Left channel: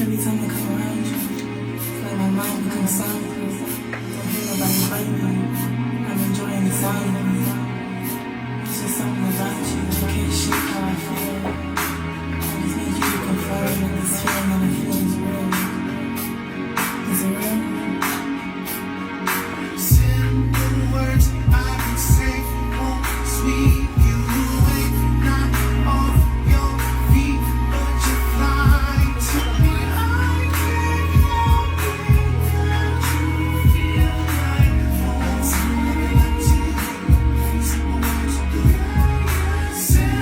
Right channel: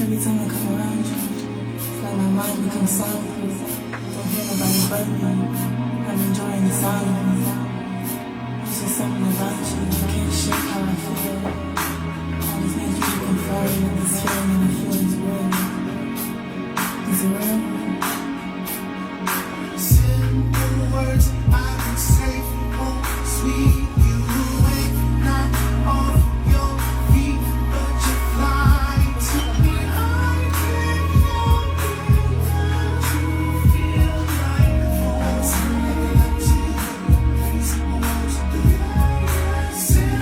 Every time I come around you, it's like my mind becomes soundproof. Don't hear nobody but me. I'm enjoying the silence. It's just something about you. You can't shake how I feel. Always need you to confirm that this feeling I feel is real. Is it real? Simple words I can say won't sweep you away. Not off your feet, but you fly to me. I can't help it that you feel like home. Simple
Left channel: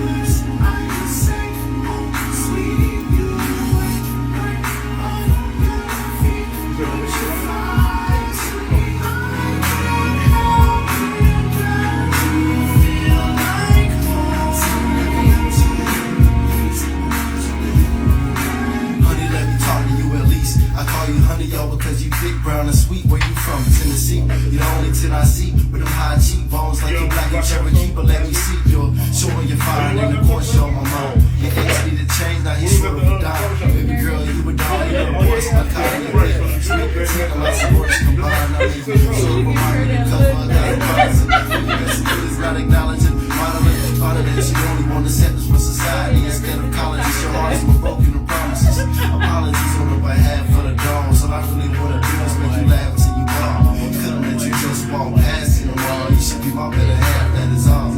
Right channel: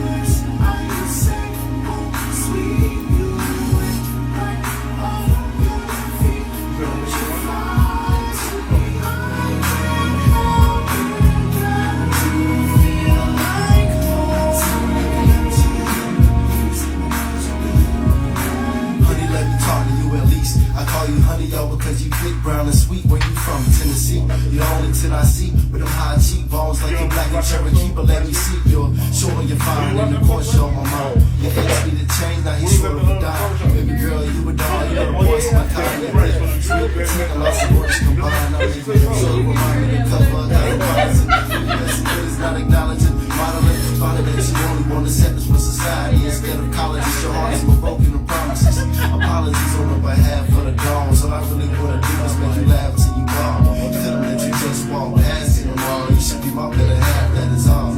words I can say won't sweep you away. Not off your feet, but you fly to me. I can't help it that you feel like home. Honey, let me talk to you at least. I call you honey, y'all, because you thick, brown, and sweet. Where you from? Tennessee. You're the only tin I see with them high cheekbones like you're black and Cherokee. But let me see, you're sure you're fine, and of course you're on my mind. Your ex need to change, now he's sure to be down. Baby girl, you a dog, you know the boys in my car, you thick. Sweet petite, and lots of gorgeous combined. I leave you so remind me to cover a thousand bodies. And you messing with is not acknowledging, modeling, finding that you only want acceptance from society instead of college. It's your heart is more broken than promises. Apologies on the behalf of the dawn. So I really wanna do is make you laugh till you fall. Couldn't let you just walk past it all. You should be my better half, that is all.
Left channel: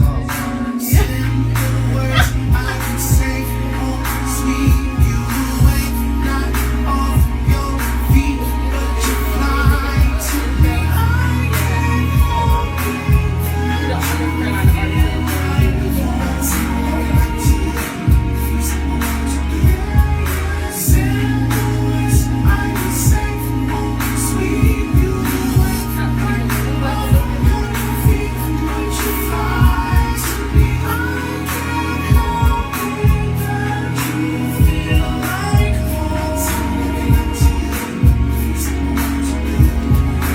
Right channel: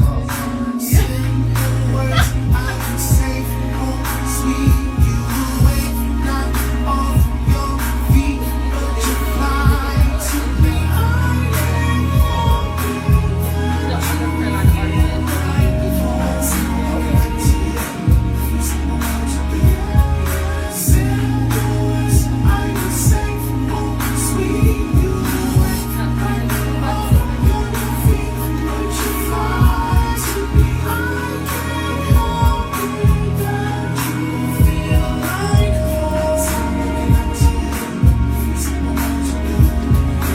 Simple words I can say won't sweep you away. Not off your feet, but you fly to me. I can't help it that you feel like home. Simple words I can say won't sweep you away. Not off your feet, but you fly to me. I can't help it that you feel like home.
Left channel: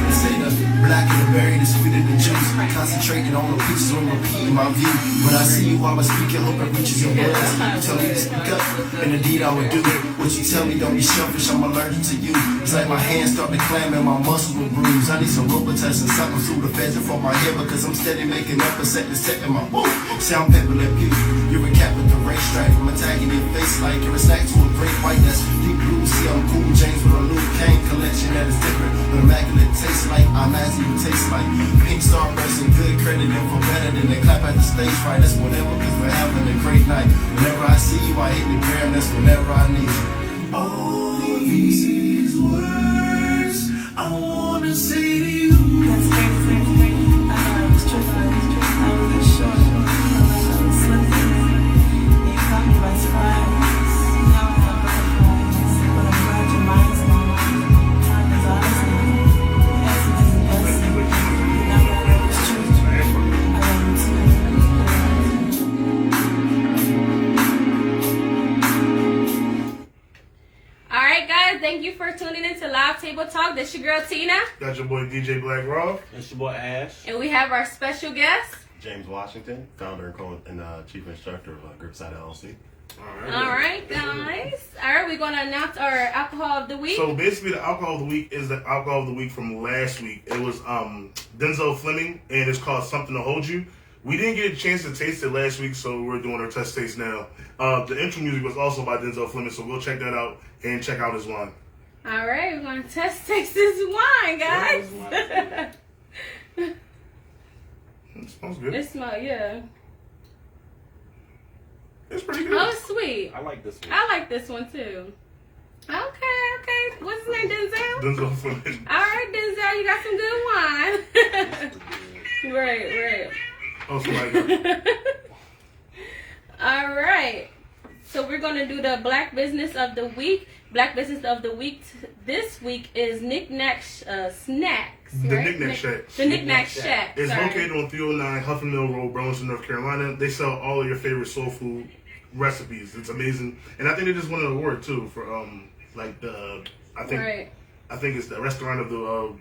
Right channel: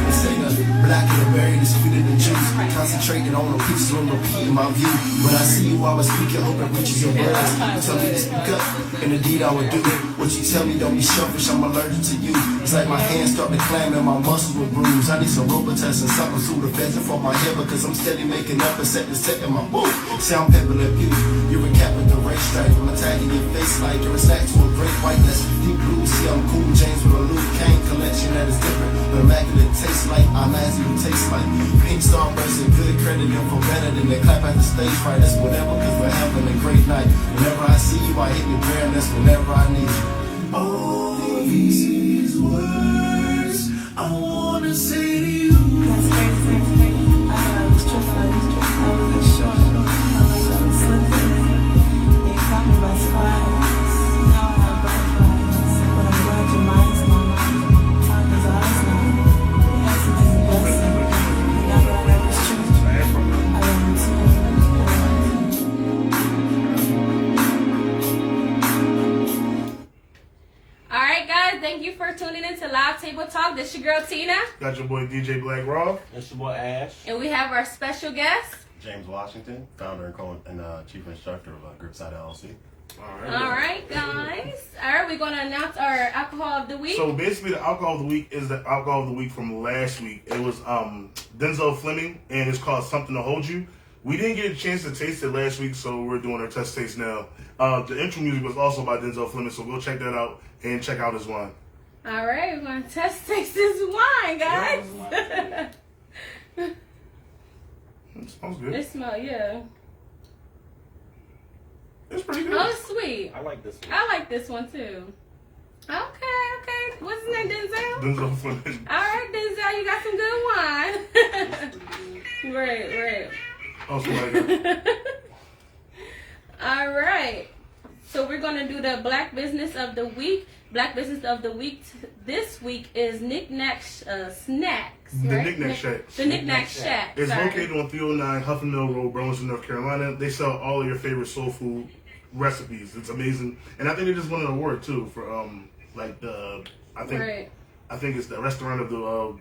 They say the black and the berry, the sweet and the juice. Concentrating on the pieces on repeat in my view. When I see you, I will speak and hope it reaches your words. You tell me to speak up, and indeed I will do it. What you tell me, don't be selfish, I'm allergic to you. It's like my hands start to clam and my muscles will bruise. I need some Robitussin and something through the fence and from my head because I'm steady making up and setting my woo. Sound pepper and beauty. You're a cat with the race stripe. I'm attacking your face like you're a snack to a great white. That's deep blue. See, I'm cool James with a Luke Kane collection that is different. But immaculate taste like I'm as you taste like pink starburst and good credit info better than they clap at the stage right. That's whatever, cause we're having a great night. Whenever I see you, I hit the ground. That's whenever I need you. All these words I wanna say to you. That's crazy. I was tripping. I wasn't sure. I was slipping. You caught me by surprise. Now I have butterflies, but I'm glad your mind's on. Time is ours now. Yes, it is a blessing. You never know it's true. I love you too. All right, guys, thank you for tuning in to Live Table Talk. This your girl, Tina. Got your boy DJ Black Raw. It's your boy Ash. And we have our special guest. James Washington, founder and chief instructor of Gripside LLC. All right, guys. All right, we're going to announce our alcohol of the week. So basically, the alcohol of the week is the alcohol of the week from last week. It was Denzel Fleming, and it's called Something to Hold You. We didn't get a chance to taste it last week, so we're doing our test taste now. The intro music was also by Denzel Fleming, so go check that out and check out his wine. All right, we're going to taste this wine, guys. It smells good. It smells, yeah. It's pretty good. Oh, it's sweet. I like this one. I like this one, too. Okay. What's his name, Denzel? Denzel Fleming. All right, Denzel, you got some good wine. Right. Also like that. All right. So we're going to do the Black Business of the Week. Black Business of the Week this week is Knick-Knack Snacks. The right? Knick-Knack Shack. The Knick-Knack Shack. It's Sorry. located on 309 Huffman Mill Road, Burlington, North Carolina. They sell all of your favorite soul food recipes. It's amazing. And I think they just won an award, too, for, I think it's the restaurant of the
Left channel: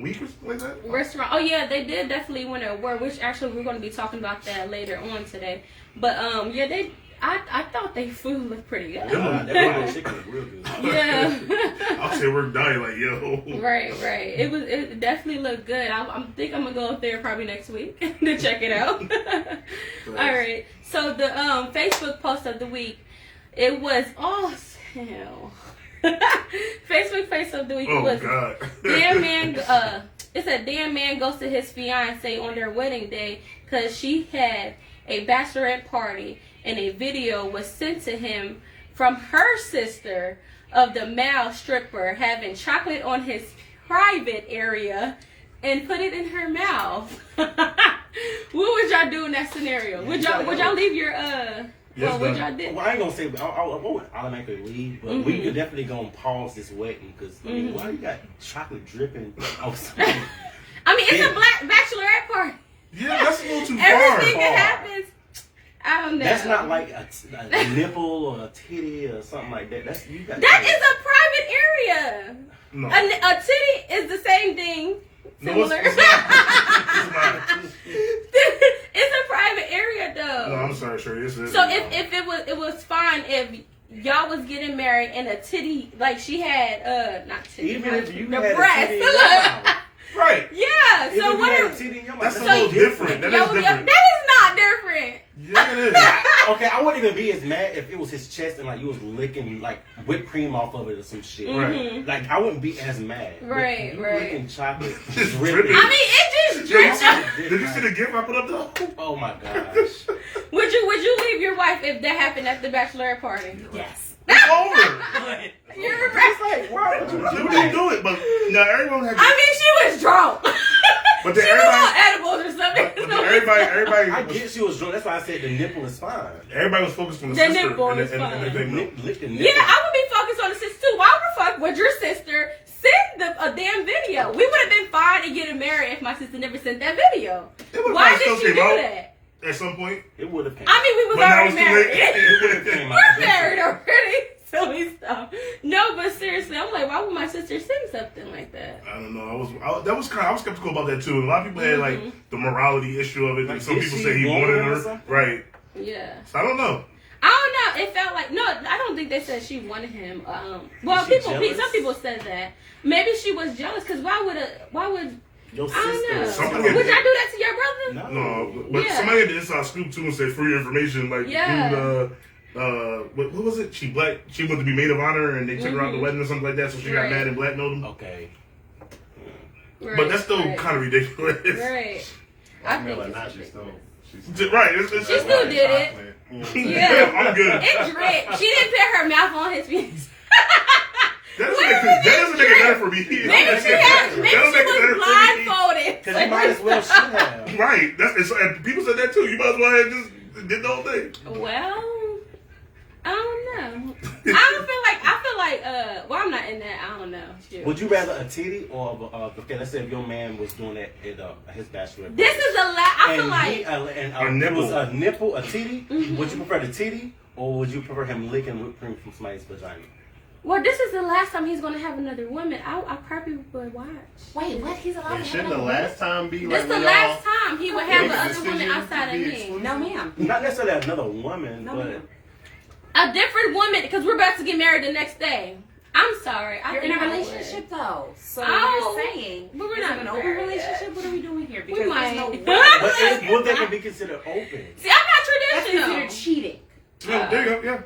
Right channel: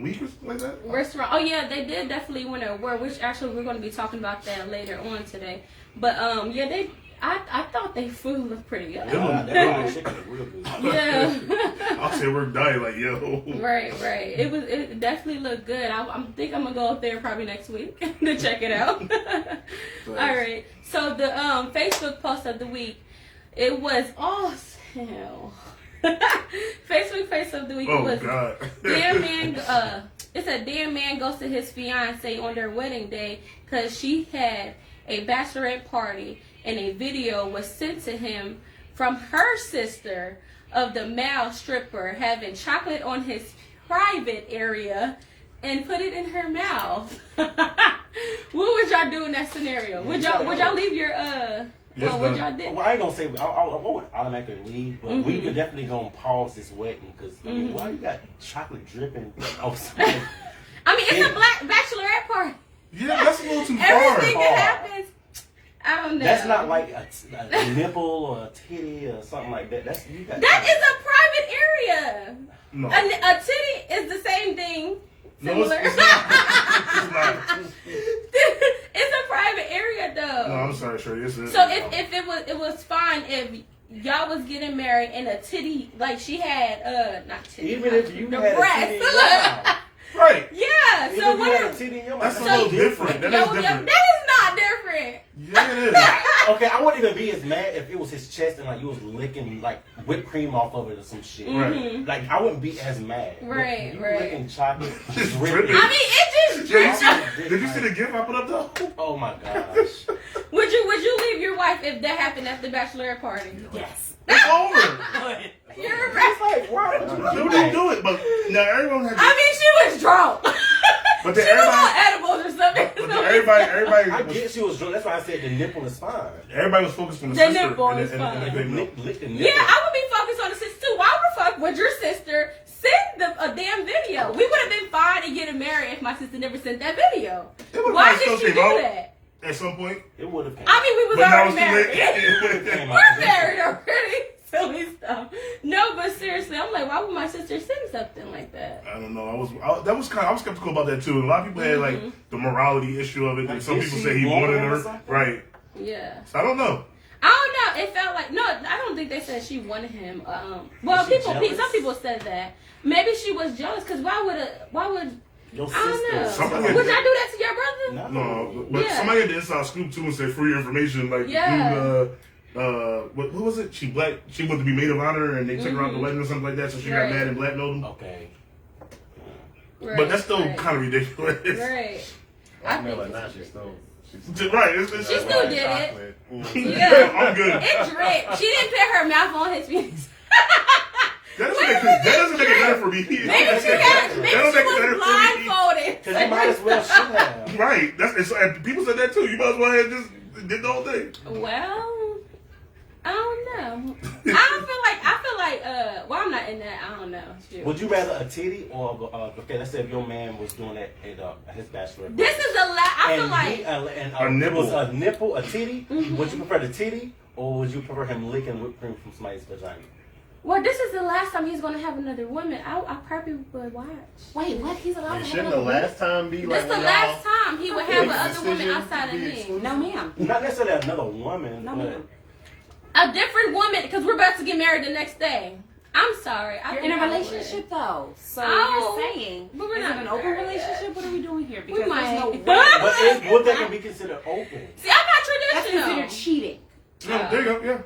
week or something like that. Restaurant. Oh, yeah, they did definitely win an award, which actually we're going to be talking about that later on today. But, I thought they food looked pretty good. That chicken is real good. Yeah. I'll say we're dying like, yo. Right. It definitely looked good. I think I'm gonna go up there probably next week to check it out. All right. So the Facebook post of the week, it was awesome. Facebook post of the week Oh, was God. damn man. It said damn man goes to his fiance on their wedding day because she had a bachelorette party and a video was sent to him from her sister of the male stripper having chocolate on his private area and put it in her mouth. What would y'all do in that scenario? Would y'all leave your Yes, what ma'am. y'all did? Well, I ain't gonna say I won't automatically leave, but we could definitely gonna pause this wedding because I mean, why you got chocolate dripping outside? I mean, it's a black bachelorette party. Yeah, that's a little too Everything far. that happens, I don't know. That's not like a nipple or a titty or something like that. That's you got. That is a private area. No. A titty is the same thing. No, Similar. it's not. It's not. It's a private area though. No, I'm sorry, Shirley. It's So if it was fine if y'all was getting married and a titty like she had not titty Even if you the had breast. a titty in your mouth. Right. Yeah. Even So if what you had a if titty in your mouth, That's a So little you- different. That is different. that is not different. Yeah, it is. Okay, I wouldn't even be as mad if it was his chest and like you was licking like whipped cream off of it or some shit. Right. Like I wouldn't be as mad. But Right, you right. Licking chocolate, Just dripping. dripping. I mean, it just Yo, you drips. see, did you see the gift I put up though? Oh my gosh. Would you leave your wife if that happened at the bachelorette party? Yes. It's over. You're right. Like, why would you They do didn't that? do it, but now everyone had. I mean, she was drunk. But then she was on everybody, edibles or something. but then everybody I was, get she was drunk. That's why I said the nipple is fine. everybody was focused on the The sister. nipple and is the- and fine. the big nipple. Lick the nipple. Yeah, I would be focused on the sister too. Why the fuck would your sister send a damn video? We would have been fine and getting married if my sister never sent that video. It would've Why probably did she still do came out. that? At some point. It would have came. I mean, we was But now already it's too married. It would've came out We're eventually. married already. Silly stuff. No, but seriously, I'm like, why would my sister send something like that? I don't know. I was skeptical about that too. A lot of people had like the morality issue of it, and some Did people she say he want wanted it or her. something? Right. Yeah. So I don't know. I don't know. It felt like no. I don't think they said she wanted him. Well, Was she jealous? some people said that. Maybe she was jealous because why would Your I don't know. sister. Somebody- Would y'all do that to your brother? No. No, but Yeah. somebody had the inside scoop too and said for your information, like Yeah. dude, what was it? She wanted to be maid of honor, and they took her out the wedding or something like that, so she Right. got mad and blackmailed him. Okay. Right, But that's still right. kind of ridiculous. Right. I think like it's now she's ridiculous. still. Right. It's She still did it. Yeah, I'm good. It dripped. She didn't put her mouth on his penis. That doesn't make it better for me. Maybe she That was don't make it better for me. blindfolded. Because you might as well should have. Right. And people said that too. You might as well have just did the whole thing. Well, I don't know. I feel like, well, I'm not in that. I don't know. Shoot. Would you rather a titty or okay? Let's say if your man was doing that at his bachelorette. This is a lot. I feel and like. he, and A nipple. was a nipple, a titty. Would you prefer the titty or would you prefer him licking whipped cream from somebody's vagina? Well, this is the last time he's going to have another woman. I probably would watch. Wait, what? He's allowed to have Shouldn't the another last time be This like is the when last y'all time he would have make a another woman decision outside to of be me. exclusive? No, ma'am. Not necessarily another woman, No, but ma'am. A different woman, because we're about to get married the next day. I'm sorry. You're in a relationship though, so Oh, you're saying but we're is not it an open married relationship? yet. What are we doing here? We Because might. there's no would that can be considered open? See, I'm not That's traditional. considered cheating. Yeah, there you go. Yeah.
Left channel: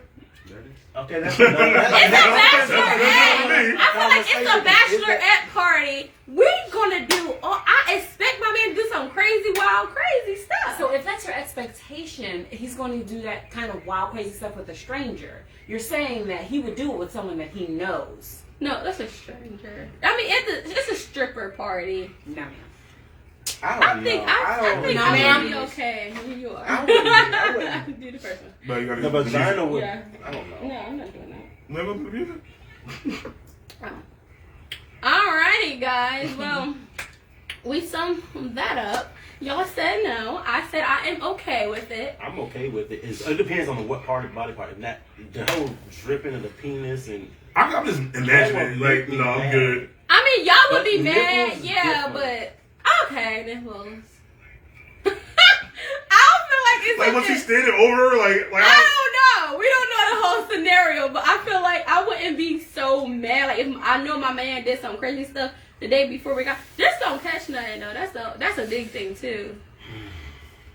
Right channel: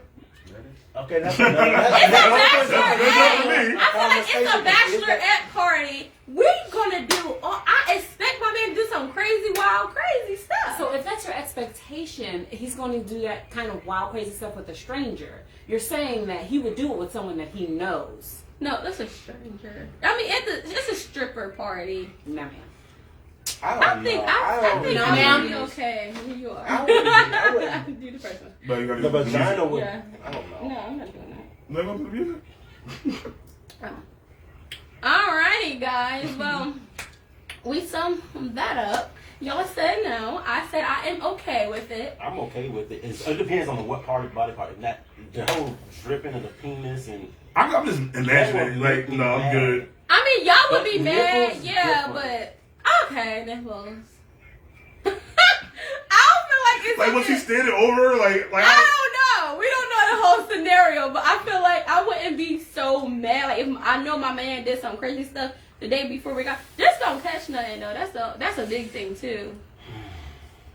Okay, that's It's a That's good enough for me. bachelorette. I feel like it's a bachelorette party. We're gonna do. I expect my man to do some crazy, wild, crazy stuff. So if that's your expectation, he's going to do that kind of wild, crazy stuff with a stranger. You're saying that he would do it with someone that he knows. No, that's a stranger. I mean, it's a stripper party. No, ma'am. I think I know, would ma'am. be okay. You are. I wouldn't. Do the first one. But you gotta The do the music. vagina would. Yeah. I don't know. No, I'm not doing that. Never put the music. Alrighty, guys. Well, we summed that up. Y'all said no. I said I am okay with it. I'm okay with it. It depends on what body part. If not the whole dripping of the penis and. I'm just imagining. Like, no, I'm good. I mean, y'all would But be mad, nipples yeah, different. but okay, nipples. I don't feel like it's Like, was he okay. standing over her? Like I don't know. scenario, but I feel like I wouldn't be so mad. Like if I know my man did some crazy stuff the day before we got, just don't catch nothing though. That's a big thing too.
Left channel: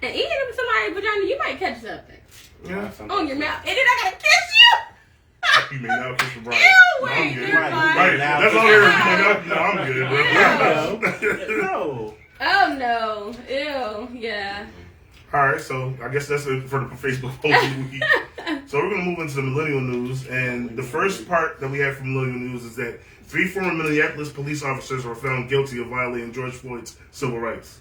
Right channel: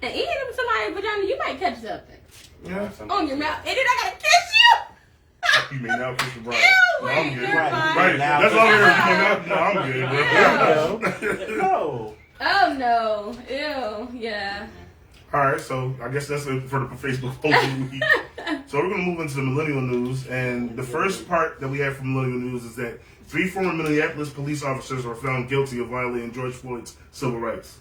And eating somebody's vagina, you might catch something Yeah. on your mouth, and then I gotta kiss you. You may now kiss the bride. Ew, No, I'm wait, good. never mind. Right. That's all we're doing. No, I'm good, bro. No. Oh no, ew, yeah. All right, so I guess that's it for the Facebook post of the week. So we're going to move into the millennial news, and the first part that we have from millennial news is that 3 former Minneapolis police officers were found guilty of violating George Floyd's civil rights.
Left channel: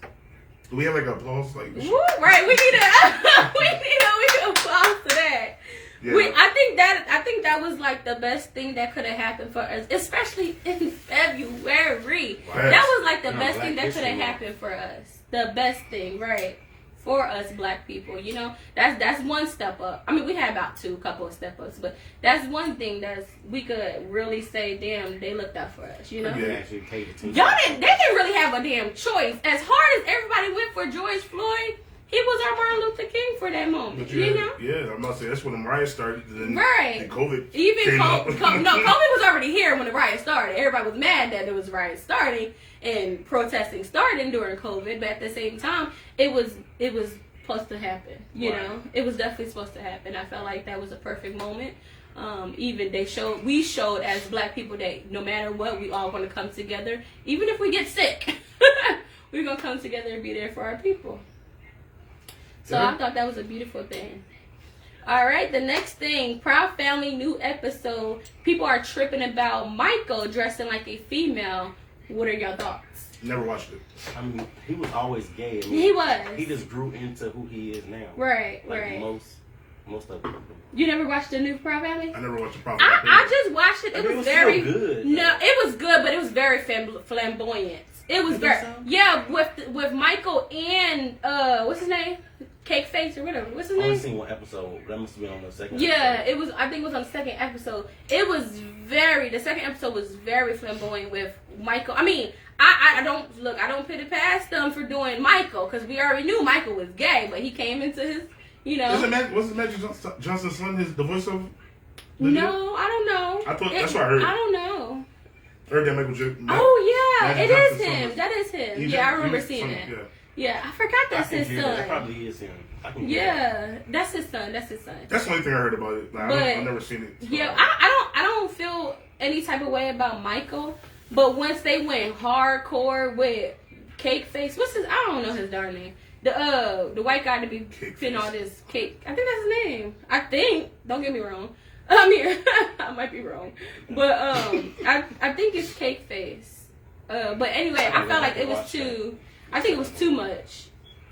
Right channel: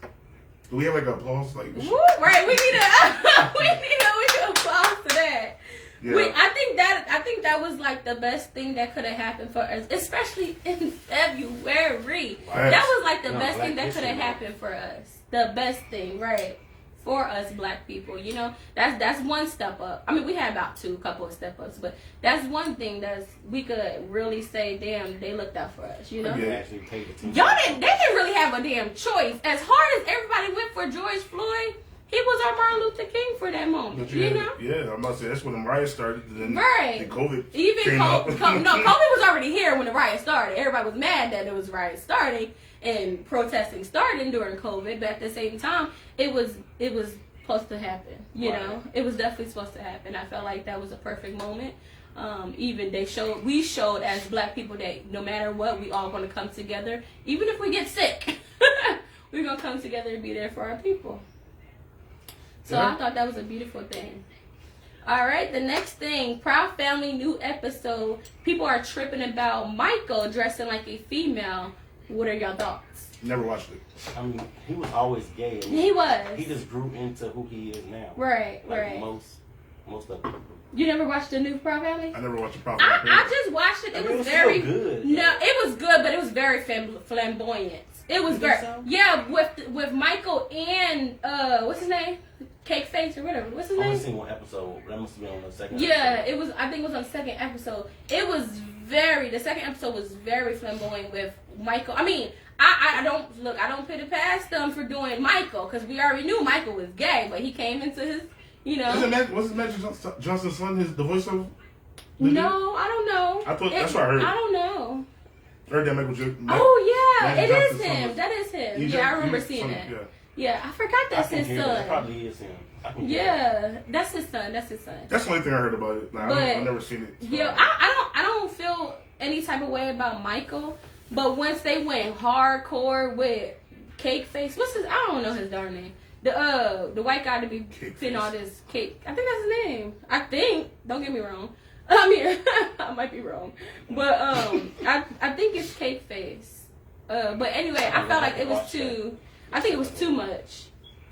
Do we have like applause? Like, Woo, right, we need a applause to that. yeah. I think that was like the best thing that could have happened for us, especially in February. Right. That was like the best Black thing that could have History Month. happened for us. The best thing, right? For us black people, you know, that's one step up. I mean, we had about couple of step ups, but that's one thing we could really say, damn, they looked out for us, you know. You actually paid attention. They didn't really have a damn choice. As hard as everybody went for George Floyd, he was our Martin Luther King for that moment, But you know. yeah, I'm about to say that's when the riots started. Then, Right. Then COVID Even came up. COVID was already here when the riot started. Everybody was mad that there was riots starting and protesting starting during COVID, but at the same time, it was supposed to happen. You know, it was definitely supposed to happen. I felt like that was a perfect moment. Even we showed as black people that no matter what, we all going to come together. Even if we get sick, we're going to come together and be there for our people. So Yeah. I thought that was a beautiful thing. All right, the next thing, Proud Family new episode. People are tripping about Michael dressing like a female. What are your thoughts? Never watched it. I mean, he was always gay. I mean, He was. He just grew into who he is now. Right, Like right. most of them. You never watched the new Proud Family? I never watched a problem. I just watched it. I It mean, was it was very still good. No, it was good, but it was very flamboyant. It was You think very so? yeah with Michael and what's his name, Cake Face or whatever. What's his I only name? seen one episode. That must have been on the second. Yeah, episode. it was. I think it was on the second episode. It was the second episode was very flamboyant with Michael. I mean, I don't put it past them for doing Michael because we already knew Michael was gay, but he came into his, you know. Wasn't Magic Johnson's son the voiceover? No, I don't know. I thought that's what I heard. I don't know. Heard that Michael Jackson. Oh yeah, Magic it is Johnson's son him. was- That is him. He Yeah, I just- remember he's seeing son- that. Yeah. Yeah, I forgot I that's can his hear that. That son. probably is him. I can hear that. Yeah, that's his son. That's his son. That's the only thing I heard about it. Like, I've never seen it. So. Yeah, I don't feel any type of way about Michael, but once they went hardcore with Cake Face, I don't know his darn name. The white guy to be Cake fitting Face. all this cake. I think that's his name. I think. Don't get me wrong. I mean, I might be wrong, but I think it's Cake Face. But anyway, I felt like it was too. I think it was too much.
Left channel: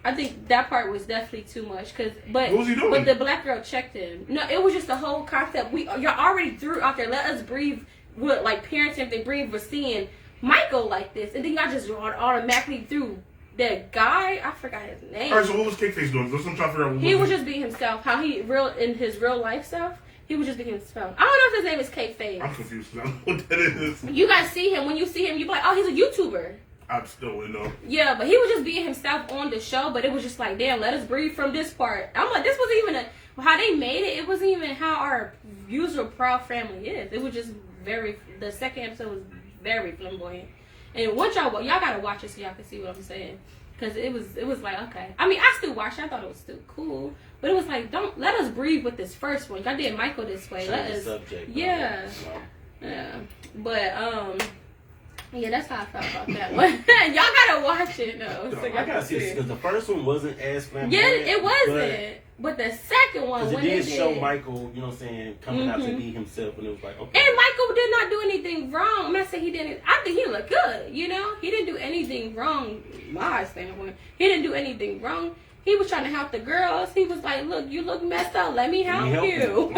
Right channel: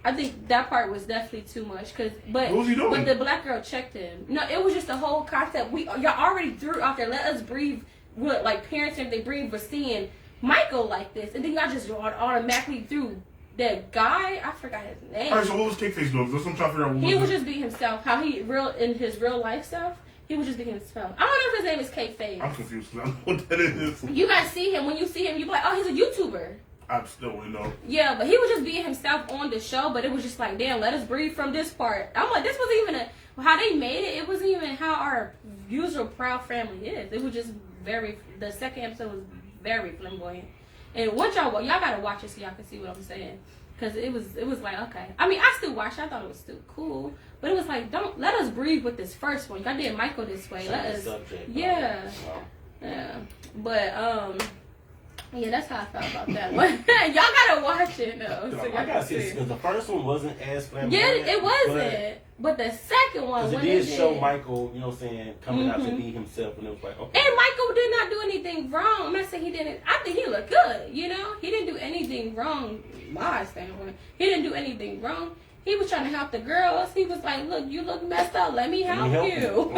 I think that part was definitely too much. But What was he doing? But the black girl checked him. No, it was just the whole concept. Y'all already threw out there. Let us breathe. What like parents if they breathe for seeing Michael like this, and then y'all just automatically threw that guy. I forgot his name. All right, so what was Cakeface doing? That's what I'm trying to figure out. What He was it? just being himself. How he in his real life stuff. He was just being himself. I don't know if his name is Cake Face. I'm confused because I don't know what that is. You guys see him. When you see him, you be like, oh, he's a YouTuber. I still wouldn't know. Yeah, but he was just being himself on the show, but it was just like, damn, let us breathe from this part. I'm like, this wasn't even how they made it. It wasn't even how our usual Proud Family is. It was just the second episode was very flamboyant. And once y'all gotta watch it so y'all can see what I'm saying. Cause it was like, okay. I mean, I still watched it. I thought it was still cool. But it was like, don't let us breathe with this first one. Y'all did Michael this way. Let us, Subject. yeah. Yeah. But, yeah, that's how I felt about that one. Y'all gotta watch it though. So I y'all gotta can see see. because the first one wasn't as flamboyant. Yeah, it wasn't. But the second one, Because when it it did show did, Michael, you know what I'm saying, coming out to be himself, and it was like, okay. and Michael did not do anything wrong. I'm not saying he didn't. I think he looked good. You know, he didn't do anything wrong. My standpoint, he didn't do anything wrong. He was trying to help the girls. He was like, "Look, you look messed up. Let me help you."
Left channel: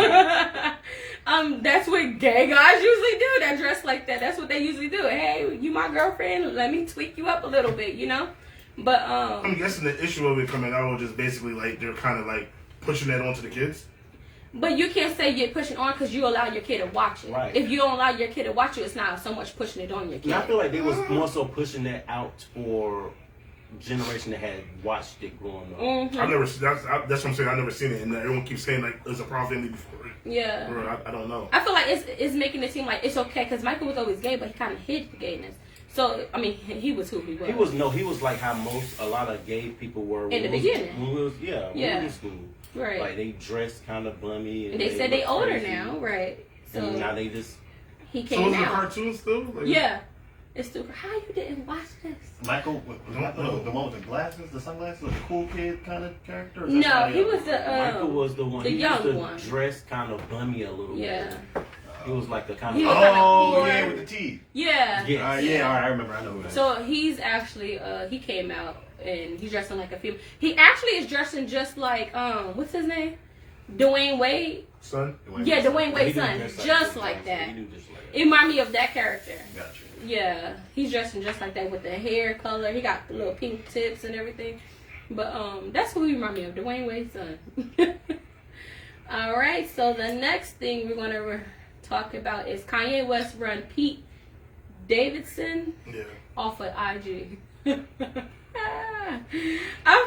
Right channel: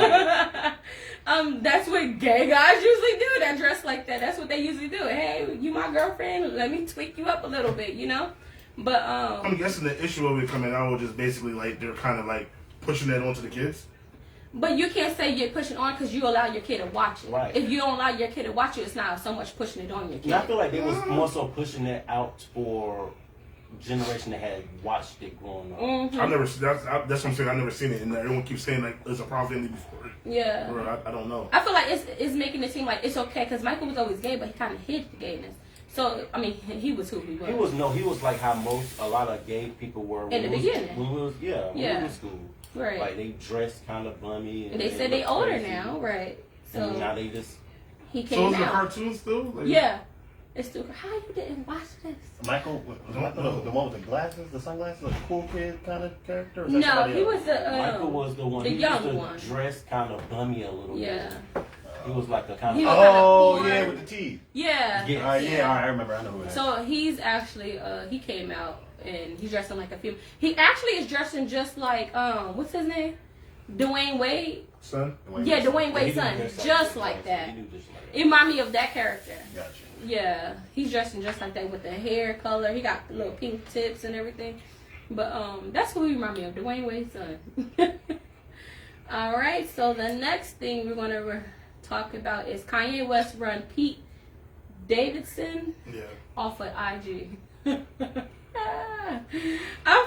That's what gay guys usually do. That dress like that. That's what they usually do. Hey, you my girlfriend. Let me tweak you up a little bit. You know. But I'm guessing the issue of it coming out was just basically like they're kind of like pushing that onto the kids. But you can't say you're pushing on because you allow your kid to watch it. Right. If you don't allow your kid to watch it, it's not so much pushing it on your kid. Yeah, I feel like they was more so pushing that out for generation that had watched it growing up. Mm-hmm. I've never. That's what I'm saying. I've never seen it, and everyone keeps saying like it's a Proud Family before. Yeah. Or I don't know. I feel like it's making it seem like it's okay because Michael was always gay, but he kind of hid the gayness. So I mean, he was who he was. He was like how a lot of gay people were In the beginning. When we was school. Right. Like they dressed kind of bummy. And they said they looked older crazy. now, right? So And now they just. he So came is it a out. cartoon still? Like, Yeah. It's still. How you didn't watch this? Michael, was that the one with the glasses, the sunglasses, like a cool kid kind of character? Or is that No, somebody he else? was the Michael was the one. the he young used to one. dress kind of bummy a little Yeah. bit. He was like a kind He of. was kinda Oh, poor. yeah, with the teeth. Yeah. Yeah. All right, I remember. I know who that is. So he's actually he came out and he's dressing like a female. He actually is dressing just like what's his name? Dwayne Wade. Son. Yeah, Dwayne He Wade's do son. dress Just that. like that. He do just like It reminded me of that character. Gotcha. Yeah, he's dressing just like that with the hair color. He got the little pink tips and everything. But that's who he reminded me of, Dwayne Wade's son. All right, so the next thing we're gonna talk about is Kanye West run Pete Davidson Yeah. off of IG. I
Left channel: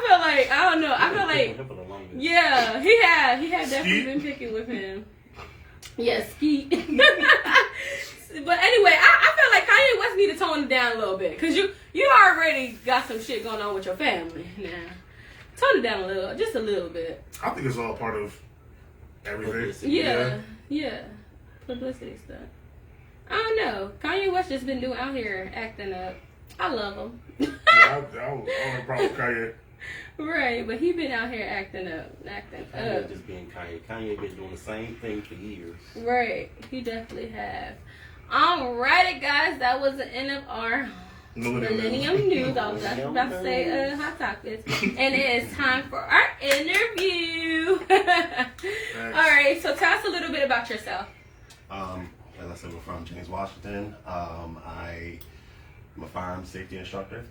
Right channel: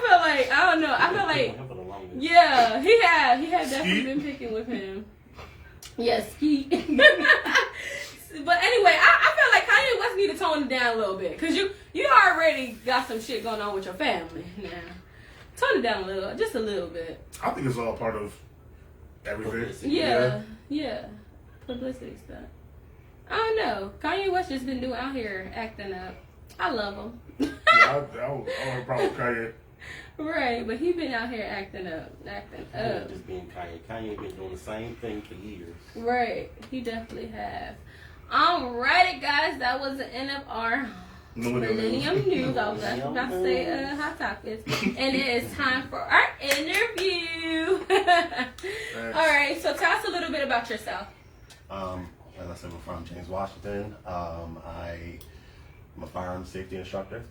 feel like I don't know. I feel like him for the longest. yeah, he had definitely Skeet? been picking with him. Yes, Skeet. But anyway, I feel like Kanye West need to tone it down a little bit because you already got some shit going on with your family now. Tone it down a little, just a little bit. I think it's all part of everything. Publicity. Yeah. Publicity stuff. I don't know. Kanye West just been doing out here acting up. I love him. Yeah, I have a problem with Kanye. Right, but he been out here acting up. Kanye just being Kanye. Kanye been doing the same thing for years. Right, he definitely has. Alrighty, guys, that was the end of our Millennium News. I was actually about to say hot topics, and it is time for our interview. Alright, so tell us a little bit about yourself. As I said, we're from James Washington. I'm a firearms safety instructor.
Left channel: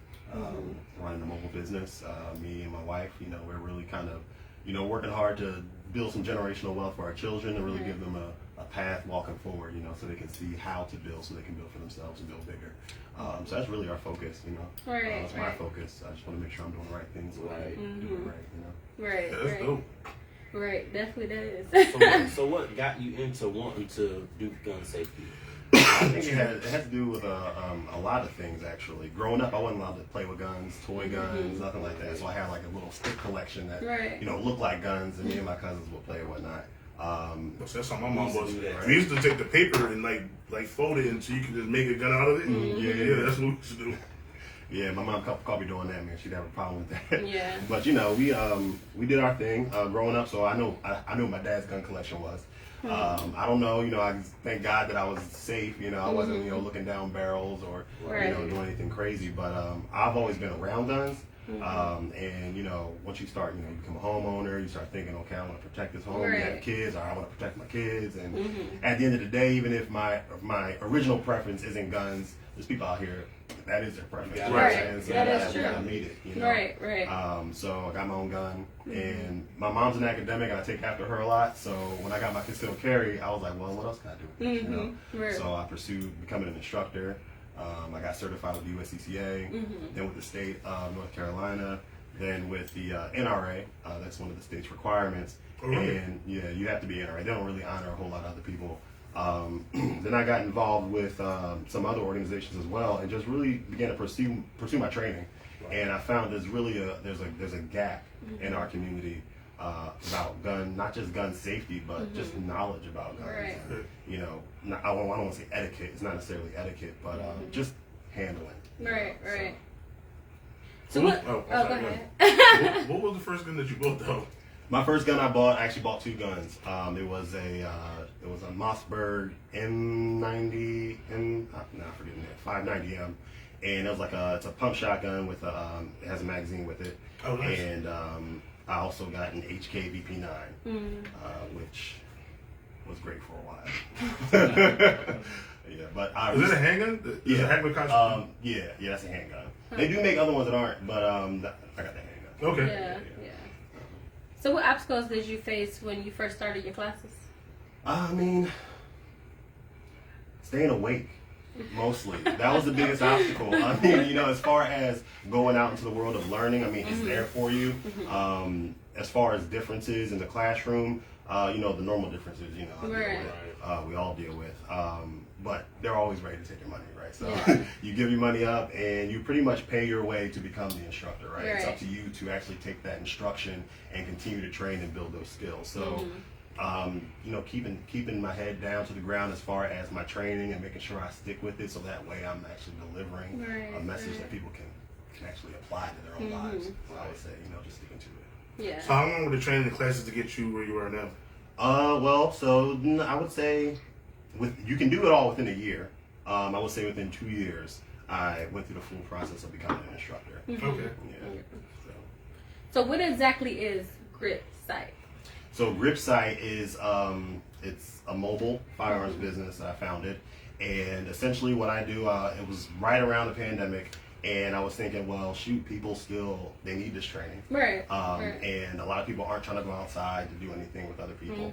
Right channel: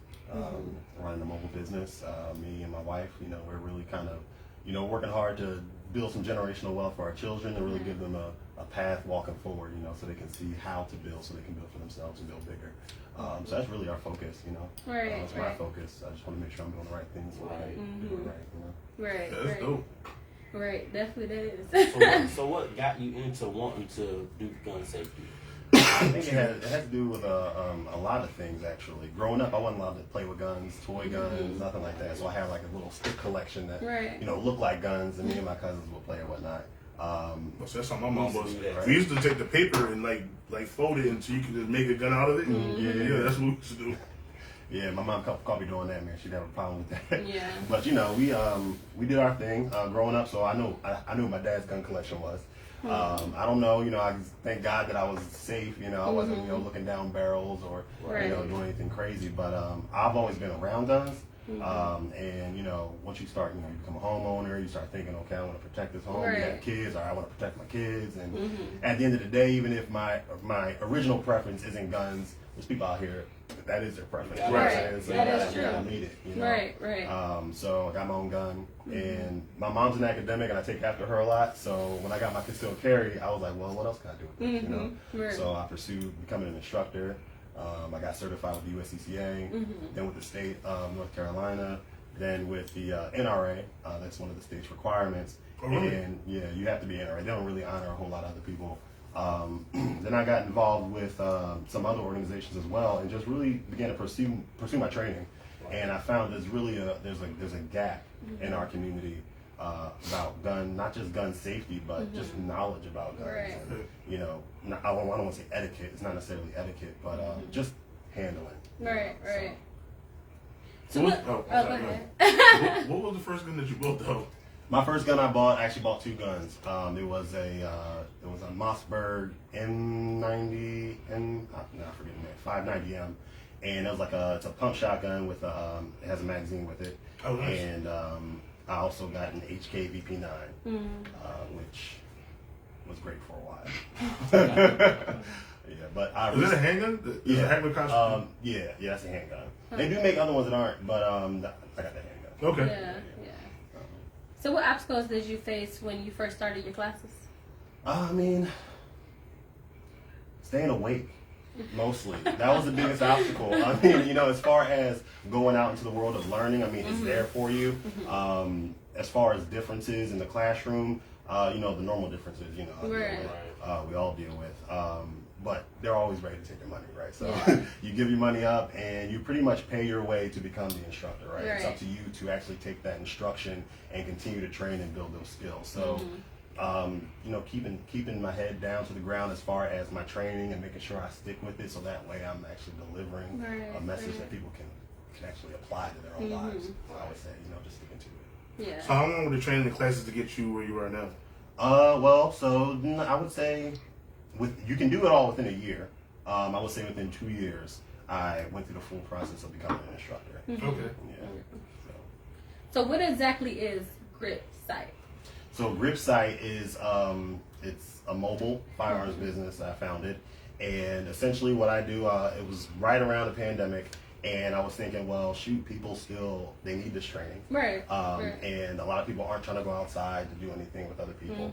Running a mobile business. Me and my wife, we're really kind of, working hard to build some generational wealth for our children and really give them a path walking forward, so they can see how to build, so they can build for themselves and build bigger. So that's really our focus, Right, that's my focus. I just want to make sure I'm doing the right things, doing it right, Right, Yeah, that's dope. Right, definitely that is. So what got you into wanting to do gun safety? I think it had to do with a lot of things actually. Growing up, I wasn't allowed to play with guns, toy guns, nothing like that. So I had like a little stick collection that Right. looked like guns, and me and my cousins would play or whatnot. So that's how my mom was. Yeah. We used to take the paper and like fold it until you could just make a gun out of it. Yeah, that's what we used to do. Yeah, my mom caught me doing that, man. She'd have a problem with that. Yeah. But we did our thing growing up, so I knew what my dad's gun collection was. I don't know, I just thank God that I was safe. I wasn't looking down barrels or doing anything crazy. But I've always been around guns. And once you start, you become a homeowner, you start thinking, okay, I want to protect this home. You have kids, or I want to protect my kids. And at the end of the day, even if my original preference isn't guns, there's people out here that is their preference. Right. And so That is I true. need it. Right. So I got my own gun, and my mom's an academic, and I take after her a lot. So when I got my concealed carry, I was like, well, what else can I do? Right. So I pursued becoming an instructor. I got certified with the USCCA, then with the state of North Carolina, then with the NRA. That's one of the state's requirements. Oh, really? And you have to be NRA. They don't really honor a whole lot of other people. Then I got involved with some other organizations as well, and just really began to pursue my training. And I found there's really there's a gap in our community about not just gun safety, but just knowledge about guns. Right. And, I don't want to say etiquette. It's not necessarily etiquette, but just handling. Right. So What what? was- Oh, go sorry, ahead. what was the first gun that you bought though? My first gun I actually bought two guns. It was a Mossberg M90 I forget the 590M, and it was it's a pump shotgun with it has a magazine with it. Oh, nice. And I also got an HK VP9, which was great for a while. Yeah, but Is that a handgun? Is it a handgun costume? yeah, that's a handgun. They do make other ones that aren't, but I got that handgun. Okay. Yeah. So what obstacles did you face when you first started your classes? I mean, staying awake. Mostly. That was the biggest obstacle. I mean, you know, as far as going out into the world of learning, I mean, it's there for you. As far as differences in the classroom, you know, the normal differences, you know, we all deal with. But they're always ready to take your money, right? So you give your money up and you pretty much pay your way to become the instructor, right? It's up to you to actually take that instruction and continue to train and build those skills. So, you know, keeping my head down to the ground as far as my training and making sure I stick with it so that way I'm actually delivering a message that people can actually apply to their own lives. So I would say, you know, just sticking to it. Yeah. So how long were the training classes to get you where you are now? Well, so I would say you can do it all within a year. I would say within 2 years, I went through the full process of becoming an instructor. Okay. Yeah. So what exactly is Grip Sight? So Grip Sight is it's a mobile firearms business. I founded, and essentially what I do, it was right around the pandemic. And I was thinking, well, shoot, people still, they need this training. Right. And a lot of people aren't trying to go outside to do anything with other people.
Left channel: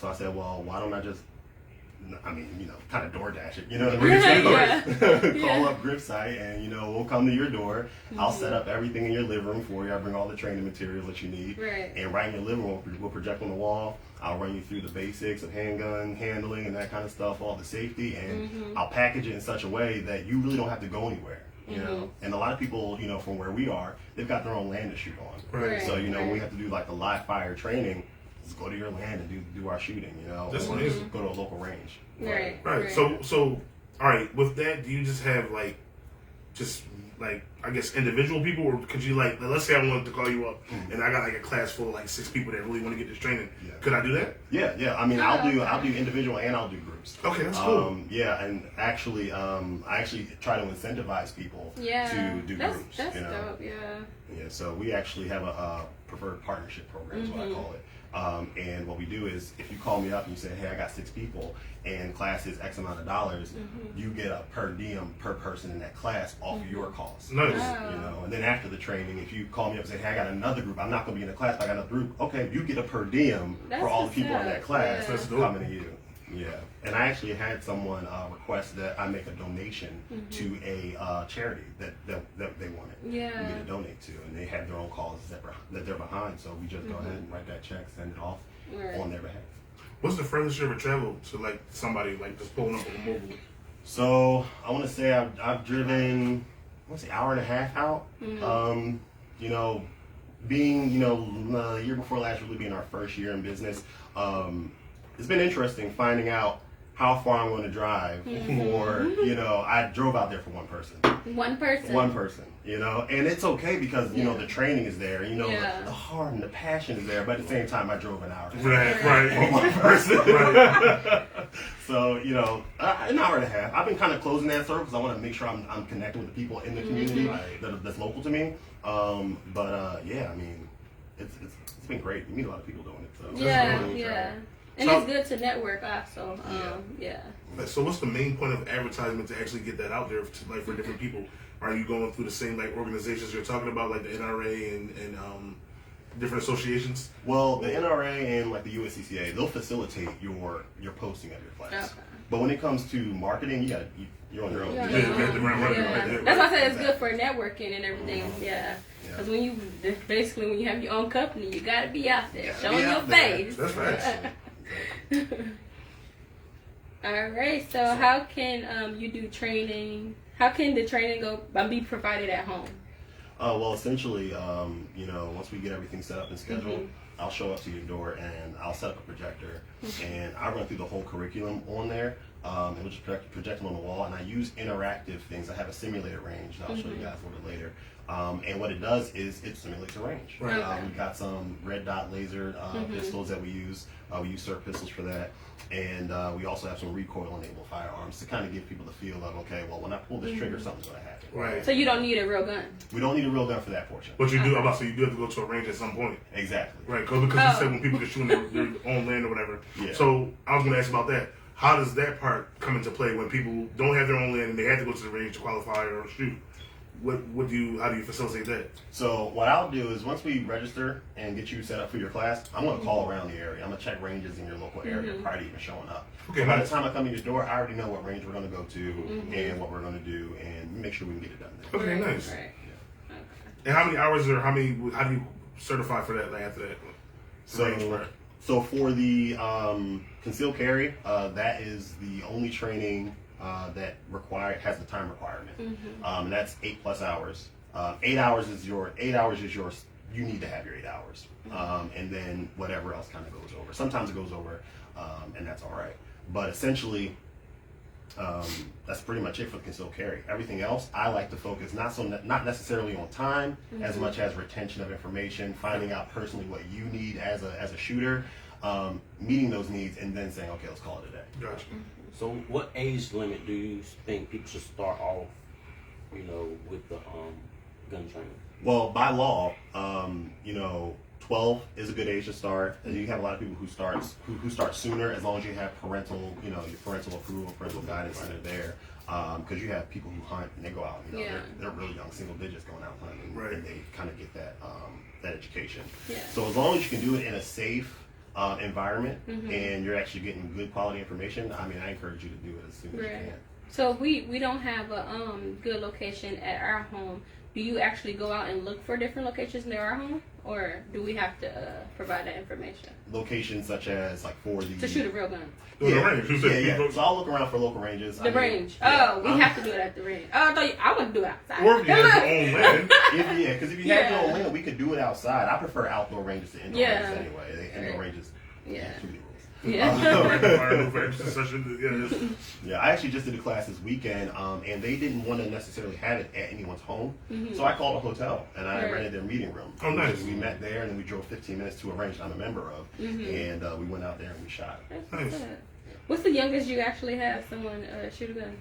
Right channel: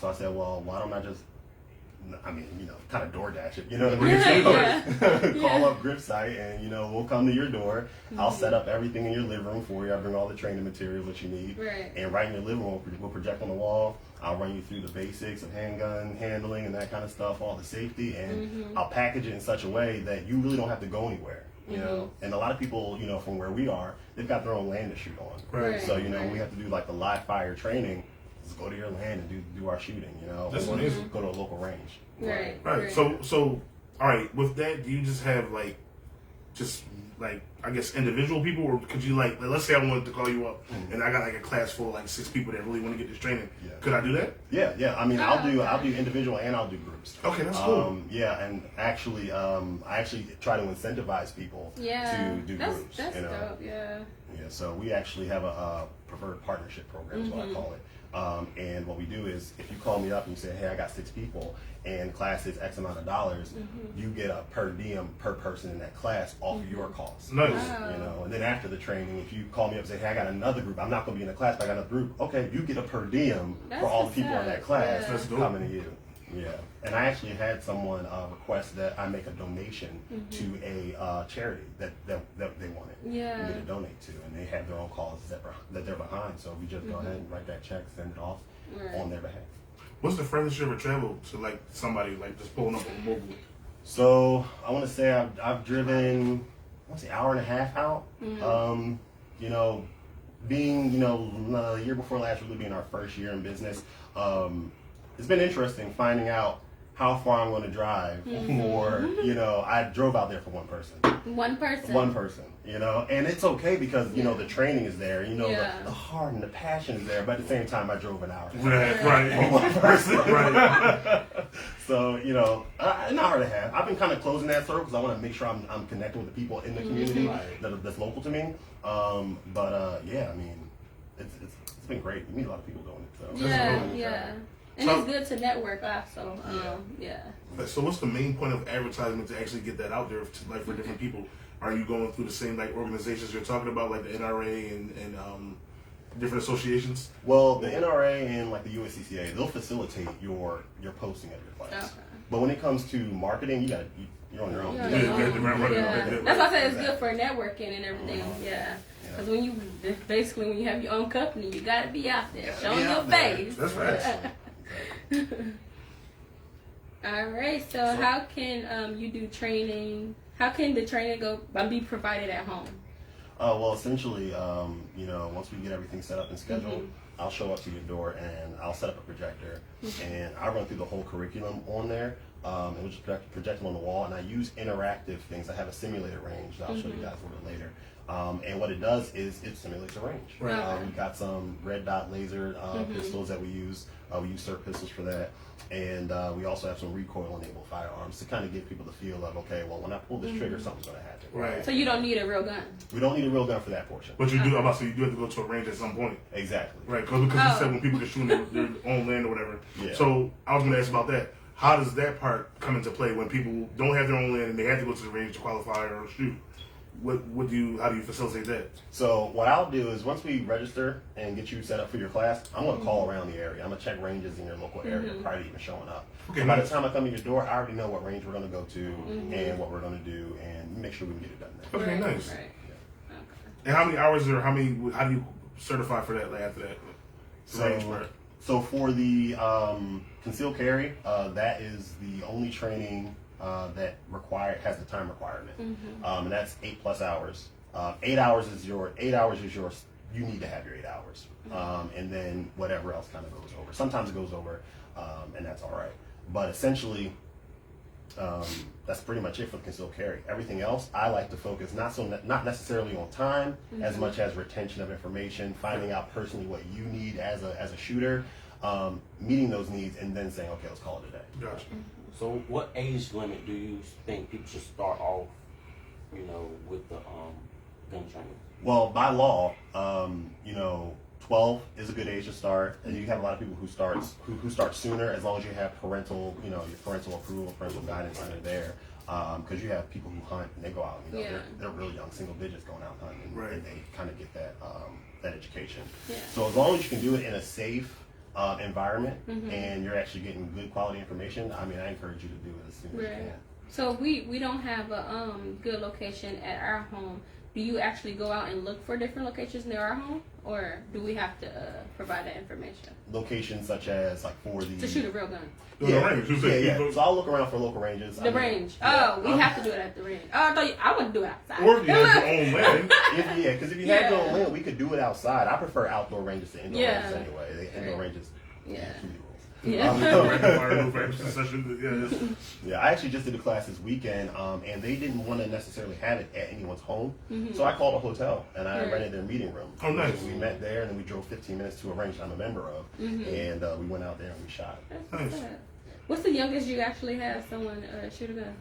So I said, well, why don't I just, I mean, you know, kind of DoorDash it, you know, call up Grip Sight and, you know, we'll come to your door. I'll set up everything in your living room for you. I'll bring all the training materials that you need. And right in your living room, we'll project on the wall. I'll run you through the basics of handgun handling and that kind of stuff, all the safety, and I'll package it in such a way that you really don't have to go anywhere. You know, and a lot of people, you know, from where we are, they've got their own land to shoot on. So, you know, when we have to do like the live fire training, just go to your land and do our shooting, you know. That's amazing. Go to a local range. Right. So, all right, with that, do you just have like, I guess individual people, or could you like, let's say I wanted to call you up and I got like a class full of like 6 people that really want to get this training. Could I do that? Yeah. I mean, I'll do individual and I'll do groups. Okay, that's cool. Yeah, and actually, I actually try to incentivize people to do groups. That's you know? dope. Yeah. So we actually have a preferred partnership program, is what I call it. And what we do is, if you call me up and you say, hey, I got 6 people and class is X amount of dollars, you get a per diem per person in that class off of your cost. Nice. You know, and then after the training, if you call me up and say, hey, I got another group, I'm not going to be in the class, but I got another group, okay, you get a per diem for all the people in that class coming to you. Yeah, and I actually had someone request that I make a donation to a charity that they wanted me to donate to, and they had their own causes that they're behind, so we just go ahead and write that check, send it off on their behalf. What's the furthest you ever traveled to, like somebody like just pulling up on a mobile? So I want to say I've driven, hour and a half out. You know, being the year before last really being our first year in business. It's been interesting finding out how far I'm going to drive for, you know, I drove out there for one person. One person, you know, and it's okay because, you know, the training is there, you know, the heart and the passion is there, but at the same time I drove an hour. Right. For one person. Right. So, you know, an hour and a half. I've been kind of closing that circle because I want to make sure I'm connecting with the people in the community that's local to me. Yeah, I mean, it's been great. You meet a lot of people doing it. So. Yeah. And it's good to network also. So what's the main point of advertisement to actually get that out there to, like, for different people? Are you going through the same like organizations you're talking about, like the NRA and different associations? Well, the NRA and like the USCCA, they'll facilitate your posting of your class. But when it comes to marketing, you're on your own. That's why I said it's good for networking and everything. Because when you have your own company, you got to be out there showing your face. That's right. All right. So how can you do training? How can the training be provided at home? Well, essentially, you know, once we get everything set up and scheduled, I'll show up to your door and I'll set up a projector and I run through the whole curriculum on there. And we'll just project them on the wall, and I use interactive things. I have a simulated range that I'll show you guys a little bit later. And what it does is it simulates a range. We've got some red dot laser pistols that we use. We use SIRT pistols for that. And we also have some recoil-enabled firearms to kind of give people the feel of, okay, well, when I pull this trigger, something's going to happen. Right. So you don't need a real gun? We don't need a real gun for that portion. But you do, you do have to go to a range at some point. Exactly. Right, because you said when people can shoot in their own land or whatever. Yeah. So I was going to ask about that. How does that part come into play when people don't have their own land and they have to go to the range to qualify or shoot? What do you? How do you facilitate that? So what I'll do is once we register and get you set up for your class, I'm going to call Mm-hmm. around the area. I'm going to check ranges in your local area prior to even showing up. Okay, So by the nice. time I come to your door, I already know what range we're going to go to Mm-hmm. and what we're going to do, and make sure we can get it done there. Okay, Right, nice. right. Okay. And how many hours or how do you certify for that? Like after that, range, right? So for the concealed carry, that is the only training that has the time requirement, and that's 8+ hours. 8 hours is your you need to have your 8 hours, and then whatever else kind of goes over. Sometimes it goes over, and that's all right. But essentially, that's pretty much it for the concealed carry. Everything else, I like to focus not necessarily on time as much as retention of information, finding out personally what you need as a shooter, meeting those needs, and then saying, okay, let's call it a day. Gotcha. So, what age limit do you think people should start off, with the gun training? Well, by law, 12 is a good age to start, and you have a lot of people who start sooner as long as you have parental, your parental approval, parental guidance that are there. Because you have people who hunt and they go out, they're really young, single digits going out hunting, Right. and they kind of get that education. Yeah. So as long as you can do it in a safe environment and you're actually getting good quality information, I encourage you to do it as soon as you Right. can. So if we don't have a good location at our home, do you actually go out and look for different locations near our home, or do we have to provide that information Locations such as like for the to shoot a real gun? The range. You said Yeah. people- So I'll look around for local ranges. The range. Yeah. Oh, we have to do it at the range. Oh, I want to do it outside. Or if you have your own land. Because if you had your Yeah. own land, we could do it outside. I prefer outdoor ranges to indoor Yeah. ranges anyway. Indoor Right. ranges. Yeah. too many rules. Yeah. Yeah, I actually just did a class this weekend, and they didn't want to necessarily have it at anyone's home, so I called a hotel and I Right. rented their meeting room. Oh, nice. We met there, and then we drove 15 minutes to a range I'm a member of, and we went out there and we shot. That's good. What's the youngest you actually have someone shoot a gun?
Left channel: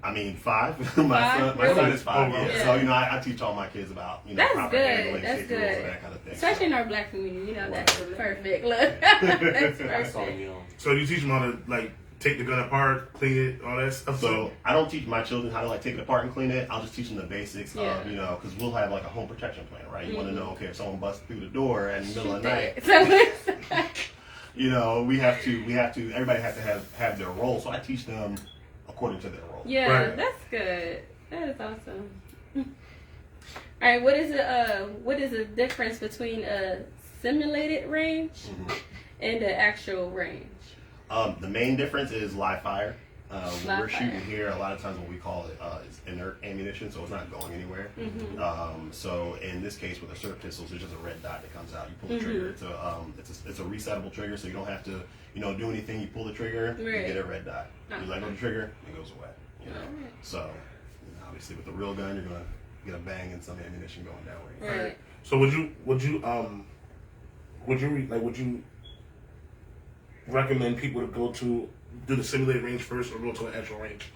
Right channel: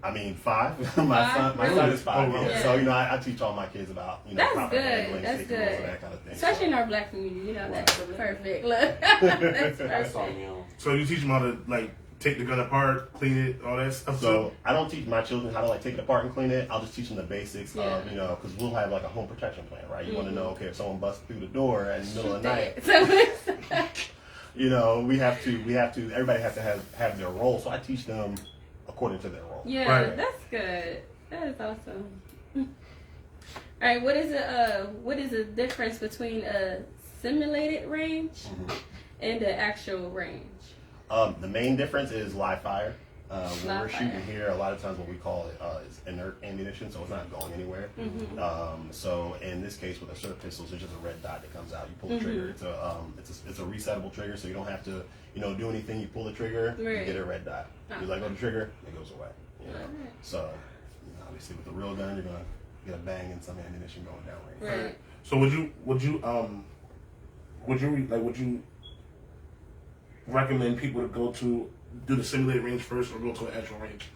5. my Really? son is 5. Oh, yeah. wow. So I teach all my kids about That's proper good. handling, That's safety rules, good. and that kind of thing. Especially in So- our black community, that's perfect. Look, that's That's on perfect. you. So you teach them how to take the gun apart, clean it, all that stuff. So I don't teach my children how to take it apart and clean it. I'll just teach them the basics Yeah. of, because we'll have a home protection plan, right? You want to know, okay, if someone busts through the door in the middle of the night, So we have to, everybody has to have their role. So I teach them according to their role. yeah, Right. that's good. That is awesome. All right, what is the difference between a simulated range and the actual range? The main difference is live fire. When Live we're fire. shooting here, a lot of times what we call it is inert ammunition, so it's not going anywhere. So in this case, with assault pistols, there's just a red dot that comes out. You pull the trigger. It's a resettable trigger, so you don't have to do anything. You pull the trigger, you Right. get a red dot. You let go of the trigger, it goes away. Alright. So obviously with the real gun, you're gonna get a bang and some ammunition going down range. Right. So would you recommend people to go to do the simulated range first or go to an actual range?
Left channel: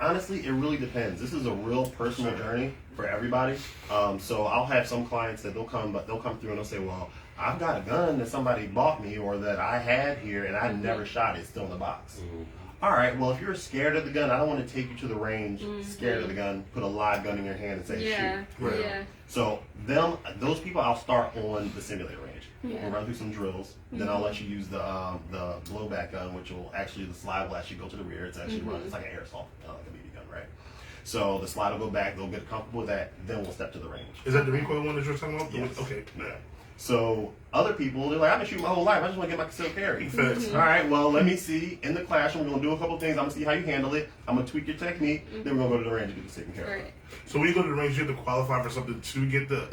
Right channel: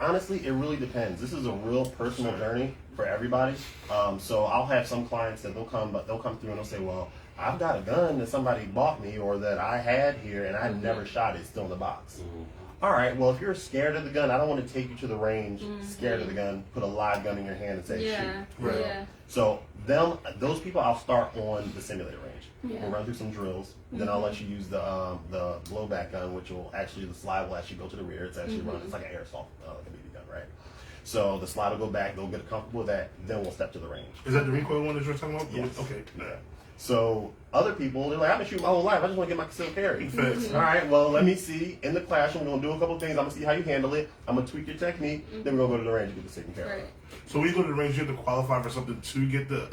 Honestly, it really depends. This is a real personal journey for everybody. So I'll have some clients that they'll come through and they'll say, well, I've got a gun that somebody bought me or that I had here and I never shot it. It's still in the box. All right, well, if you're scared of the gun, I don't want to take you to the range scared of the gun, put a live gun in your hand and say, Yeah. shoot. Right. Yeah. So those people, I'll start on the simulator range. Yeah. We'll run through some drills. Then I'll let you use the blowback gun, which the slide will actually go to the rear. It's actually run. It's like an airsoft, like a BB gun, right? So the slide will go back. They'll get comfortable with that. Then we'll step to the range. Is that the recoil one that you're talking about? Yes. Okay. Yeah. So other people, they're like, I've been shooting my whole life. I just want to get my concealed carry. Facts. All right, well, let me see in the classroom. We're gonna do a couple things. I'm gonna see how you handle it. I'm gonna tweak your technique. Then we're gonna go to the range and do the second carry. Right. So when you go to the range, you have to qualify for something to get the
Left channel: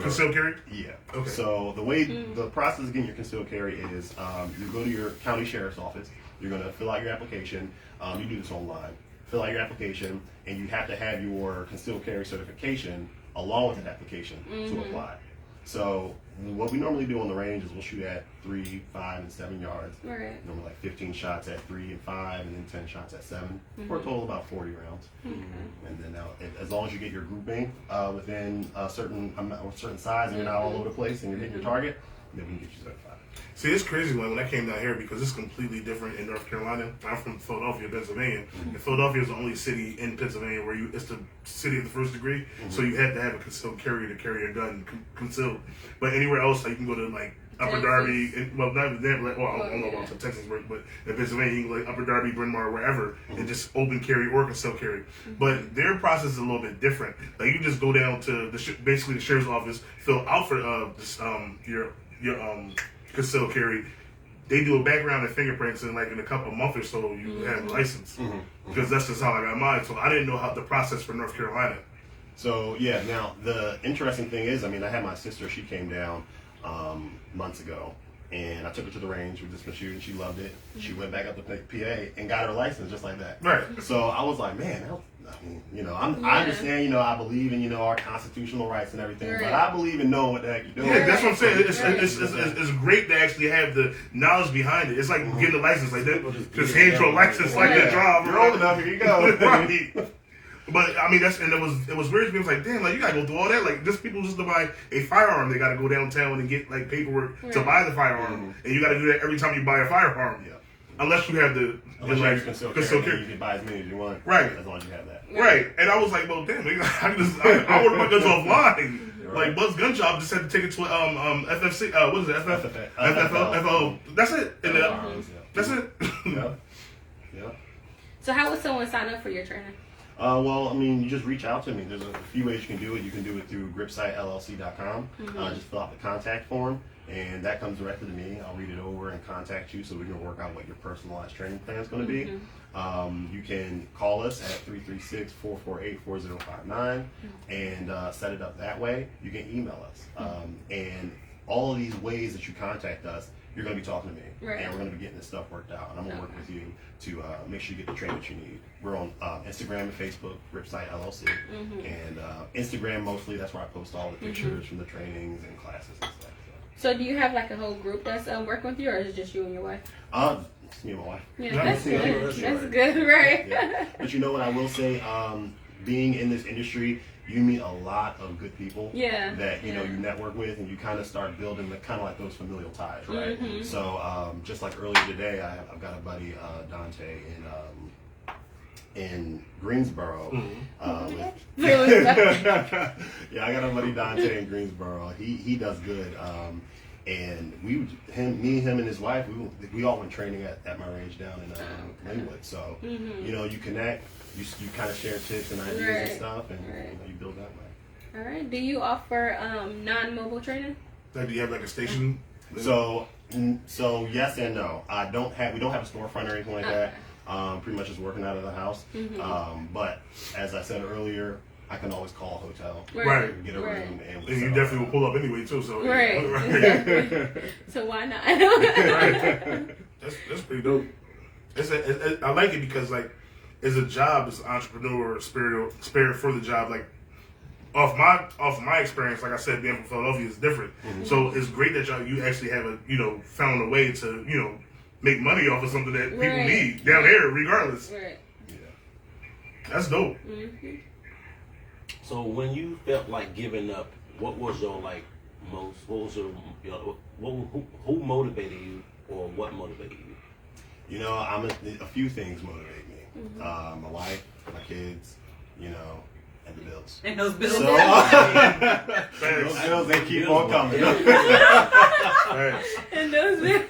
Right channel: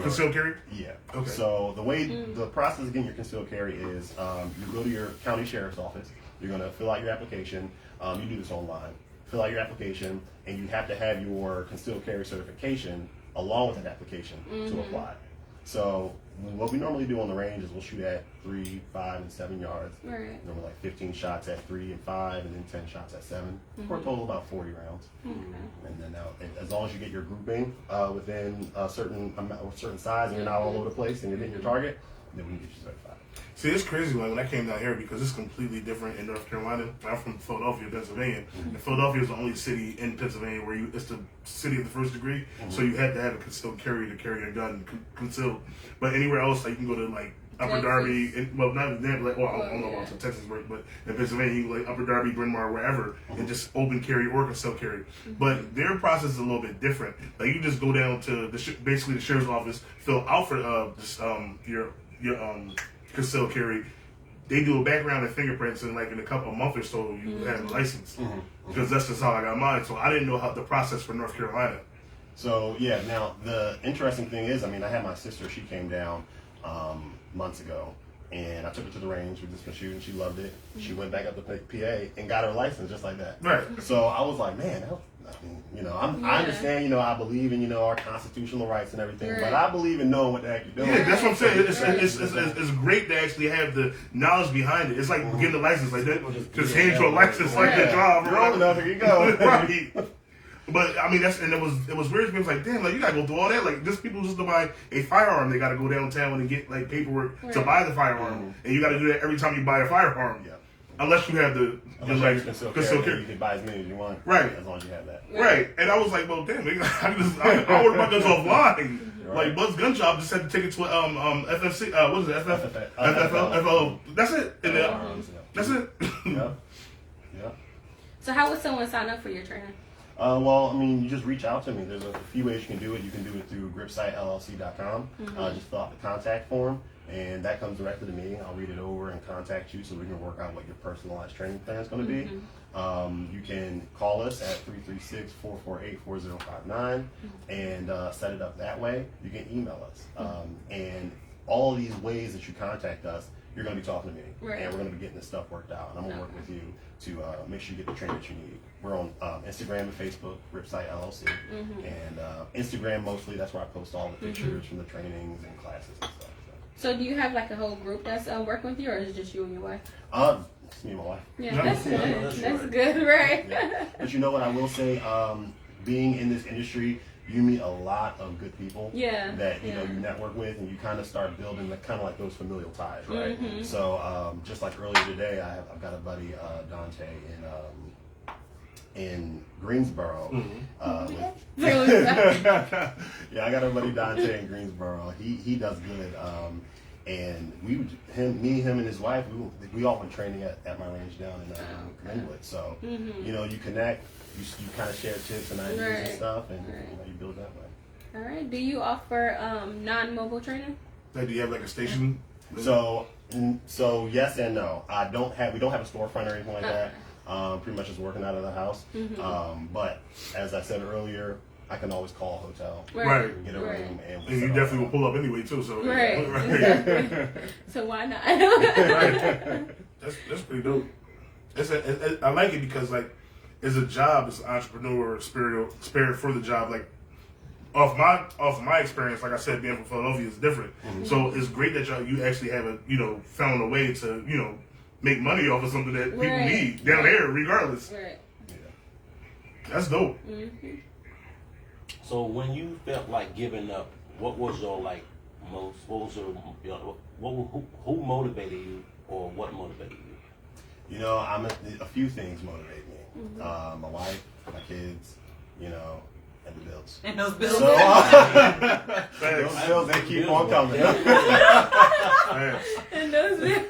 concealed carry. Yeah. Okay. So the way the process of getting your concealed carry is you go to your county sheriff's office. You're going to fill out your application. You do this online. Fill out your application, and you have to have your concealed carry certification along with that application to apply. So what we normally do on the range is we'll shoot at 3, 5, and 7 yards. Right. Normally like 15 shots at 3 and 5, and then 10 shots at 7, for a total of about 40 rounds. And then as long as you get your grouping within a certain size, and you're not all over the place, and you're hitting your target, then we can get you certified. See, it's crazy when I came down here because it's completely different in North Carolina. I'm from Philadelphia, Pennsylvania. And Philadelphia is the only city in Pennsylvania where it's the city of the first degree. So you had to have a concealed carry to carry a gun concealed. But anywhere else, like you can go to like Upper Darby, and, well, not even that, like, well, I don't know about Texas, but in Pennsylvania, you can go like Upper Darby, Bryn Mawr, wherever, and just open carry or concealed carry. But their process is a little bit different. Like you just go down to basically the sheriff's office, fill out for your concealed carry. They do a background and fingerprints, and like in a month or so, you have a license. Because that's just how I got mine. So I didn't know how the process for North Carolina. So yeah, now the interesting thing is, I mean, I had my sister. She came down months ago, and I took her to the range. We just been shooting. She loved it. She went back up to PA and got her license just like that. Right. So I was like, man, I mean, you know, I understand, you know, I believe in, you know, our constitutional rights and everything, but I believe in knowing what the heck you're doing. Yeah, that's what I'm saying. It's great to actually have the knowledge behind it. It's like getting a license like that. Just hand you a license like the job. You're old enough, here you go. Right. But I mean, it was weird. People was like, damn, like you gotta go through all that. Like, just people just to buy a firearm, they gotta go downtown and get like paperwork to buy the firearm, and you gotta do that every time you buy a firearm. Yeah. Unless you have the concealed carry. You can buy as many as you want, right? As long as you have that, right? And I was like, well, damn, I ordered my guns offline. Like Buzz Gun Shop just had to take it to FFC. What is it? FFO. That's it. And that's it. Yep. So how would someone sign up for your training? Well, I mean, you just reach out to me. There's a few ways you can do it. You can do it through gripsightllc.com. Just fill out the contact form, and that comes directly to me. I'll read it over and contact you so we can work out what your personalized training plan is going to be. You can call us at 336-448-4059 and set it up that way. You can email us. And all of these ways that you contact us, you're going to be talking to me, and we're going to be getting this stuff worked out. And I'm going to work with you to make sure you get the training that you need. We're on Instagram and Facebook, Gripsight LLC, and Instagram mostly. That's where I post all the pictures from the trainings and classes and stuff. So do you have like a whole group that's working with you, or is it just you and your wife? It's me and my wife. Yeah, that's good. That's good, right? Yeah. But you know what I will say? Being in this industry, you meet a lot of good people that you know you network with, and you kind of start building kind of like those familial ties, right? So just like earlier today, I've got a buddy Dante in Greensboro. Yeah, I got a buddy Dante in Greensboro. He does good. And me, him, and his wife, we all went training at my range down in Linwood. So you know, you connect, you kind of share tips and ideas and stuff, and you know, you build that way. All right. Do you offer non-mobile training? Like, do you have like a station? So yes and no. We don't have a storefront or anything like that. Pretty much just working out of the house. But as I said earlier, I can always call a hotel, right? Get a room, and you definitely will pull up anyway too. So Exactly. So why not? That's pretty dope. I like it because like, it's a job, it's an entrepreneur spirit for the job. Like, off my experience, like I said, being from Philadelphia is different. So it's great that you actually have found a way to make money off of something that people need down there, regardless. Right. Yeah. That's dope. So when you felt like giving up, what was your who motivated you, or what motivated you? You know, a few things motivate me. My wife, my kids, and the bills. And those bills. So, those bills, they keep on coming. And those bills.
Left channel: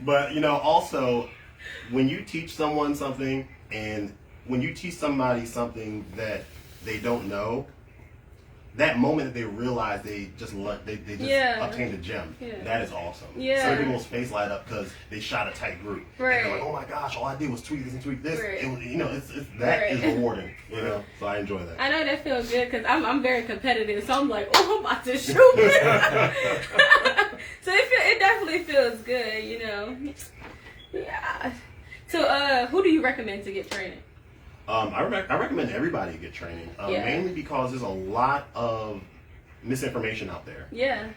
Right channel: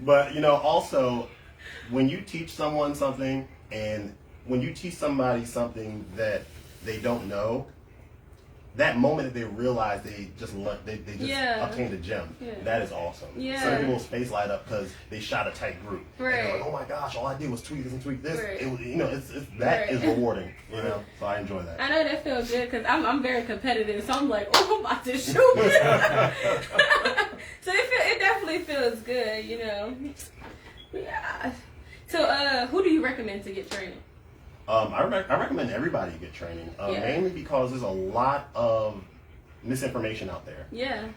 But also, when you teach someone something, and when you teach somebody something that they don't know, that moment that they realize they just obtained a gem, that is awesome. Some people's face light up because they shot a tight group. And they're like, oh my gosh, all I did was tweak this and tweak this. That is rewarding. So I enjoy that. I know that feels good because I'm very competitive, so I'm like, oh, I'm about to shoot. So it definitely feels good, Yeah. So who do you recommend to get training? I recommend everybody get training, mainly because there's a lot of misinformation out there.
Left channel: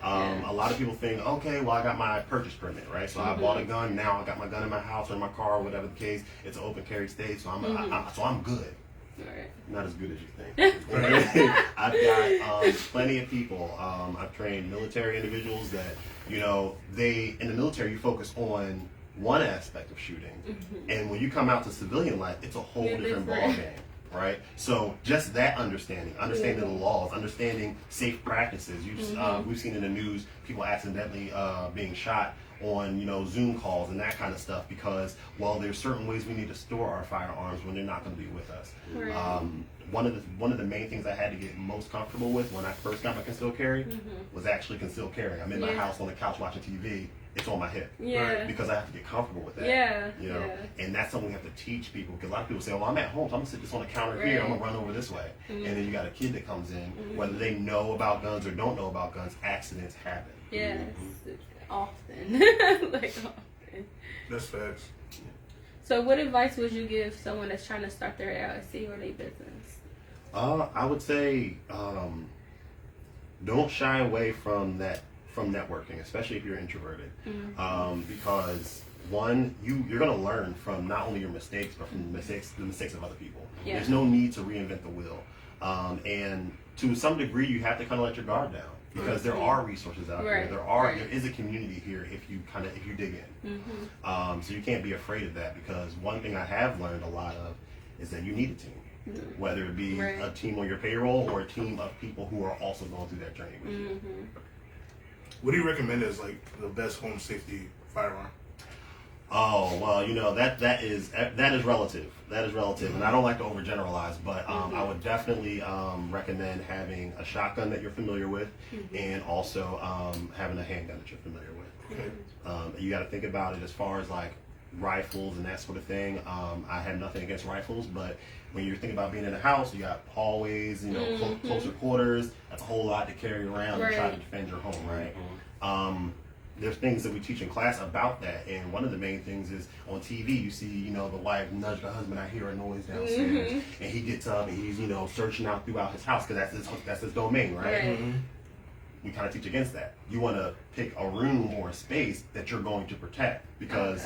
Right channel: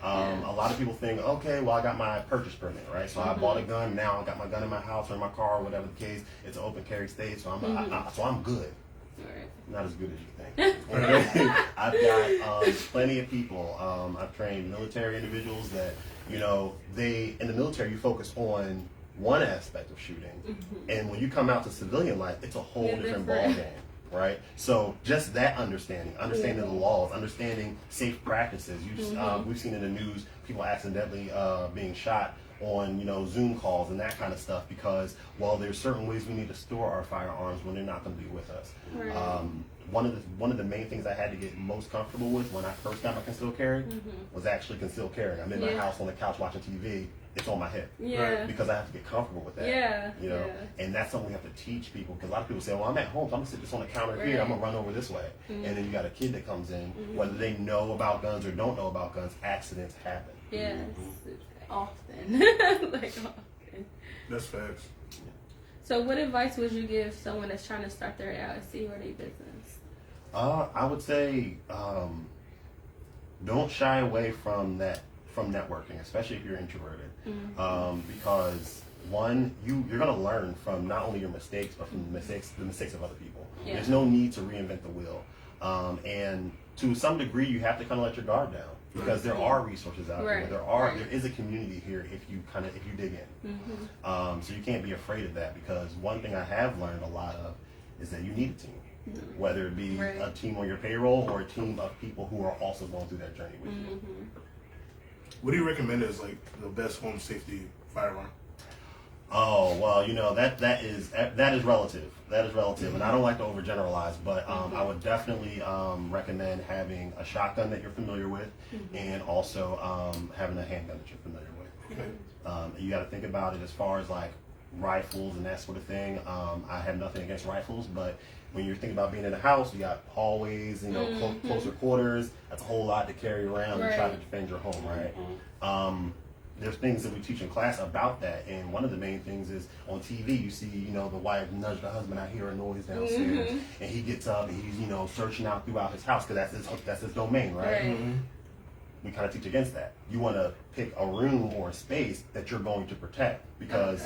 A lot of people think, okay, well, I got my purchase permit, right? So I bought a gun. Now I got my gun in my house or in my car, or whatever the case. It's an open carry state, so I'm good. Right. Not as good as you think. I've got plenty of people. I've trained military individuals that, you know, they in the military you focus on one aspect of shooting, and when you come out to civilian life, it's a whole different ball game, right? So just that understanding the laws, understanding safe practices. You just, we've seen in the news people accidentally being shot on, you know, Zoom calls and that kind of stuff because, well, there's certain ways we need to store our firearms when they're not going to be with us. Right. One of the main things I had to get most comfortable with when I first got my concealed carry was actually concealed carry. I'm in my house on the couch watching TV. It's on my hip. Yeah. Because I have to get comfortable with that. Yeah. You know, and that's something we have to teach people because a lot of people say, "Well, I'm at home, so I'm gonna sit this on the counter here. I'm gonna run over this way." And then you got a kid that comes in, whether they know about guns or don't know about guns, accidents happen. Yes. Often. Like often. That's facts. So, what advice would you give someone that's trying to start their LLC or their business? I would say don't shy away from networking, especially if you're introverted, because one, you're going to learn from not only your mistakes but from the mistakes of other people. Yeah. There's no need to reinvent the wheel, and to some degree, you have to kind of let your guard down because there are resources out there. There is a community here if you dig in. So you can't be afraid of that because one thing I have learned a lot of is that you need a team. Whether it be a team on your payroll or a team of people who are also going through that journey with you. What do you recommend as like the best home safety firearm? Oh well, you know that is relative. That is relative, and I don't like to overgeneralize, but I would definitely recommend having a shotgun that you're familiar with, and also having a handgun that you're familiar with. Okay. You got to think about it as far as like rifles and that sort of thing. I have nothing against rifles, but when you're thinking about being in a house, you got hallways, you know, closer quarters. That's a whole lot to carry around and try to defend your home, right? There's things that we teach in class about that, and one of the main things is on TV you see, you know, the wife nudge the husband. I hear a noise downstairs, and he gets up and he's, you know, searching out throughout his house because that's his domain, right? We kind of teach against that. You want to pick a room or a space that you're going to protect because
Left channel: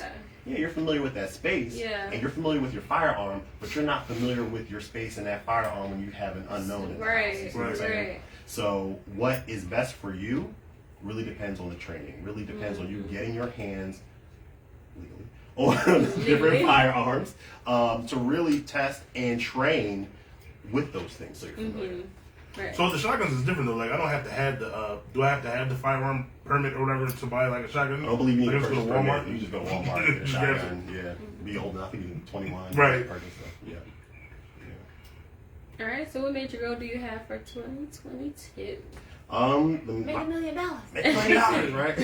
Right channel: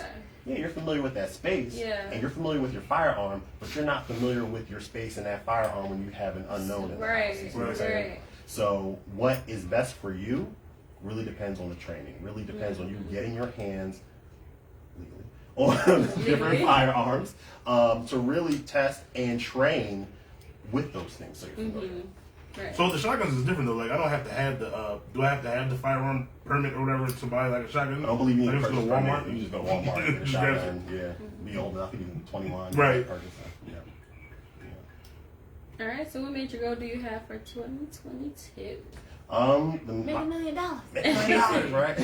you're familiar with that space and you're familiar with your firearm, but you're not familiar with your space in that firearm when you have an unknown in the house. You see what I'm saying? So what is best for you really depends on the training. Really depends on you getting your hands legally on different firearms to really test and train with those things so you're familiar. Right. So the shotguns is different though. Like I don't have to have the. Do I have to have the firearm permit or whatever to buy like a shotgun? I don't believe you need like to go to purchase Walmart. permit. You just go to Walmart and get a shotgun. Be old enough, you can 21. Right. All right. So, what major goal do you have for 2022? Make $1 million. right?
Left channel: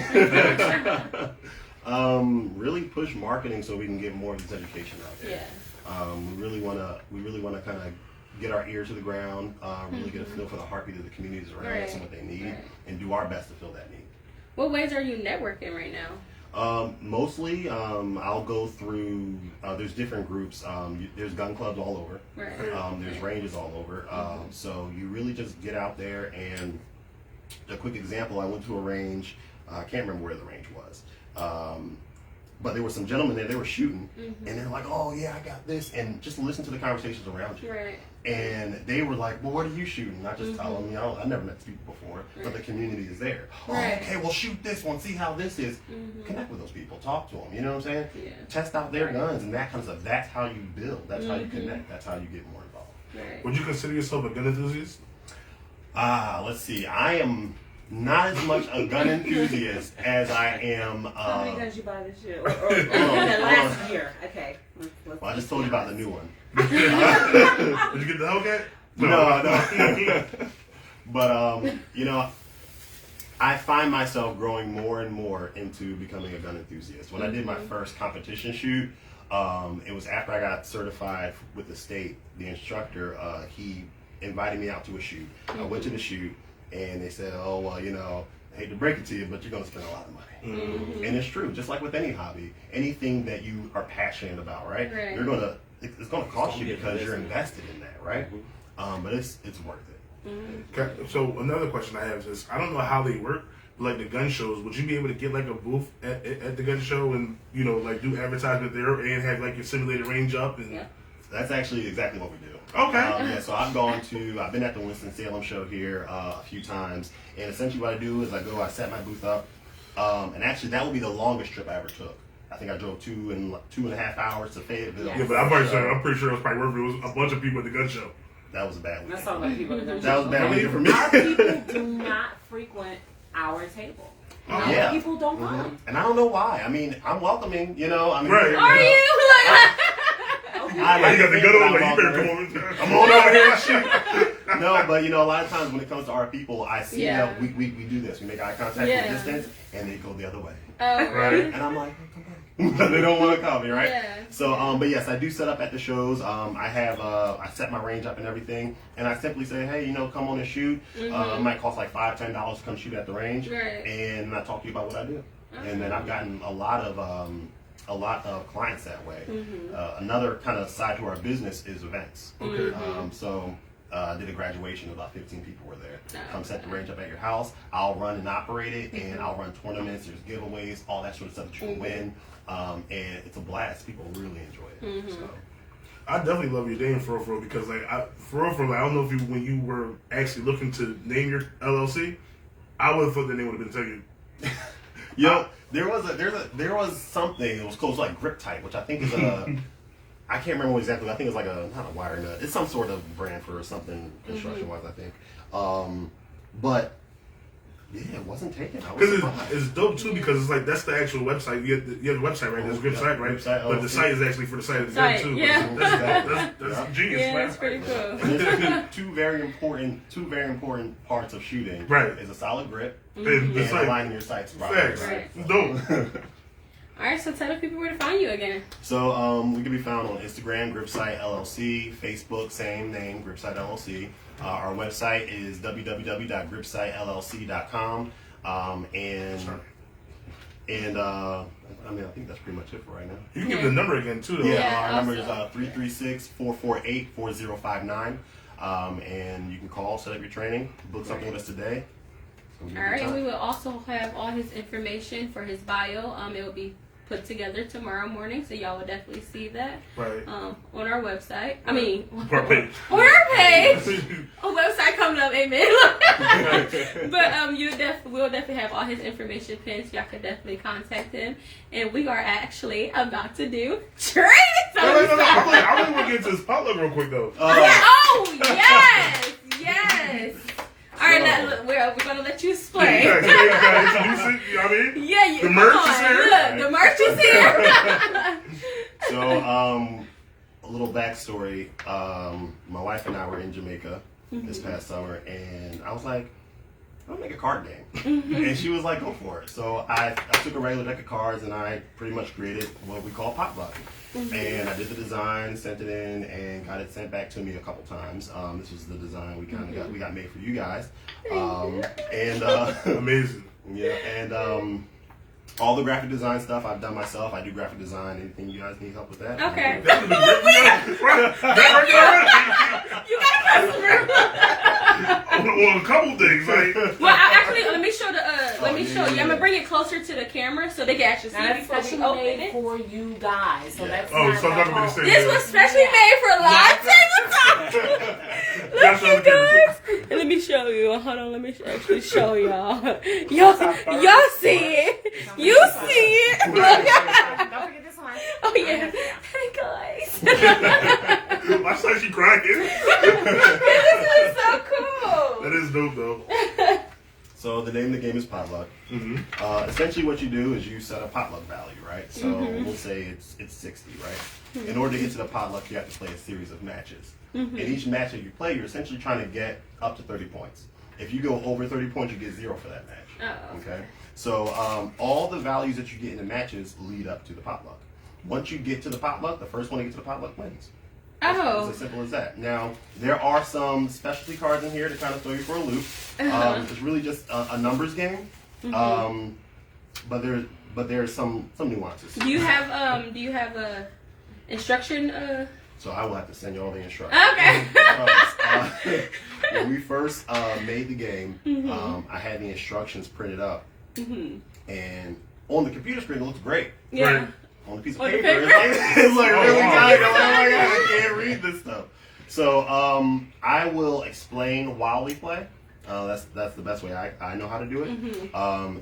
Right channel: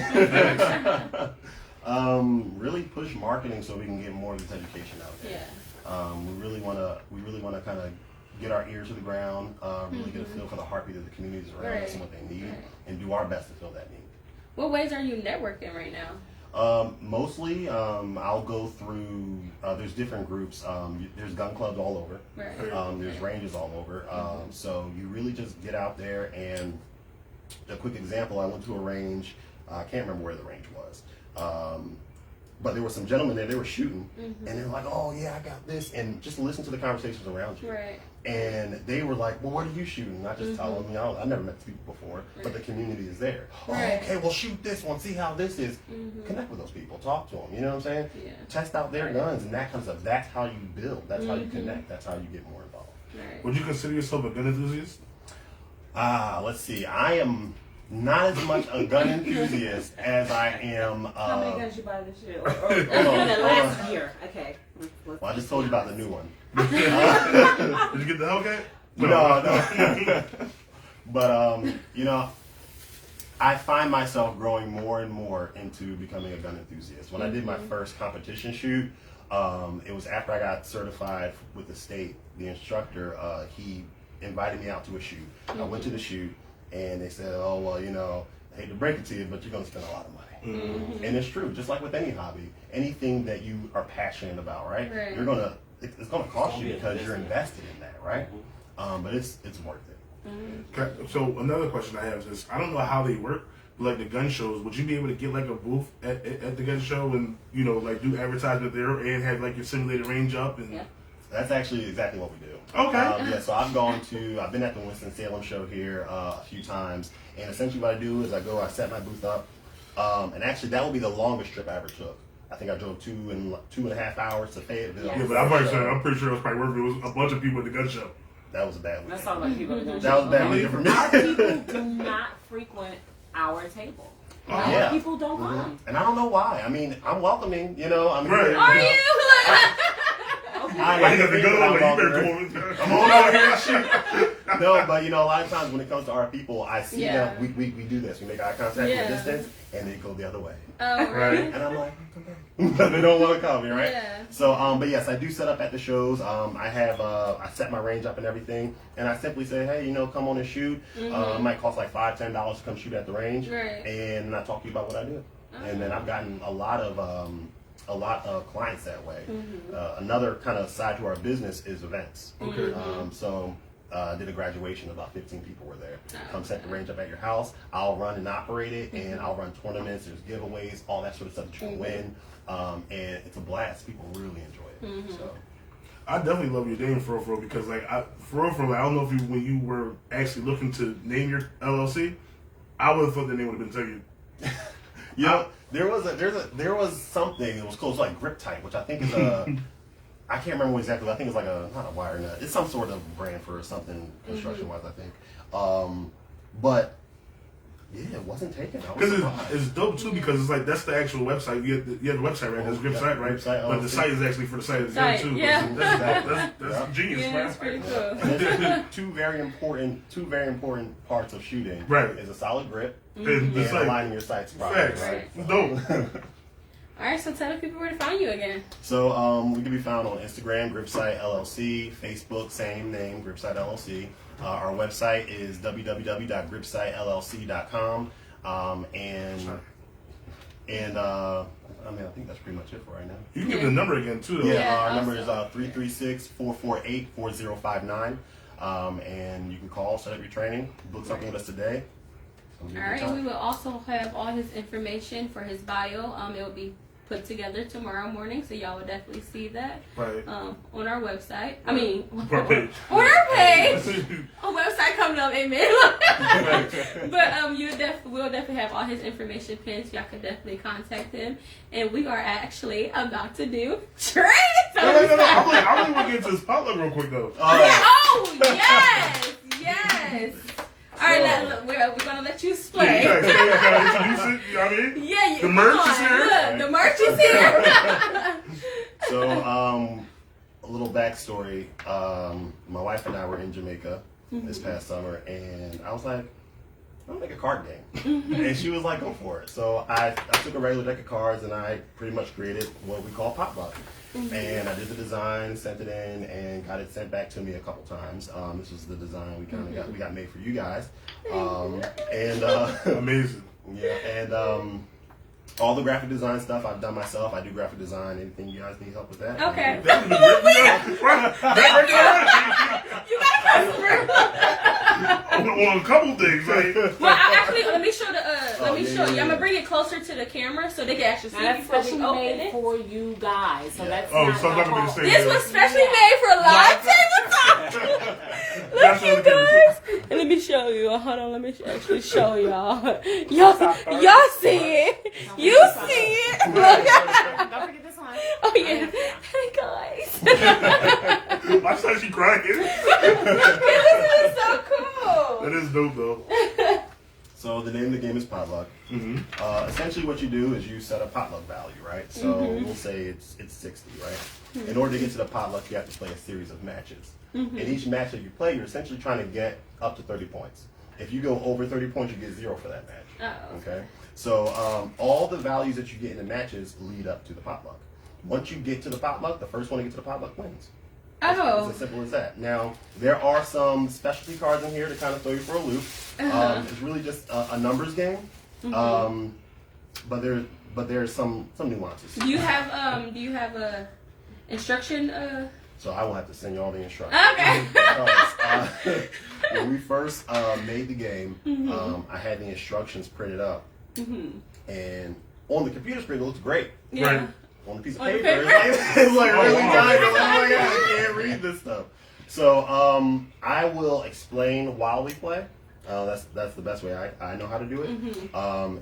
Really push marketing so we can get more of this education out there. We really want to kind of get our ear to the ground, really get a feel for the heartbeat of the communities around us and what they need, and do our best to fill that need. What ways are you networking right now? Mostly, I'll go through. There's different groups. There's gun clubs all over. There's ranges all over. So you really just get out there and. A quick example, I went to a range, I can't remember where the range was, but there were some gentlemen there, they were shooting, and they're like, oh yeah, I got this, and just listen to the conversations around you. And they were like, well, what are you shooting? And I just tell them, I never met these people before, but the community is there. Oh, okay, well shoot this one, see how this is. Connect with those people, talk to them, you know what I'm saying? Test out their guns and that kind of stuff. That's how you build, that's how you connect, that's how you get more involved. Would you consider yourself a gun enthusiast? Let's see. I am not as much a gun enthusiast as I am. How many guns you buy this year? Last year. Okay. Well, I just told you about the new one. Did you get the Hellcat? No. But you know, I find myself growing more and more into becoming a gun enthusiast. When I did my first competition shoot, it was after I got certified with the state. The instructor, he invited me out to a shoot. I went to the shoot, and they said, oh, well, you know, I hate to break it to you, but you're going to spend a lot of money. And it's true, just like with any hobby, anything that you are passionate about, right? You're going to, it's going to cost you because you're invested in that, right? But it's worth it. Okay. So another question I have is, I don't know how they work, but like the gun shows, would you be able to get like a booth at the gun show and, you know, like do advertisement there and have like your simulated range up? And That's actually exactly what we do. Okay. Yeah, so I've been at the Winston-Salem show here a few times, and essentially what I do is I set my booth up, and actually that will be the longest trip I ever took. I think I drove 2.5 hours to Fayetteville. Yeah, but I'm pretty sure it was probably worth it. It was a bunch of people at the gun show. That was a bad weekend. That's all the people. That was a bad weekend for me. Our people do not frequent our table. Yeah. People don't come. And I don't know why. I mean, I'm welcoming, Right. Are you? I got the gun on, like, you better come over. I'm on out here and shit. No, but a lot of times when it comes to our people, I see Yeah. them, we do this. We make eye contact from a distance, and they go the other way. Oh, Right. And I'm like, come back. They don't want to come, right? Yeah. So, but yes, I do set up at the shows. I set my range up and everything, and I simply say, hey, come on and shoot. It might cost like $5, $10 to come shoot at the range, Right. and I talk to you about what I do. And then I've gotten a lot of clients that way. Another kind of side to our business is events. Okay. So I did a graduation, about 15 people were there. Come set the range up at your house. I'll run and operate it, and I'll run tournaments. There's giveaways, all that sort of stuff that you can win, and it's a blast. People really enjoy it. So. I definitely love your name for real, because like I don't know if when you were actually looking to name your LLC, I would have thought the name would have been taken. There was something. It was called like Grip Type, which I think is a. I can't remember what exactly. I think it's like not a wire nut. It's some sort of brand for something construction wise. I think. But yeah, it wasn't taken. Because it's dope too, because it's like that's the actual website. You have the website, right? That's Grip Site, right? But the site is actually for the site of the gun too. Yeah. That's genius, Yeah, man. that's pretty cool. There's two very important parts of shooting. Right. Is a solid grip And the and site. aligning your sights properly. Facts. Right? Dope. All right, so tell the people where to find you again. So we can be found on Instagram, GripSite LLC, Facebook, same name, GripSite LLC. Our website is www.gripsitellc.com. I think that's pretty much it for right now. You can give the number again too, though. Yeah. Our number is 336-448-4059. And you can call, set up your training, book something with us today. All right, we will also have all his information for his bio. It will be put together tomorrow morning, so y'all will definitely see that Right. on our website. I mean, Our page. on our page. Our website coming up, amen. But we'll definitely have all his information pinned, so y'all can definitely contact him. And we are actually about to do training. No. I really want to get into this potluck real quick though. Oh yes. All right, now, we're going to let you explain. You gotta introduce it. You know what I mean? Yeah, The merch come is on, here. Look, the merch is here. So, a little backstory. My wife and I were in Jamaica this past summer, and I was like, I'll make a card game. And she was like, go for it. So I took a regular deck of cards, and I pretty much created what we call potluck. And I did the design, sent it in, and got it sent back to me a couple times. This was the design we got made for you guys. Amazing. Yeah, and all the graphic design stuff I've done myself. I do graphic design. Anything you guys need help with that? Okay. That would be great. You got a customer. On a couple things, like. Well, let me show you. I'm gonna bring it closer to the camera so they can actually see And that's it before specially we open made it. for you guys. So that's Oh, not so I'm not gonna be the same. This was specially made for live tabletop. That's Look, you guys. Let me show you. Hold on, let me actually show y'all. Y'all see it. You see it. Don't forget this one. Oh yeah. Hey guys. My son, she crying. This is so cool. That is dope, though. So the name of the game is potluck. Essentially, what you do is you set a potluck value, right? So we'll say it's 60, right? In order to get to the potluck, you have to play a series of matches. In each match that you play, you're essentially trying to get up to 30 points. If you go over 30 points, you get 0 for that match. Oh. Okay. So all the values that you get in the matches lead up to the potluck. Once you get to the potluck, the first one to get to the potluck wins. Oh. It's as simple as that. Now, there are some specialty cards in here to kind of throw you for a loop. It's really just a numbers game, but there's some nuances. Do you have a instruction? So I will have to send you all the instructions. Okay. Because, when we first made the game, I had the instructions printed up, and on the computer screen it looks great. Yeah. Right. on a piece of On the paper. paper? It's like Oh, really wow. tiny. I'm like, oh my god, I can't read this stuff. So I will explain while we play. That's the best way I know how to do it.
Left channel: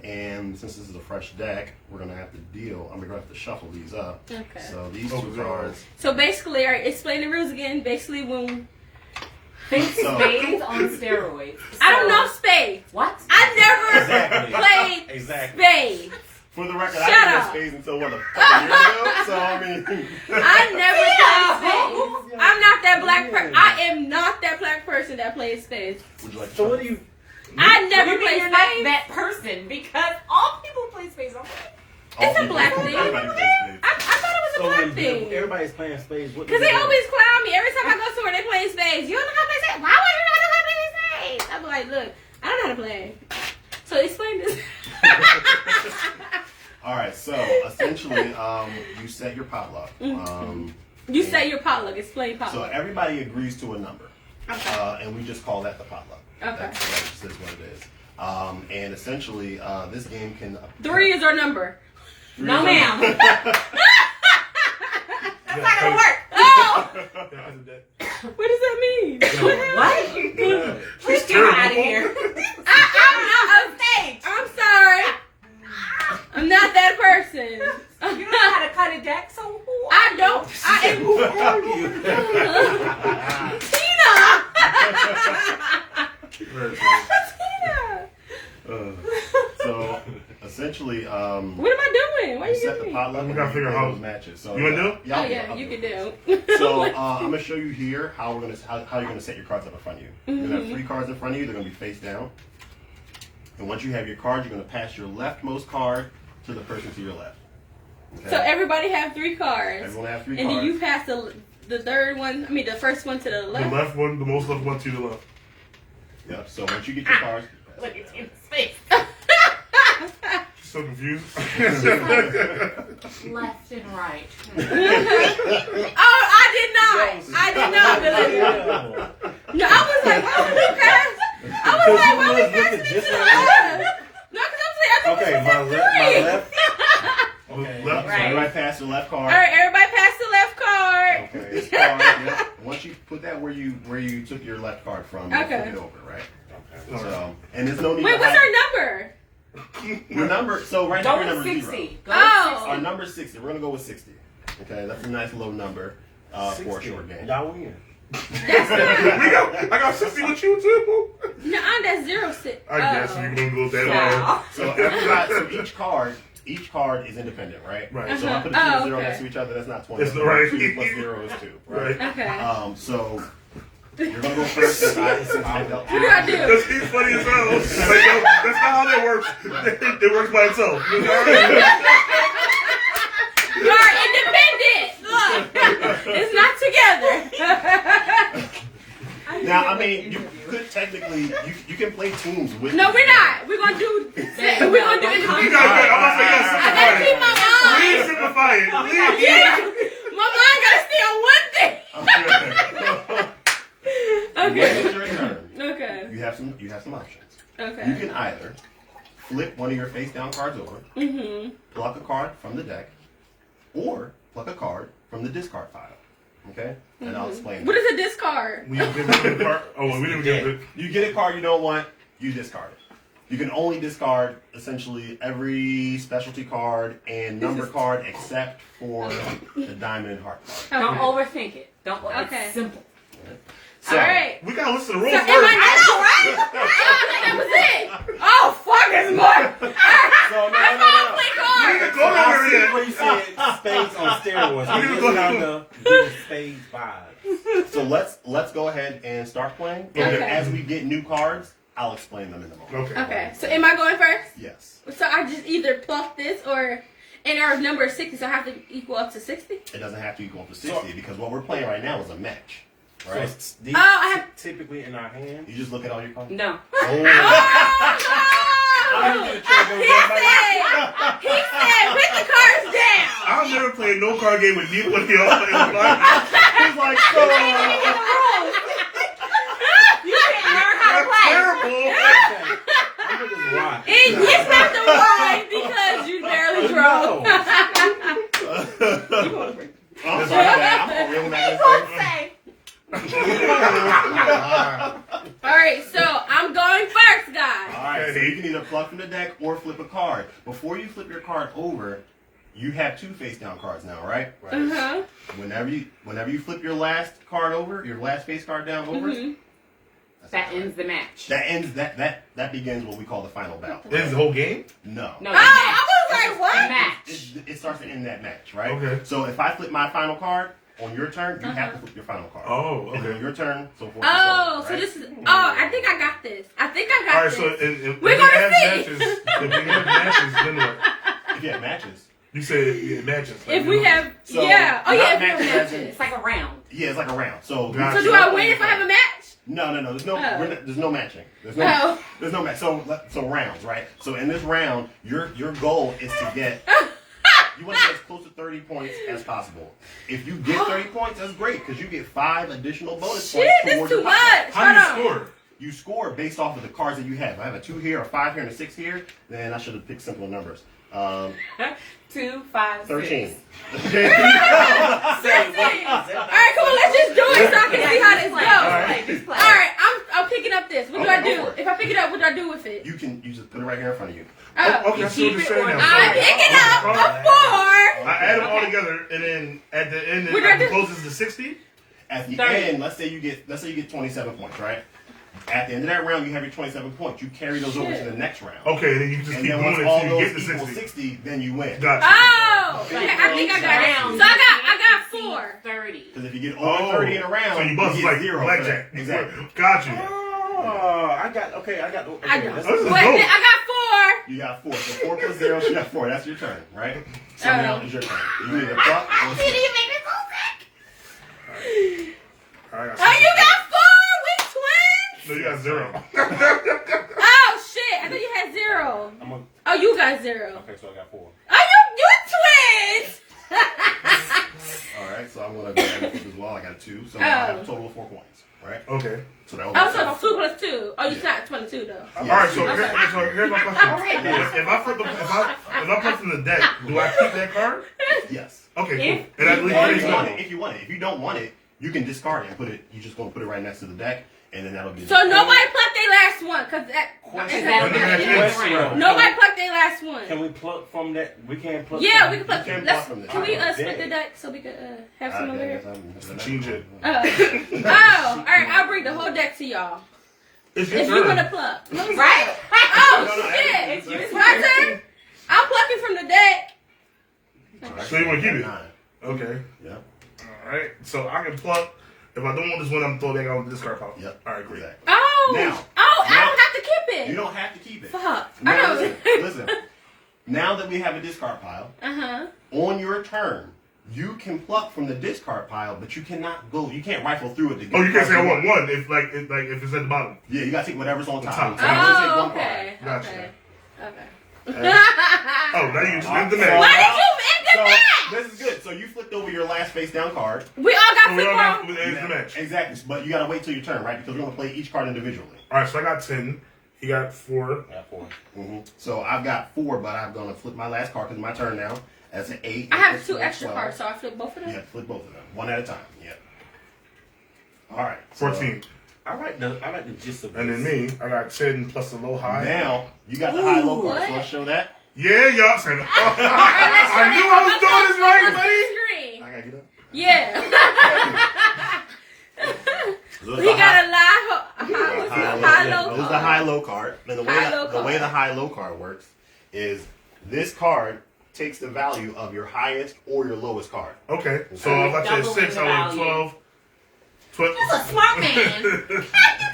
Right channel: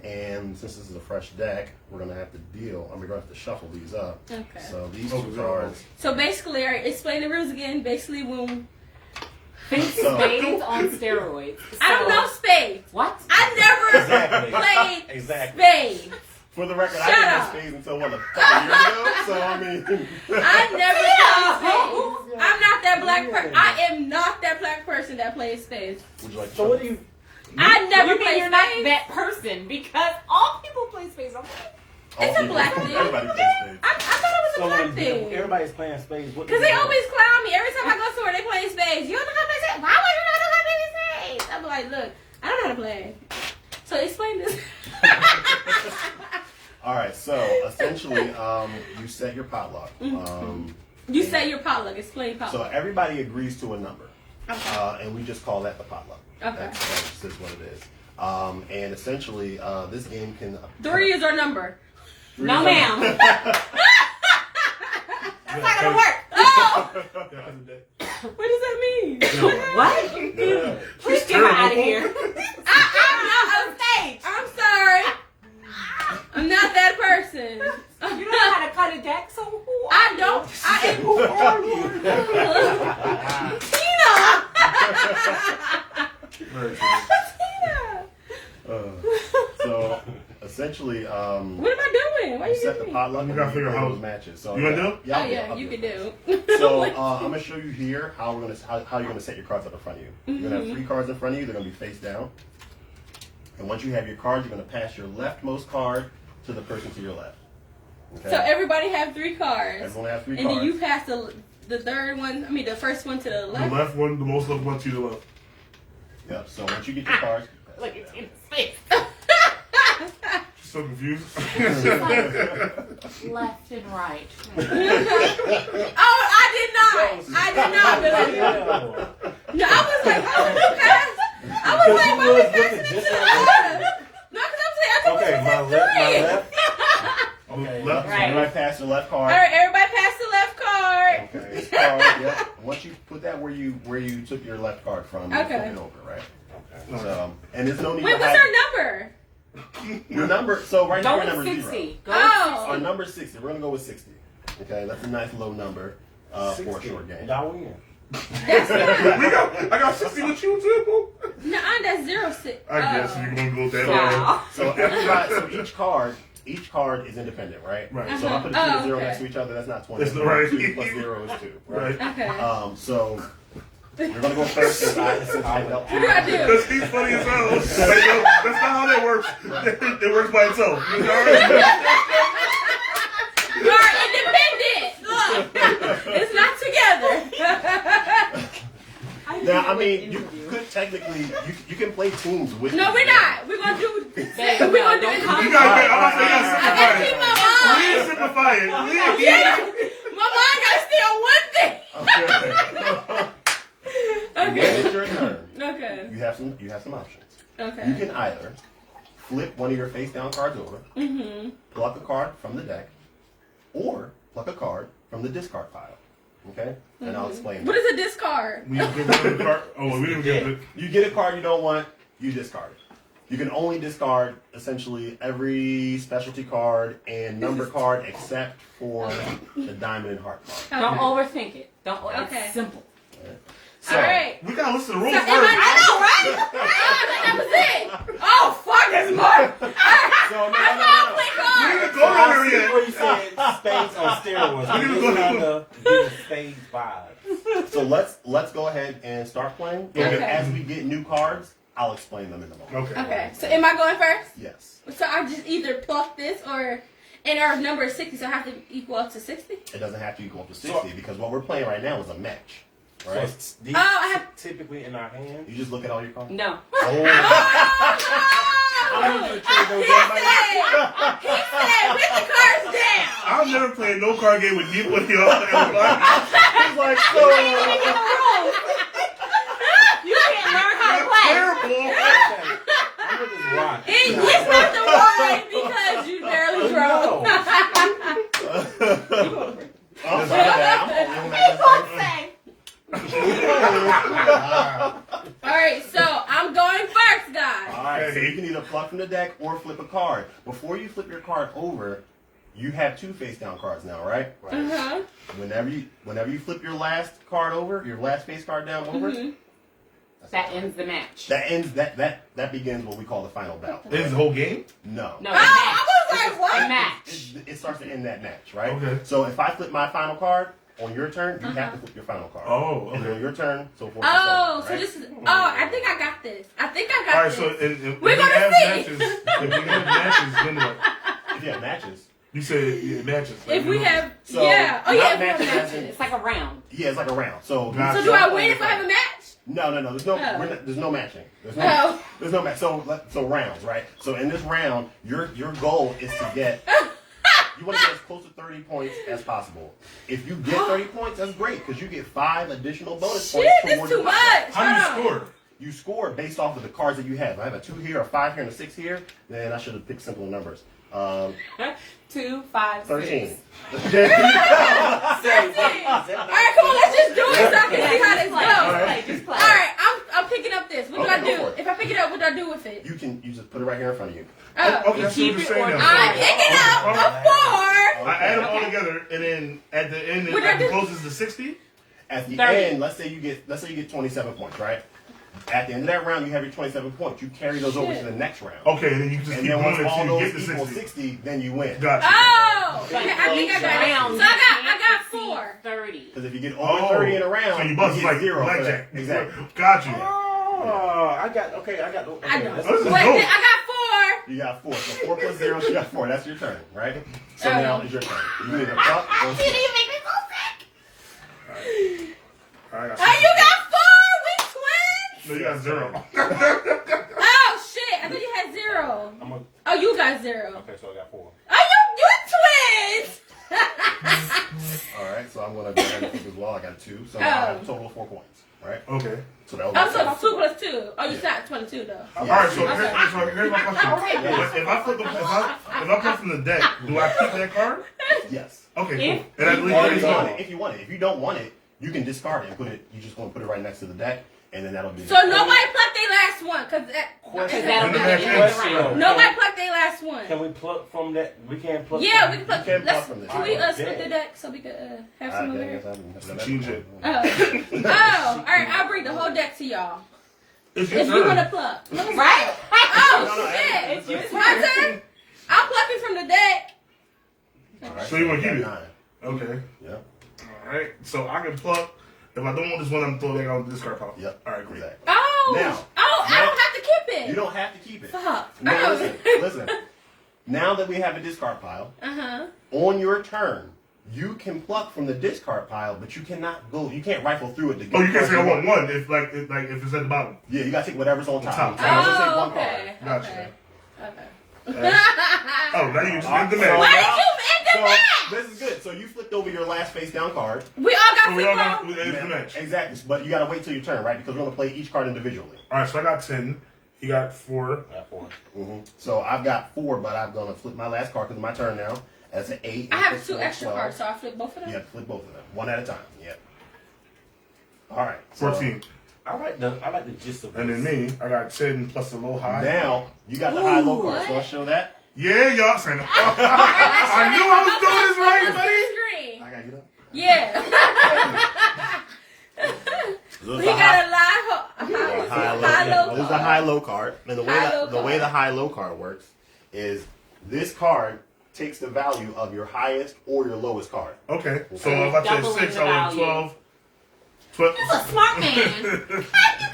And since this is a fresh deck, we're gonna have to deal. I'm gonna have to shuffle these up. Okay. So these Oh, two cards. So basically, explain the rules again. Basically, when So, Spades on steroids. I don't know spades. What? I never Exactly. played Exactly. spades. for the record, Shut I didn't up. know spades until what, a couple years ago. So I mean, I never played spades. I'm not that black person. I am not that black person that plays spades. would you like to So what try? do you? I never Maybe played you're not spades. that person because all people play spades. It's All a black people- thing. Everybody plays spades. I thought it was a So black when thing. everybody's playing spades, what? Because do they you do? always clown me every time I go somewhere. They playing spades. You don't know how to play spades? Why would you not know how to play spades? I'm like, look, I don't know how to play. So explain this. All right, so essentially, you set your potluck. You say your potluck. Explain So potluck. everybody agrees to a number, Okay. and we just call that the potluck. Okay. That just is what it is. And essentially, this game can 3 is our number. No, ma'am. That's not gonna work. Oh, what does that mean? What? She's Get out of terrible. here. I'm not on stage. I'm sorry. I'm not that person. You know how to cut a deck, so who are I don't. I am. Who are you? Tina. So essentially, What am I doing? Why are you you set the doing? potluck. We and gotta you figure play out those how- matches. So You wanna do it? Yeah, Oh I'll yeah, do it. you can do. So I'm gonna show you here how you're gonna set your cards up in front of you. You're gonna have 3 cards in front of you. They're gonna be face down. And once you have your cards, you're gonna pass your leftmost card to the person to your left. Okay? So everybody have 3 cards, Everyone have 3 and cards. then you pass the third one. I mean, the first one to the The left. left one, the most left one to the left. Yep. So once you get your cards, Look at Tina's face. She's so confused. Left and right. Oh, I did not believe it. No, I was like, oh, Lucas. I was like, why we passing it to the left? No, because I'm saying, I Okay, think my left. Okay. Left. Right. everybody pass your left All card. right, everybody pass the left card. Okay. This card. Yep. Once you put that where you took your left card from, you Okay. flip it over, right? So, and there's no need Wait, to what's hide our number? your number. So right now Go your with number 60. 0. Go with Oh. Our number is 60. We're gonna go with 60. Okay, that's a nice low number for a short game. Y'all win. I got 60 with you too. No, that's 06. I guess we're gonna go that way. Wow. So everybody, so each card is independent, right? Right. So if I put a 2 Uh-huh. and 0 Oh, next okay. to each other, that's not 20. It's right. 2 plus 0 is 2. Right. Right. Okay. So you're gonna go first since I dealt What do I do? Because he's funny as hell. Like, yo, that's not how that works. It works by itself. You know? You are independent. Look, it's not together. Now, I mean, you could technically, you can play teams with. No, these we're games. not. We're gonna do. There We're you gonna go. do. Don't You guys, I'm gonna say, I gotta keep yeah, my simplify it. mind. Please simplify it. Yeah, my mind gotta stay on one thing. Okay. When Okay. it's your turn, Okay. you have some options. You Okay. can either flip one of your face down cards over, pluck a card from the deck, or pluck a card from the discard pile. Okay? And I'll explain. What is a discard? We get rid of the card. Oh, we didn't get it. You get a card you don't want, you discard it. You can only discard essentially every specialty card and number card except for the diamond and heart card. Don't overthink it. Don't. Okay. It's simple. So, All right. We gotta listen to the rules So, first. I know, right? That was it. Oh, fuck, there's more. So, no. Play We cards. didn't go I nowhere see yet. where you said spades on steroids. We We need to just go trying to- to give spades vibes. So let's go ahead and start playing. Okay. And as we get new cards, I'll explain them in a moment. Okay. Okay, so am I going first? Yes. So I just either pluck this or, and our number is 60, so I have to equal up to 60? It doesn't have to equal up to 60 because what we're playing right now is a match. So Right? it's these Oh, I have- typically in our hand. You just look at all your cards. No. Oh. Oh, he said, put the cards down. I've never played no card game with neither one of y'all. He's like, so. You can't learn how to That's play. terrible. Okay. I'm gonna just watch. It's not the wine because you barely drove. All right, so I'm going first, guys. All right, so you can either pluck from the deck or flip a card. Before you flip your card over, you have 2 face down cards now, right? Uh-huh. Whenever you flip your last card over, your last face card down over, That ends the match. that begins what we call the final bout. Is the whole game? No. No, Oh, I was like, the what? match. It starts to end that match, right? Okay. So if I flip my final card on your turn, you have to flip your final card. Oh, And then okay. your turn, so forth. Oh, and so so on, this is. Oh, I think I got this. I think I got All right, this. so if We're we gonna have see. matches, if we have matches, then what? right? If you have matches. You said it matches. Like, If we have, So, yeah. Oh, yeah, not if we have matches as in- matches. It's like a round. Yeah, it's like a round. So, Gotcha. So do I win if I have a match? No. There's no. Oh. There's no matching. There's Oh. no match. So rounds, right? So in this round, your goal is to get. You want to get as close to 30 points as possible. If you get 30 points, that's great because you get 5 additional bonus Shit, points that's towards too your much. top score. How do you score? You score based off of the cards that you have. I have a 2 here, a 5 here, and a 6 here. Then I should have picked simple numbers. 2, 5, 13. 6. All right, come on, let's just do it so I can see how this goes. All right, I'm picking up this. What do Okay, I go do? for it. If I pick it up, what do I do with it? You just put it right here in front of you. Oh. Okay, I see what you're saying now. I'm So, picking up a 4. I add them all together, and then at the end, What do I at the do? closest to 60. At the 30. end, let's say you get 27 points, right? At the end of that round, you have your 27 points. You carry those over to the next round. Okay, then you just And keep then doing once it all until you those get to equal 60. 60, then you win. Gotcha. Oh, I think I got it. So I got 4. 30. Because if you get over 30 in a round, So you bust get like 0 for blackjack. that. Exactly. Got you. Oh, I got. Okay, I got. Okay, I know. that's- This is Wait, dope. I got 4. You got 4. So 4 plus 0, you got 4. That's your turn, right? So Oh. now it's your turn. You can either pluck or Did you make me so sick? All right, I Oh, see. you got 4 with twins? No, you got 0. Oh, shit. I thought you had 0. Oh, you got 0. Okay, so I got 4. Oh, you twins! All right, so I'm going to go ahead and flip as well. I got 2. So now I have a total of 4 points, right? Okay. So that was Oh, so it's 2 plus 2. Oh, you got 22, though. All right, so here's my question. If I flip, if I flip from the deck, do I keep that card? Yes. Okay, cool. And I If leave you want it. it, if you want it. If you don't want it, you can discard it and put it. You're just going to put it right next to the deck, and then that'll be. So nobody plucked their last one, because Question. that, nobody plucked their last one. Can we pluck from that? We can't pluck. Yeah, from we can pluck. You can Let's, pluck from this. can we I split bet. the deck so we could have some over here? Change it. Oh, all right. I'll bring the whole deck to y'all. It's your If you want to turn. pluck, right? Oh shit! It's my turn. I'm plucking from the deck. So you wanna keep it? 9. Okay. Yeah. All right. So I can pluck. If I don't want this one, I'm throwing it on the discard pile. Yep. All right, great. Exactly. Oh, Now. I don't have to keep it. You don't have to keep it. Fuck. Now, listen. Now that we have a discard pile, on your turn, you can pluck from the discard pile, but you cannot go. You can't rifle through it to get. Oh, you can't say I the want card one if if it's at the bottom. Yeah, you gotta take whatever's on top. Top. So let's take Oh, one okay. Gotcha. Okay. Oh, now you just end the match. Why did you end the So match? this is good. So you flipped over your last face down card. We all got We all got flip it's the match. Exactly, but you gotta wait till your turn, right? Because we're gonna play each card individually. All right, so I got 10. He got 4. I got 4. So I've got 4, but I'm gonna flip my last card because it's my turn now. That's an 8. I have 2 4, extra 12. cards, so I flip both of them. Yeah, flip both of them, one at a time. Yeah. All right. so 14. I like the gist of And then this. me, I got 10 plus a low high. Now you got the high low card. what? So let's show that. Yeah, y'all saying I knew I was doing this right, buddy. Screen. I gotta get up. Yeah. Those He are got high- a high high low Those are card. high low card. And the way High-low the way card. the high low card works is this card takes the value of your highest or your lowest card. Okay, so if I said Double 6, the I went value. 12. 12. You're a smart man. You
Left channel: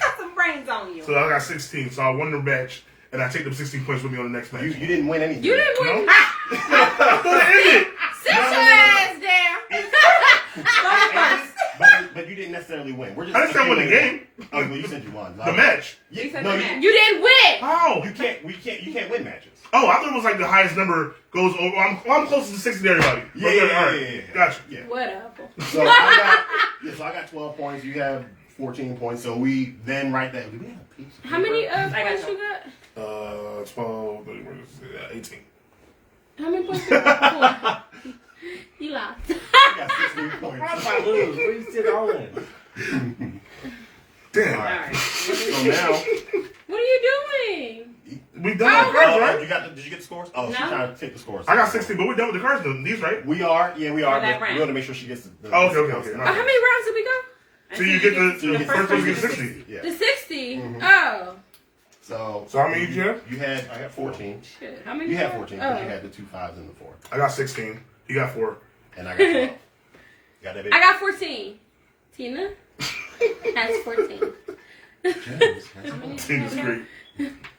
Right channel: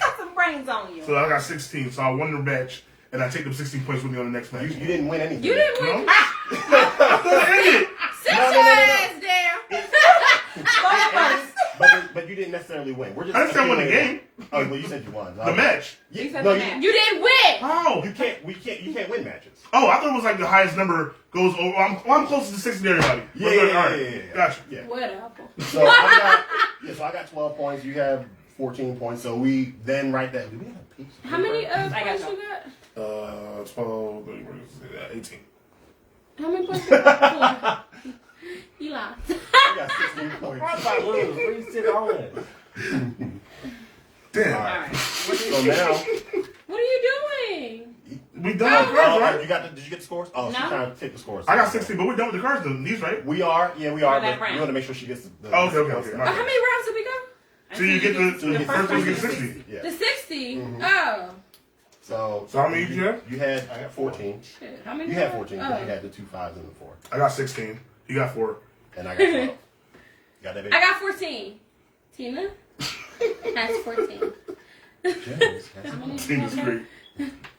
got some brains on you. So I got 16. So I won the match, and I take them 16 points with me on the next match. You didn't win anything. You didn't win. No? End it. Sit your ass down. But you didn't necessarily win. We're just I didn't say I won the game. Oh, well, you said you won. The match. Yeah, said no, the you, match. You didn't win. How? you can't win matches. Oh, I thought it was like the highest number goes over. I'm closest to 60 to everybody. Yeah, We're good. All right. yeah. Gotcha. Yeah. Whatever. So I got 12 points. You have 14 points. So we then write that. Do we have a piece? of How many got points you. you got? 12, 18. How many points you got? You lost. We got 16 points. How about us? What you sit on? So now, What are you doing? We done with the cards, right? Did you get the scores? Oh, she's No. trying to take the scores. I got 16, but we're done with the cards, though. These, right? We are. For But that we round. want to make sure she gets the Oh, okay. How many rounds did we go? So you get the the first person gets 60. Yeah. The 60. Mm-hmm. Oh. So how many did you have? You had. I got 14. Shit. How many? You had 14 because Oh. you had the 2 5s and the 4. I got 16. You got 4. And I got 12. You got that, baby? I got 14. Tina has 14. James. Team is great.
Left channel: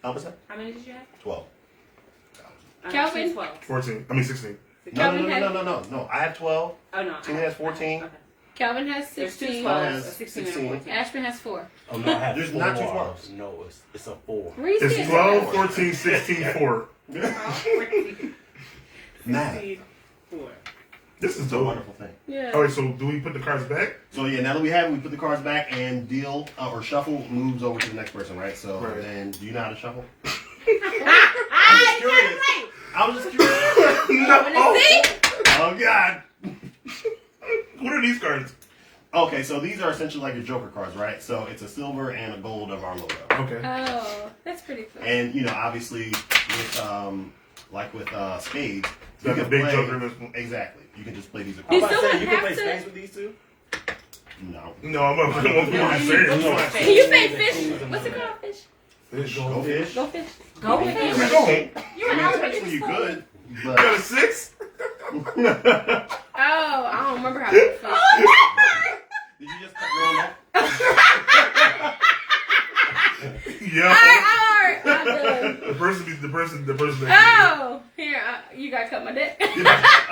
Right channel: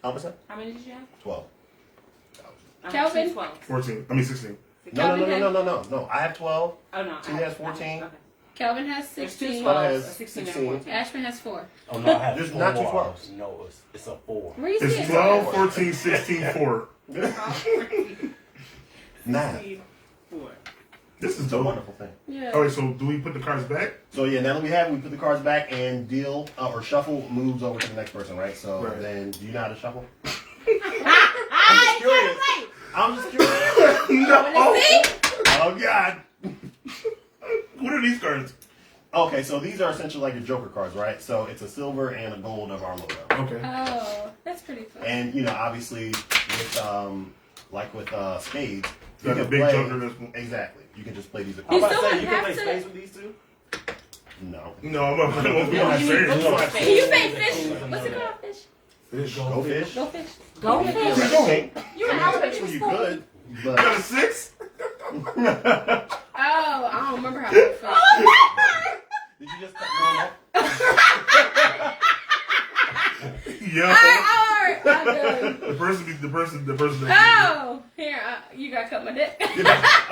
How much? How many did you have? 12. Calvin? 12. 14. I mean 16. No. I have 12. Oh, no. Tina has 14. Okay. Calvin has There's 16. 12. One has 16 and 16. 14. Ashman has 4. Oh, no, I have There's 4. not 2 12s. No, it's a 4. Reese It's is- 12, 14, 16, 4. 9. 4. This is It's a dope. wonderful thing. Yeah. All right, so do we put the cards back? So yeah, now that we have it, we put the cards back and deal or shuffle moves over to the next person, right? So Right. then, do you know how to shuffle? I'm just curious. I'm just curious. No. See? Oh God. What are these cards? Okay, so these are essentially like the Joker cards, right? So it's a silver and a gold of our logo. Okay. Oh, that's pretty cool. And you know, obviously, with spades, You have can a big play- Joker in this one. Exactly. You can just play these I'm across. about to still say, you can have play to- spades with these two? No. No, I'm not saying. Can you say fish? What's it called? Fish? Go fish. Go fish. Go fish. fish. Go. You I and mean, I were technically you could, You but got a 6? Oh, I don't remember how to fish. did you just cut your own off? Yeah. Alright, I'm done. The person that Oh, here, you gotta cut my dick. I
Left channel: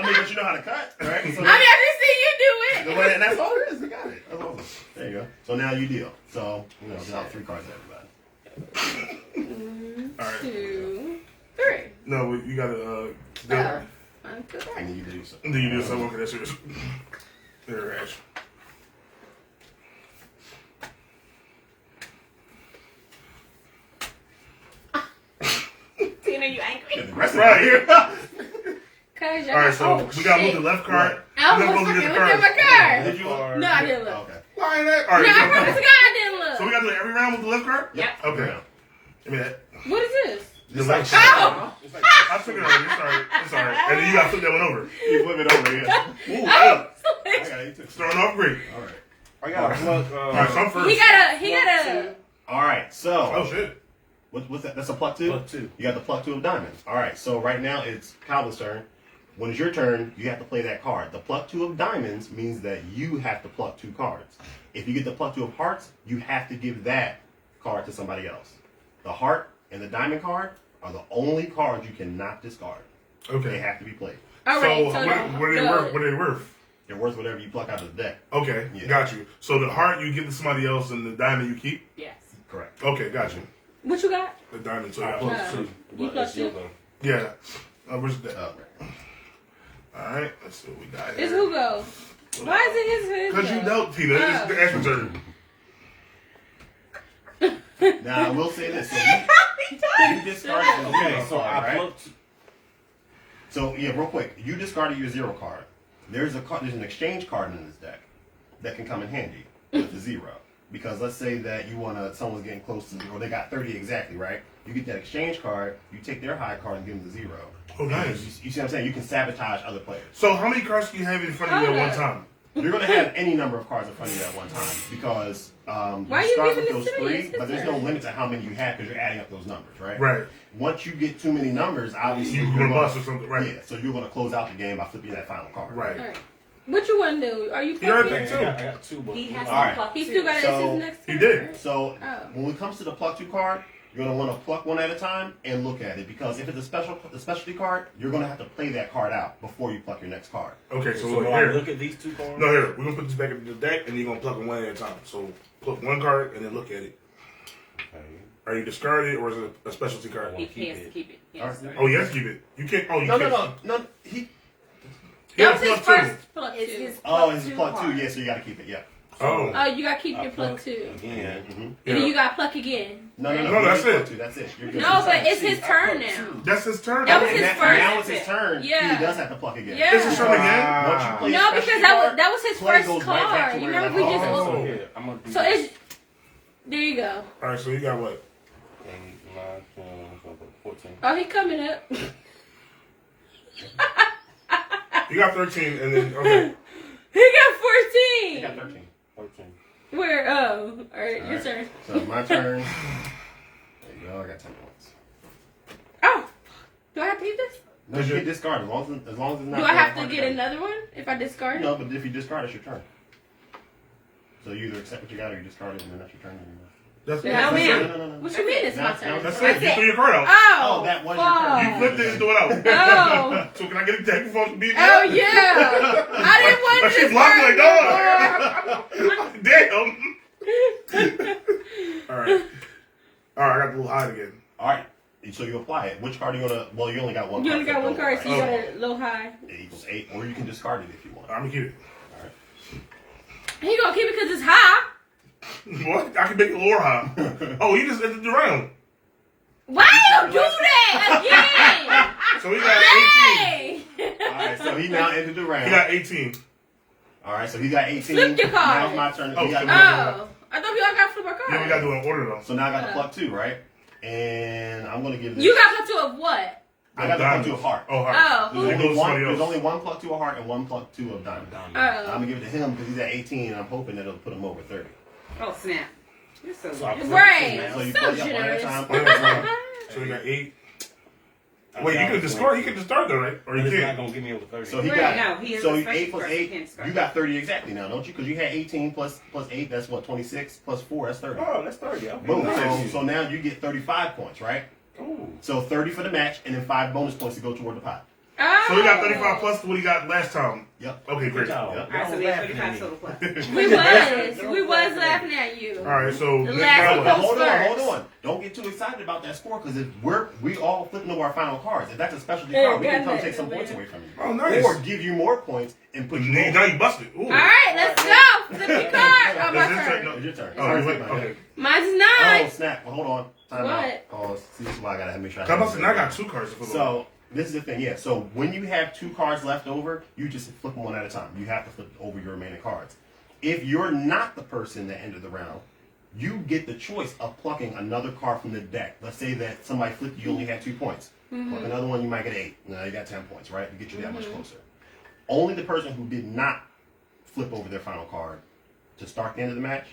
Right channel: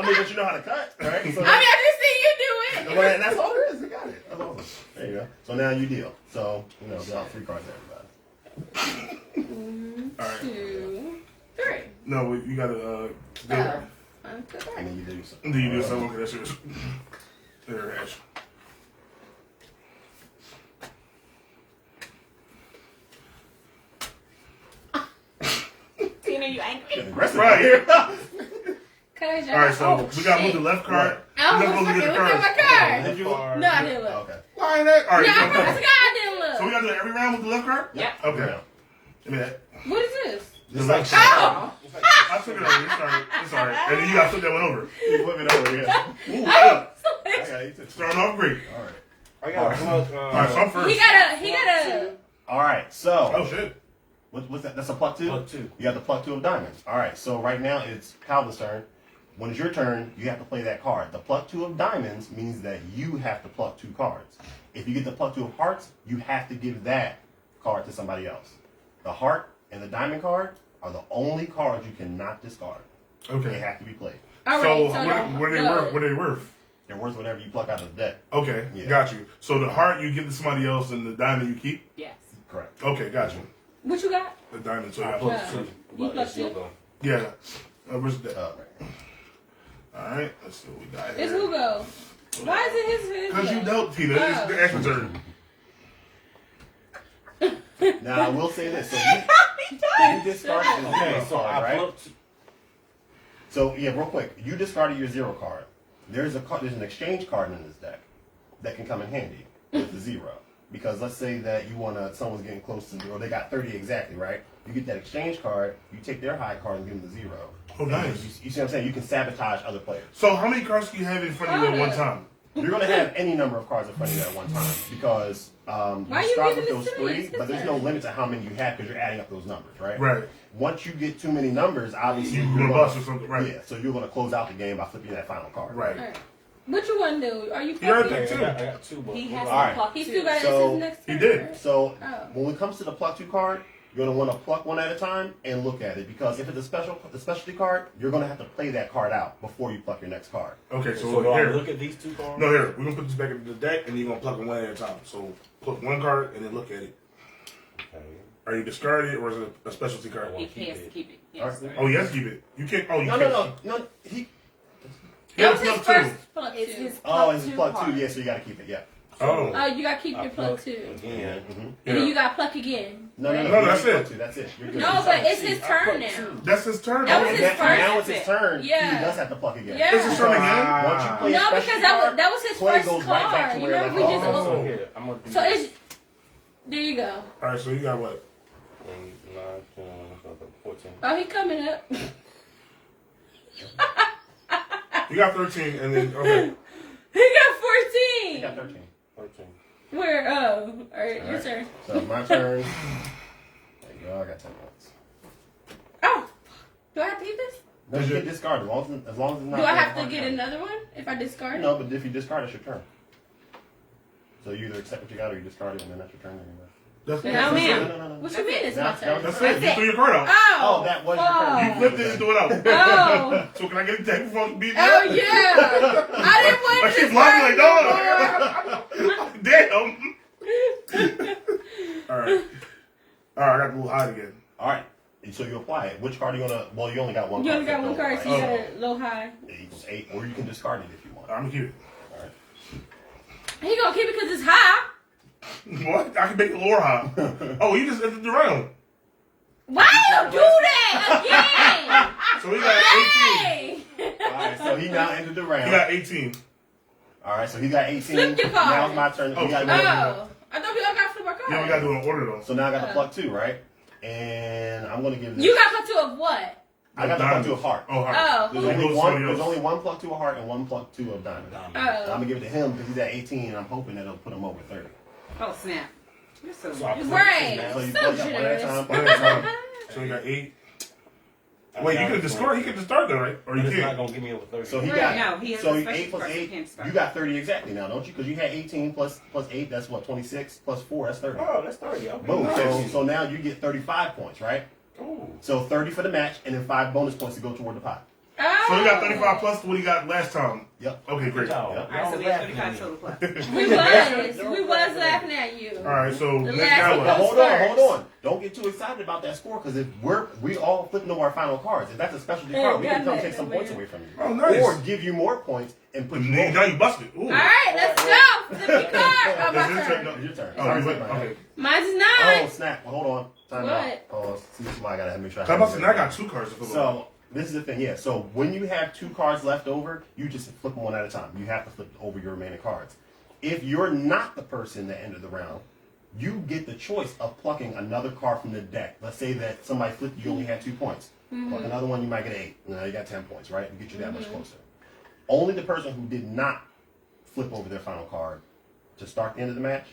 mean, but you know how to cut, right? So, I just see you do it. well, and that's all there is. You got it. That's awesome. There you go. So now you deal. So, you know, deal out 3 cards to everybody. All right. 2, 3. No, you gotta Oh, I'm good. And then you do something. Do you do something? Okay, that's yours. There, Ash. Tina, you angry? Aggressive. Right. Cause All right, so we gotta move the left card. I We're was not supposed to fucking get the looking at my cards. card. Did you? No, I didn't look. Okay. Why ain't that? All No, right. I forgot I didn't look. So we gotta do it every round with the left card? Yeah. Okay. Give me that. What is this? The left card. Oh! I took it already. It's alright. It's alright. And then you gotta flip that one over. You flip it over, yeah. Ooh, Oh! I got you too. Starting off great. All right. I got a plug. All right, so I'm first. He got a. All right, so. Oh shit. What's that? That's a pluck 2? Pluck 2. You got the pluck 2 of diamonds. All right, so right now it's Calvin's turn. When it's your turn, you have to play that card. The pluck 2 of diamonds means that you have to pluck 2 cards. If you get the pluck 2 of hearts, you have to give that card to somebody else. The heart and the diamond card are the only cards you cannot discard. They Okay. have to be played. All So right, what are they worth? What are they worth? They're worth whatever you pluck out of the deck. Okay, Yeah. got you. So the heart you give to somebody else, and the diamond you keep. Yes. Correct. Okay, got you. What you got? The diamond. So you I got plug Yeah. 2. You But plug it's your 2? go. Yeah. Where's that? Right. All right. Let's see what we got It's here. Hugo. Why is it his? Because you go? dealt, Tina. It's the Ash's turn. Now I will say this: so you discarded the Okay, zero so card, I right? plugged. So yeah, real quick, you discarded your 0 card. There's an exchange card in this deck that can come in handy with the 0. Because let's say that someone's getting close to, or they got 30 exactly, right? You get that exchange card, you take their high card and give them the 0. Oh, nice. You see what I'm saying? You can sabotage other players. So how many cards can you have in front of you at one time? You're going to have any number of cards in front of you at one time because Why you you start giving with this those to me? 3, It's his but there's no turn. limit to how many you have because you're adding up those numbers, right? Right. Once you get too many numbers, obviously You're gonna bust or something, right? Yeah, so you're going to close out the game by flipping that final card. Right. All right. What you want to do? Are you? You already plucking? picked 2. I got 2, but He has All right. to pluck He 2. still got So, his next. he turn, did. right? So Oh. when it comes to the pluck 2 card, you're going to want to pluck one at a time and look at it because if it's the specialty card, you're going to have to play that card out before you pluck your next card. Okay, so, So do I here. look at these 2 cards? No, here. We're gonna put this back into the deck, and you're gonna pluck them one at a time. So pluck one card and then look at it. Okay. Are you discarded or is it a specialty card? He has to keep it. Yes. All right. Oh, you have to keep it. You can't. Oh, you No, can't. no. He. He That has was his pluck first 2. plug It's two. his Oh, it's a two pluck 2. card. Yeah, so you got to keep it. Yeah. Oh. Oh, you gotta keep I your plug plugged two. Again. Mm-hmm. And then you gotta pluck again. No, No, that's you it. pluck 2. That's it. You're good. No, but it's his turn now. That's his turn. That was And his that- first. now it's his turn. Yeah. He does have to pluck again. Yeah. It's his turn again. Once you play No, a because specialty that was card, that was his play first goes right back card. to You where remember it we was. just Oh. So here, I'm gonna do so this. it's There you go. All right, so you got what? 8, 9, 10, 14. Oh, he coming up. You got 13, and then okay. He got You got 14. 13. 14. Where? Oh, all right, your Alright. turn. So my turn. There you go. I got 10 points. Oh, do I have to get this? No, you get discarded as long as it's not. Do I have to hard get card. another one if I discard? No, but if you discard, it's your turn. So you either accept what you got or you discard it, and then that's your turn anyway. That's No, that's ma'am. it. No. What you mean it's my That's- turn? That's it. You threw your card out. Oh, Oh, that was your turn. You flipped it and threw it out. Oh. So can I get a deck before you beat me Oh up? yeah. I didn't want Like to. she blocked me like, dog. Damn. All right. I got the little hide again. All right. So you apply it. Which card are you gonna? Well, you only got one. You card only got one left card, over, so you right? got a low high. It equals 8, or you can discard it if you want. I'm gonna keep it. All right. He gonna keep it because it's high. What? I can make it lower high. Oh, you just ended the round. Why you do that again? So he got 18. Dang. All right. So he now ended the round. He got 18. All right. So he got 18. Flip your card. Now it's my turn. Oh, He got flip one. Oh, I thought we all got flip our card. Yeah, we gotta do it in order though. So now I got the pluck 2, right? And I'm gonna give this. You got pluck 2 of what? I got the pluck 2 of heart. Oh, heart. Oh, There's who? It only, goes to one, somebody there's else. only one pluck 2 of heart and one pluck 2 of diamond. I'm Oh. gonna give it to him because he's at 18, and I'm hoping that it'll put him over 30. Oh, snap. You're so So I good. put Right. 15 So you So plug that one at a generous. time. One at a time. So we got 8. Wait, you can discard. He can discard that, right? Or you It's not can't. gonna give me over 30. So he Right. got No, he is so a 8 special plus person, 8. can't discard. You got 30 exactly now, don't you? Because you had 18 plus 8. That's what 26 plus 4. That's 30. Oh, that's 30. Okay. Boom. Nice. So now you get 35 points, right? Ooh. So 30 for the match, and then 5 bonus points to go toward the pot. Oh. So we got 35 plus what he got last time. Yep. Okay, great. No, All Yep. All right, so we have 35 total plus. We was laughing at you. right, so The now last But what? one. hold on. Don't get too excited about that score because if we all flipping over our final cards. If that's a specialty Hey, card, we can got come that, take some man. points away from you. Oh, nice. Or give you more points and put you Now over. you busted. Ooh. All right, let's go. Flip your card. Oh, my Is this turn. no, It's your turn. Oh, you went. Okay. Mine's Oh, 9. snap. Well, hold on. Time What? out. Oh, see, this is why I gotta make sure. I must have now got 2 cards to flip over. So, this is the thing, yeah. So, when you have 2 cards left over, you just flip them one at a time. You have to flip over your remaining cards. If you're not the person that ended the round, you get the choice of plucking another card from the deck. Let's say that somebody flipped you only had 2 points. Pluck another one, you might get 8. Now you got 10 points, right? To get you that much closer. Only the person who did not flip over their final card to start the end of the match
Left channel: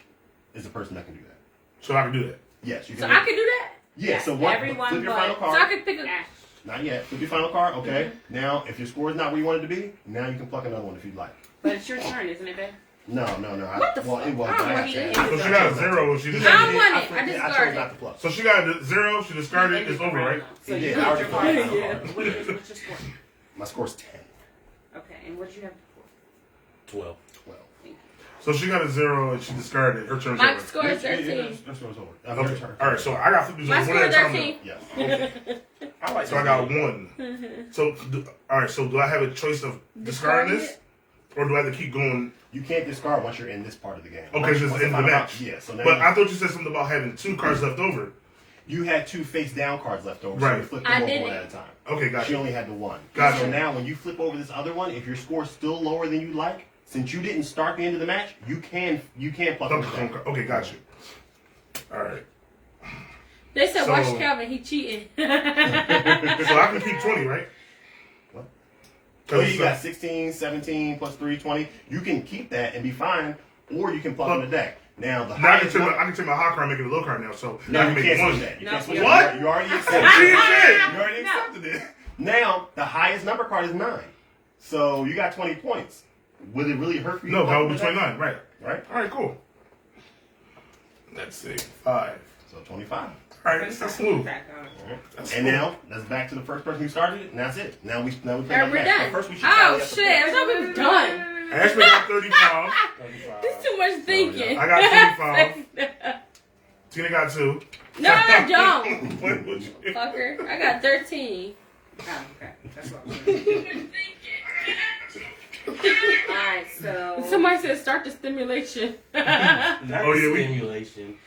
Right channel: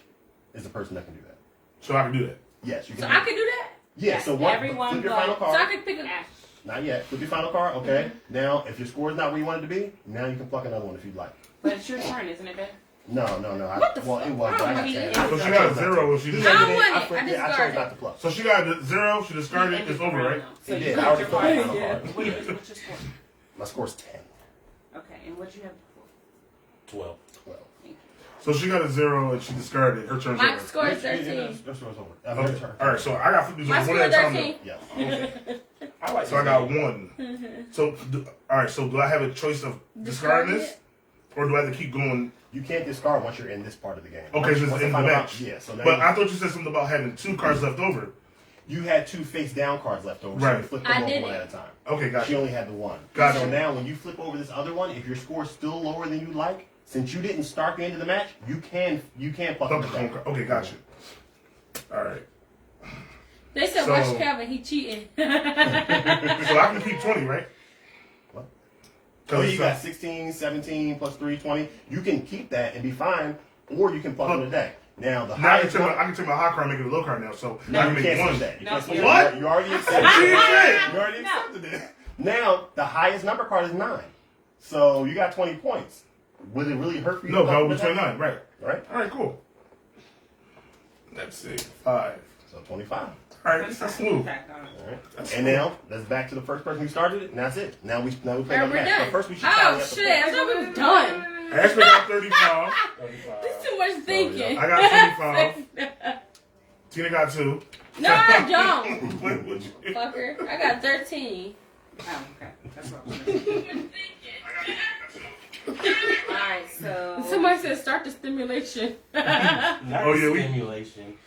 is the person that can do that. So I can do that. Yes, you So can. I can do that? Yeah, so what? everyone Flip your but- final So card. I can pick a... Ash. Not yet. Flip your final card. Okay. Now, if your score is not where you want it to be, now you can pluck another one if you'd like. But it's your turn, isn't it, babe? No. What the Well, fuck? it was. I But don't I want had you to- to- So she got a 0. She I discarded. don't want it. I I chose discarded. not to pluck. So she got a 0. She discarded. It's over, right? So It you did. got I already your put my card. final Yeah. card. What's your score? My score's 10. Okay, and what you have? 12. 12. So she got a 0 and she discarded. Her turn's My over. score is Yeah, 13. That's what I was over. Okay. Your turn. All right. So I got flip these My over score one at is a time. 13. Yes. I like So I got 1. So all right. So do I have a choice of discarding this, or do I have to keep going? You can't discard once you're in this part of the game. Okay, so it's Once the end of the final match. Yeah. So now But I thought you said something about having 2 cards left over. you had 2 face down cards left over. So Right. you flip I them over did one it. at a time. Okay, She gotcha. only had the 1. Gotcha. So now when you flip over this other one, if your score's still lower than you like, since you didn't start the end of the match, you can pluck them back. Okay, gotcha. All right. They said, So- watch Calvin, he cheating. So I can keep 20, right? What? So 'Cause you got 16, 17 plus 3, 20. You can keep that and be fine, or you can pluck from the deck. Now the Now I can highest take my, number. I can take my high card and make it a low card now. So No, I you can make can't one. switch that. You No, can't switch you- that. You already accepted She it. said. You already accepted it. Now the highest number card is 9. So you got 20 points. Would it really hurt for you? No, to that pluck would be from the deck? 29, right? Right. All right, cool. Let's see. 5. So 25. All right, that's smooth. Crack on. That's And smooth. now let's back to the first person who started it, and that's it. Now we play Are that we back. done? So first we should Oh, tally up the shit. I points. thought we were done. Ashley got 35. 35. This too much thinking. I got 25. Tina got 2. No, I don't. What would you? Fucker. I got 13. Oh, okay. That's what I'm saying. Alright, so Somebody said start the stimulation. Not Oh, yeah, we- stimulation.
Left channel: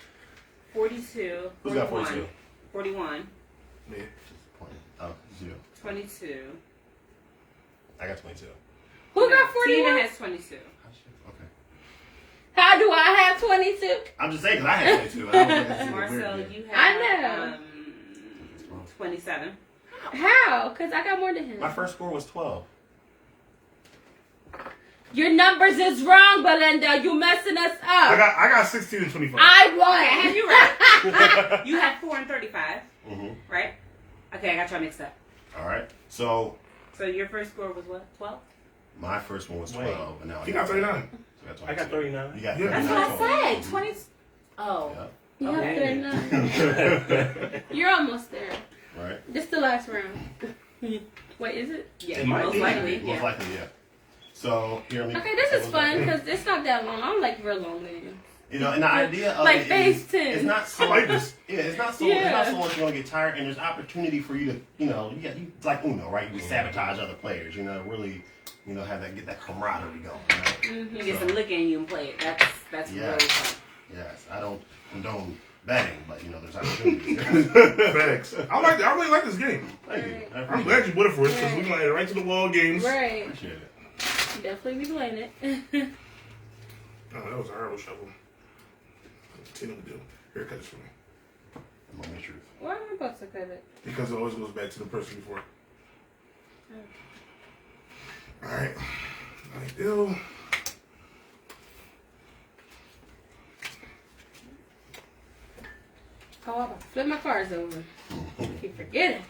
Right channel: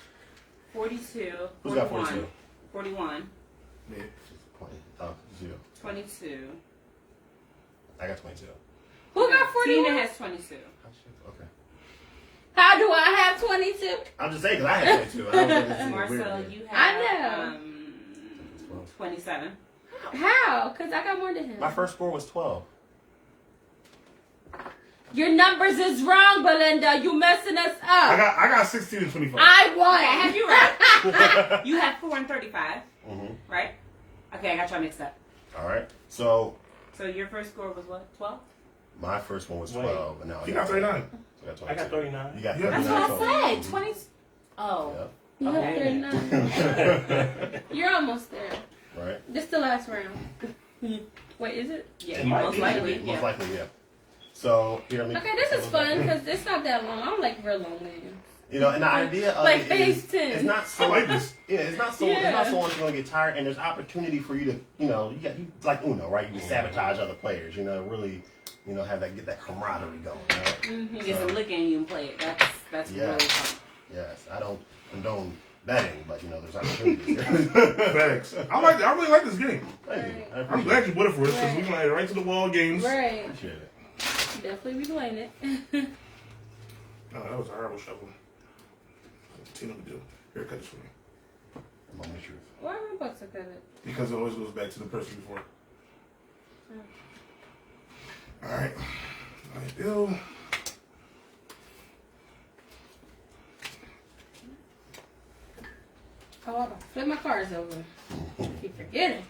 42, Who's got 41, 42? 41, Me. Oh, 0. 22. I got 22. Who got Tina 41? has 22. Okay. How do I have 22? I'm just saying because I had 22. I don't think this is Marcel, weird. you I have know. 27. How? Because I got more than him. My first score was 12. Your numbers is wrong, Belinda. You messing us up. I got 16 and 25. I won. I have you right. You have 4 and 35, Mm-hmm. right? Okay, I got y'all mixed up. All right. So So your first score was what? 12? my first one was Wait. 12, and now He got 39. So I got 39. You got Yeah. 39. That's what I total. said. 20. Oh. You have Okay. 39. You're almost there. Yeah. Right. This the last round. Wait, is it? Yeah, It might most be. likely. Most Yeah. likely, yeah. So here, let me. Okay, this is fun because it's not that long. I'm like real long with You know, and the idea of Like it phase is, 10. it's not I so like this. yeah, it's not so much you're gonna get tired, and there's opportunity for you to, you it's like Uno, right? You can sabotage other players, really, have that get that camaraderie going. Right? You get some lick in you and play it. That's Yeah. really fun. Yes, I don't condone betting, but there's opportunities. Facts. I really like this game. Thank you. I I'm appreciate glad you it. put it for us because we're going to add right to the wall games. Right. Appreciate it. Definitely be playing it. Oh, that was a horrible shuffle. Continue to do. Here, cut this for me. Moment of truth. Why am I about to cut it? Because it always goes back to the person before. All right. Ideal. Oh, I'm flip my cards over. Keep forgetting.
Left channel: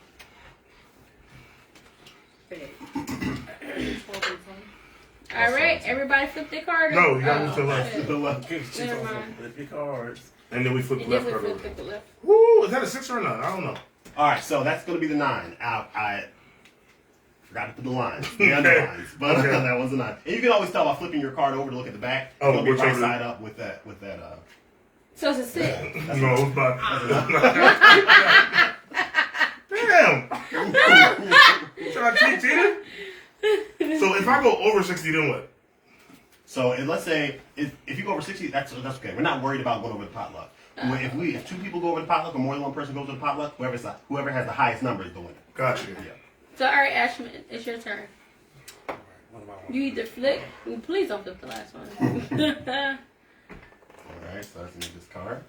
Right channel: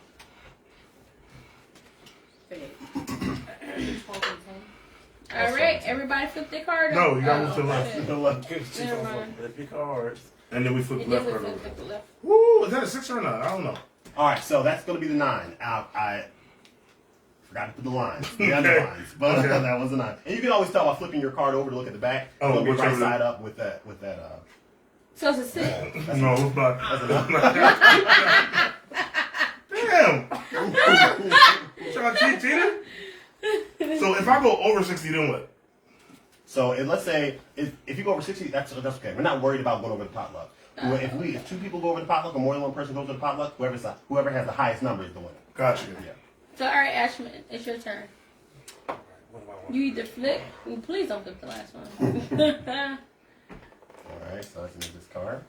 All right, everybody flip their card No, over. you got to move to the left. shit. The left. Never mind. Flip your cards. And then we flip the And left then card we over. flip the left. Woo! Is that a 6 or a 9? I don't know. All right, so that's going to be the 9. I forgot to put the lines, the underlines, but Okay. that was a 9. And you can always tell by flipping your card over to look at the back. Oh, It's going to be right whichever- side up with that. So it's a 6. No, it's not. Damn! Trying to cheat, Tina? So if I go over 60, then what? So, and let's say if you go over 60, that's okay. We're not worried about going over the potluck. If 2 people go over the potluck, or more than 1 person goes over the potluck, whoever has the highest number is the winner. Got you. Yeah. So, all right, Ashman, it's your turn. What do I want? You either flip. Ooh, please don't flip the last one. All right, so let's move this card.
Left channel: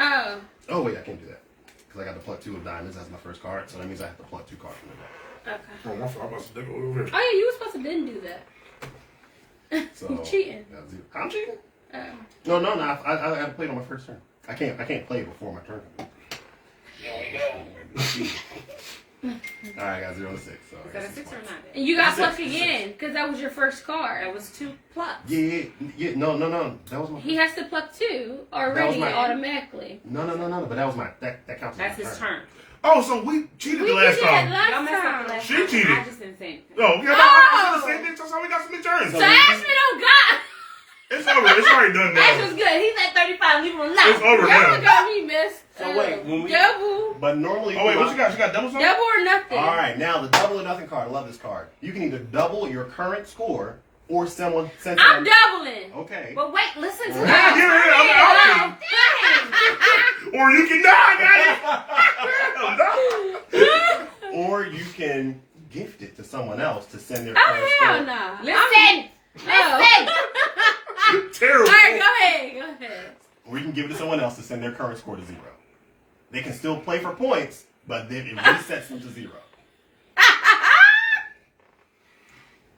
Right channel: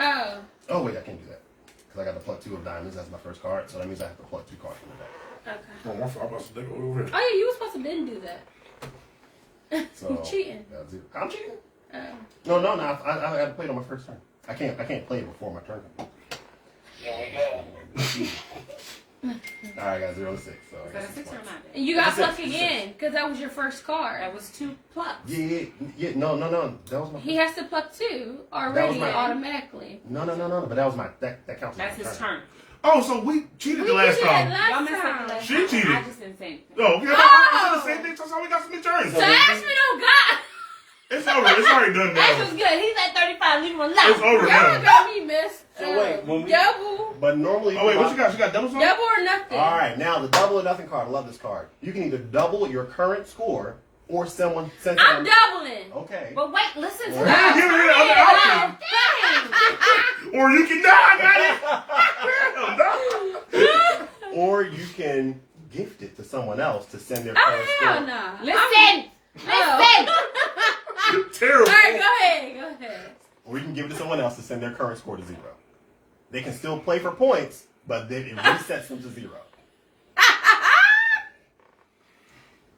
Oh. Oh wait, I can't do that because I got to pluck 2 of diamonds. That's my first card, so that means I have to pluck 2 cards from the deck. Okay. Oh, my fault. I'm about to go over here. Oh yeah, you were supposed to didn't do that. So You cheating. that's it. I'm cheating. Oh. No. I played on my first turn. I can't play before my turn. All right, I got 0 and 6. So Is that a 6 or a 9? And you got That's it. plucked again because that was your first card. That was 2 plucks. Yeah. No. That was my. He has to pluck 2 already my- automatically. No. But that was my that counts. That's as my his turn. Oh, so we cheated the last did that time. last Y'all messed up the time. last She time. cheated. I just didn't say anything. No, okay, I said the same thing. That's how we got some returns. So Ashman don't got. It's over. It's already done Ashman's now. good. He's at 35. Leave him alone. It's over Y'all now. got me, miss. So wait, when we- double, But normally. Oh, wait, what you got? You got doubles on? double or nothing. All right, now the double or nothing card. I love this card. You can either double your current score or someone send I'm someone. doubling. Okay. But wait, listen to Well, Yeah, me. give it other option. Dang. Or you can die, got it? No. Or you can gift it to someone else to send their Oh current hell score. no! Listen! Oh. Terrible. All right, go ahead. Or you can give it to someone else to send their current score to 0. They can still play for points, but then it resets them to 0.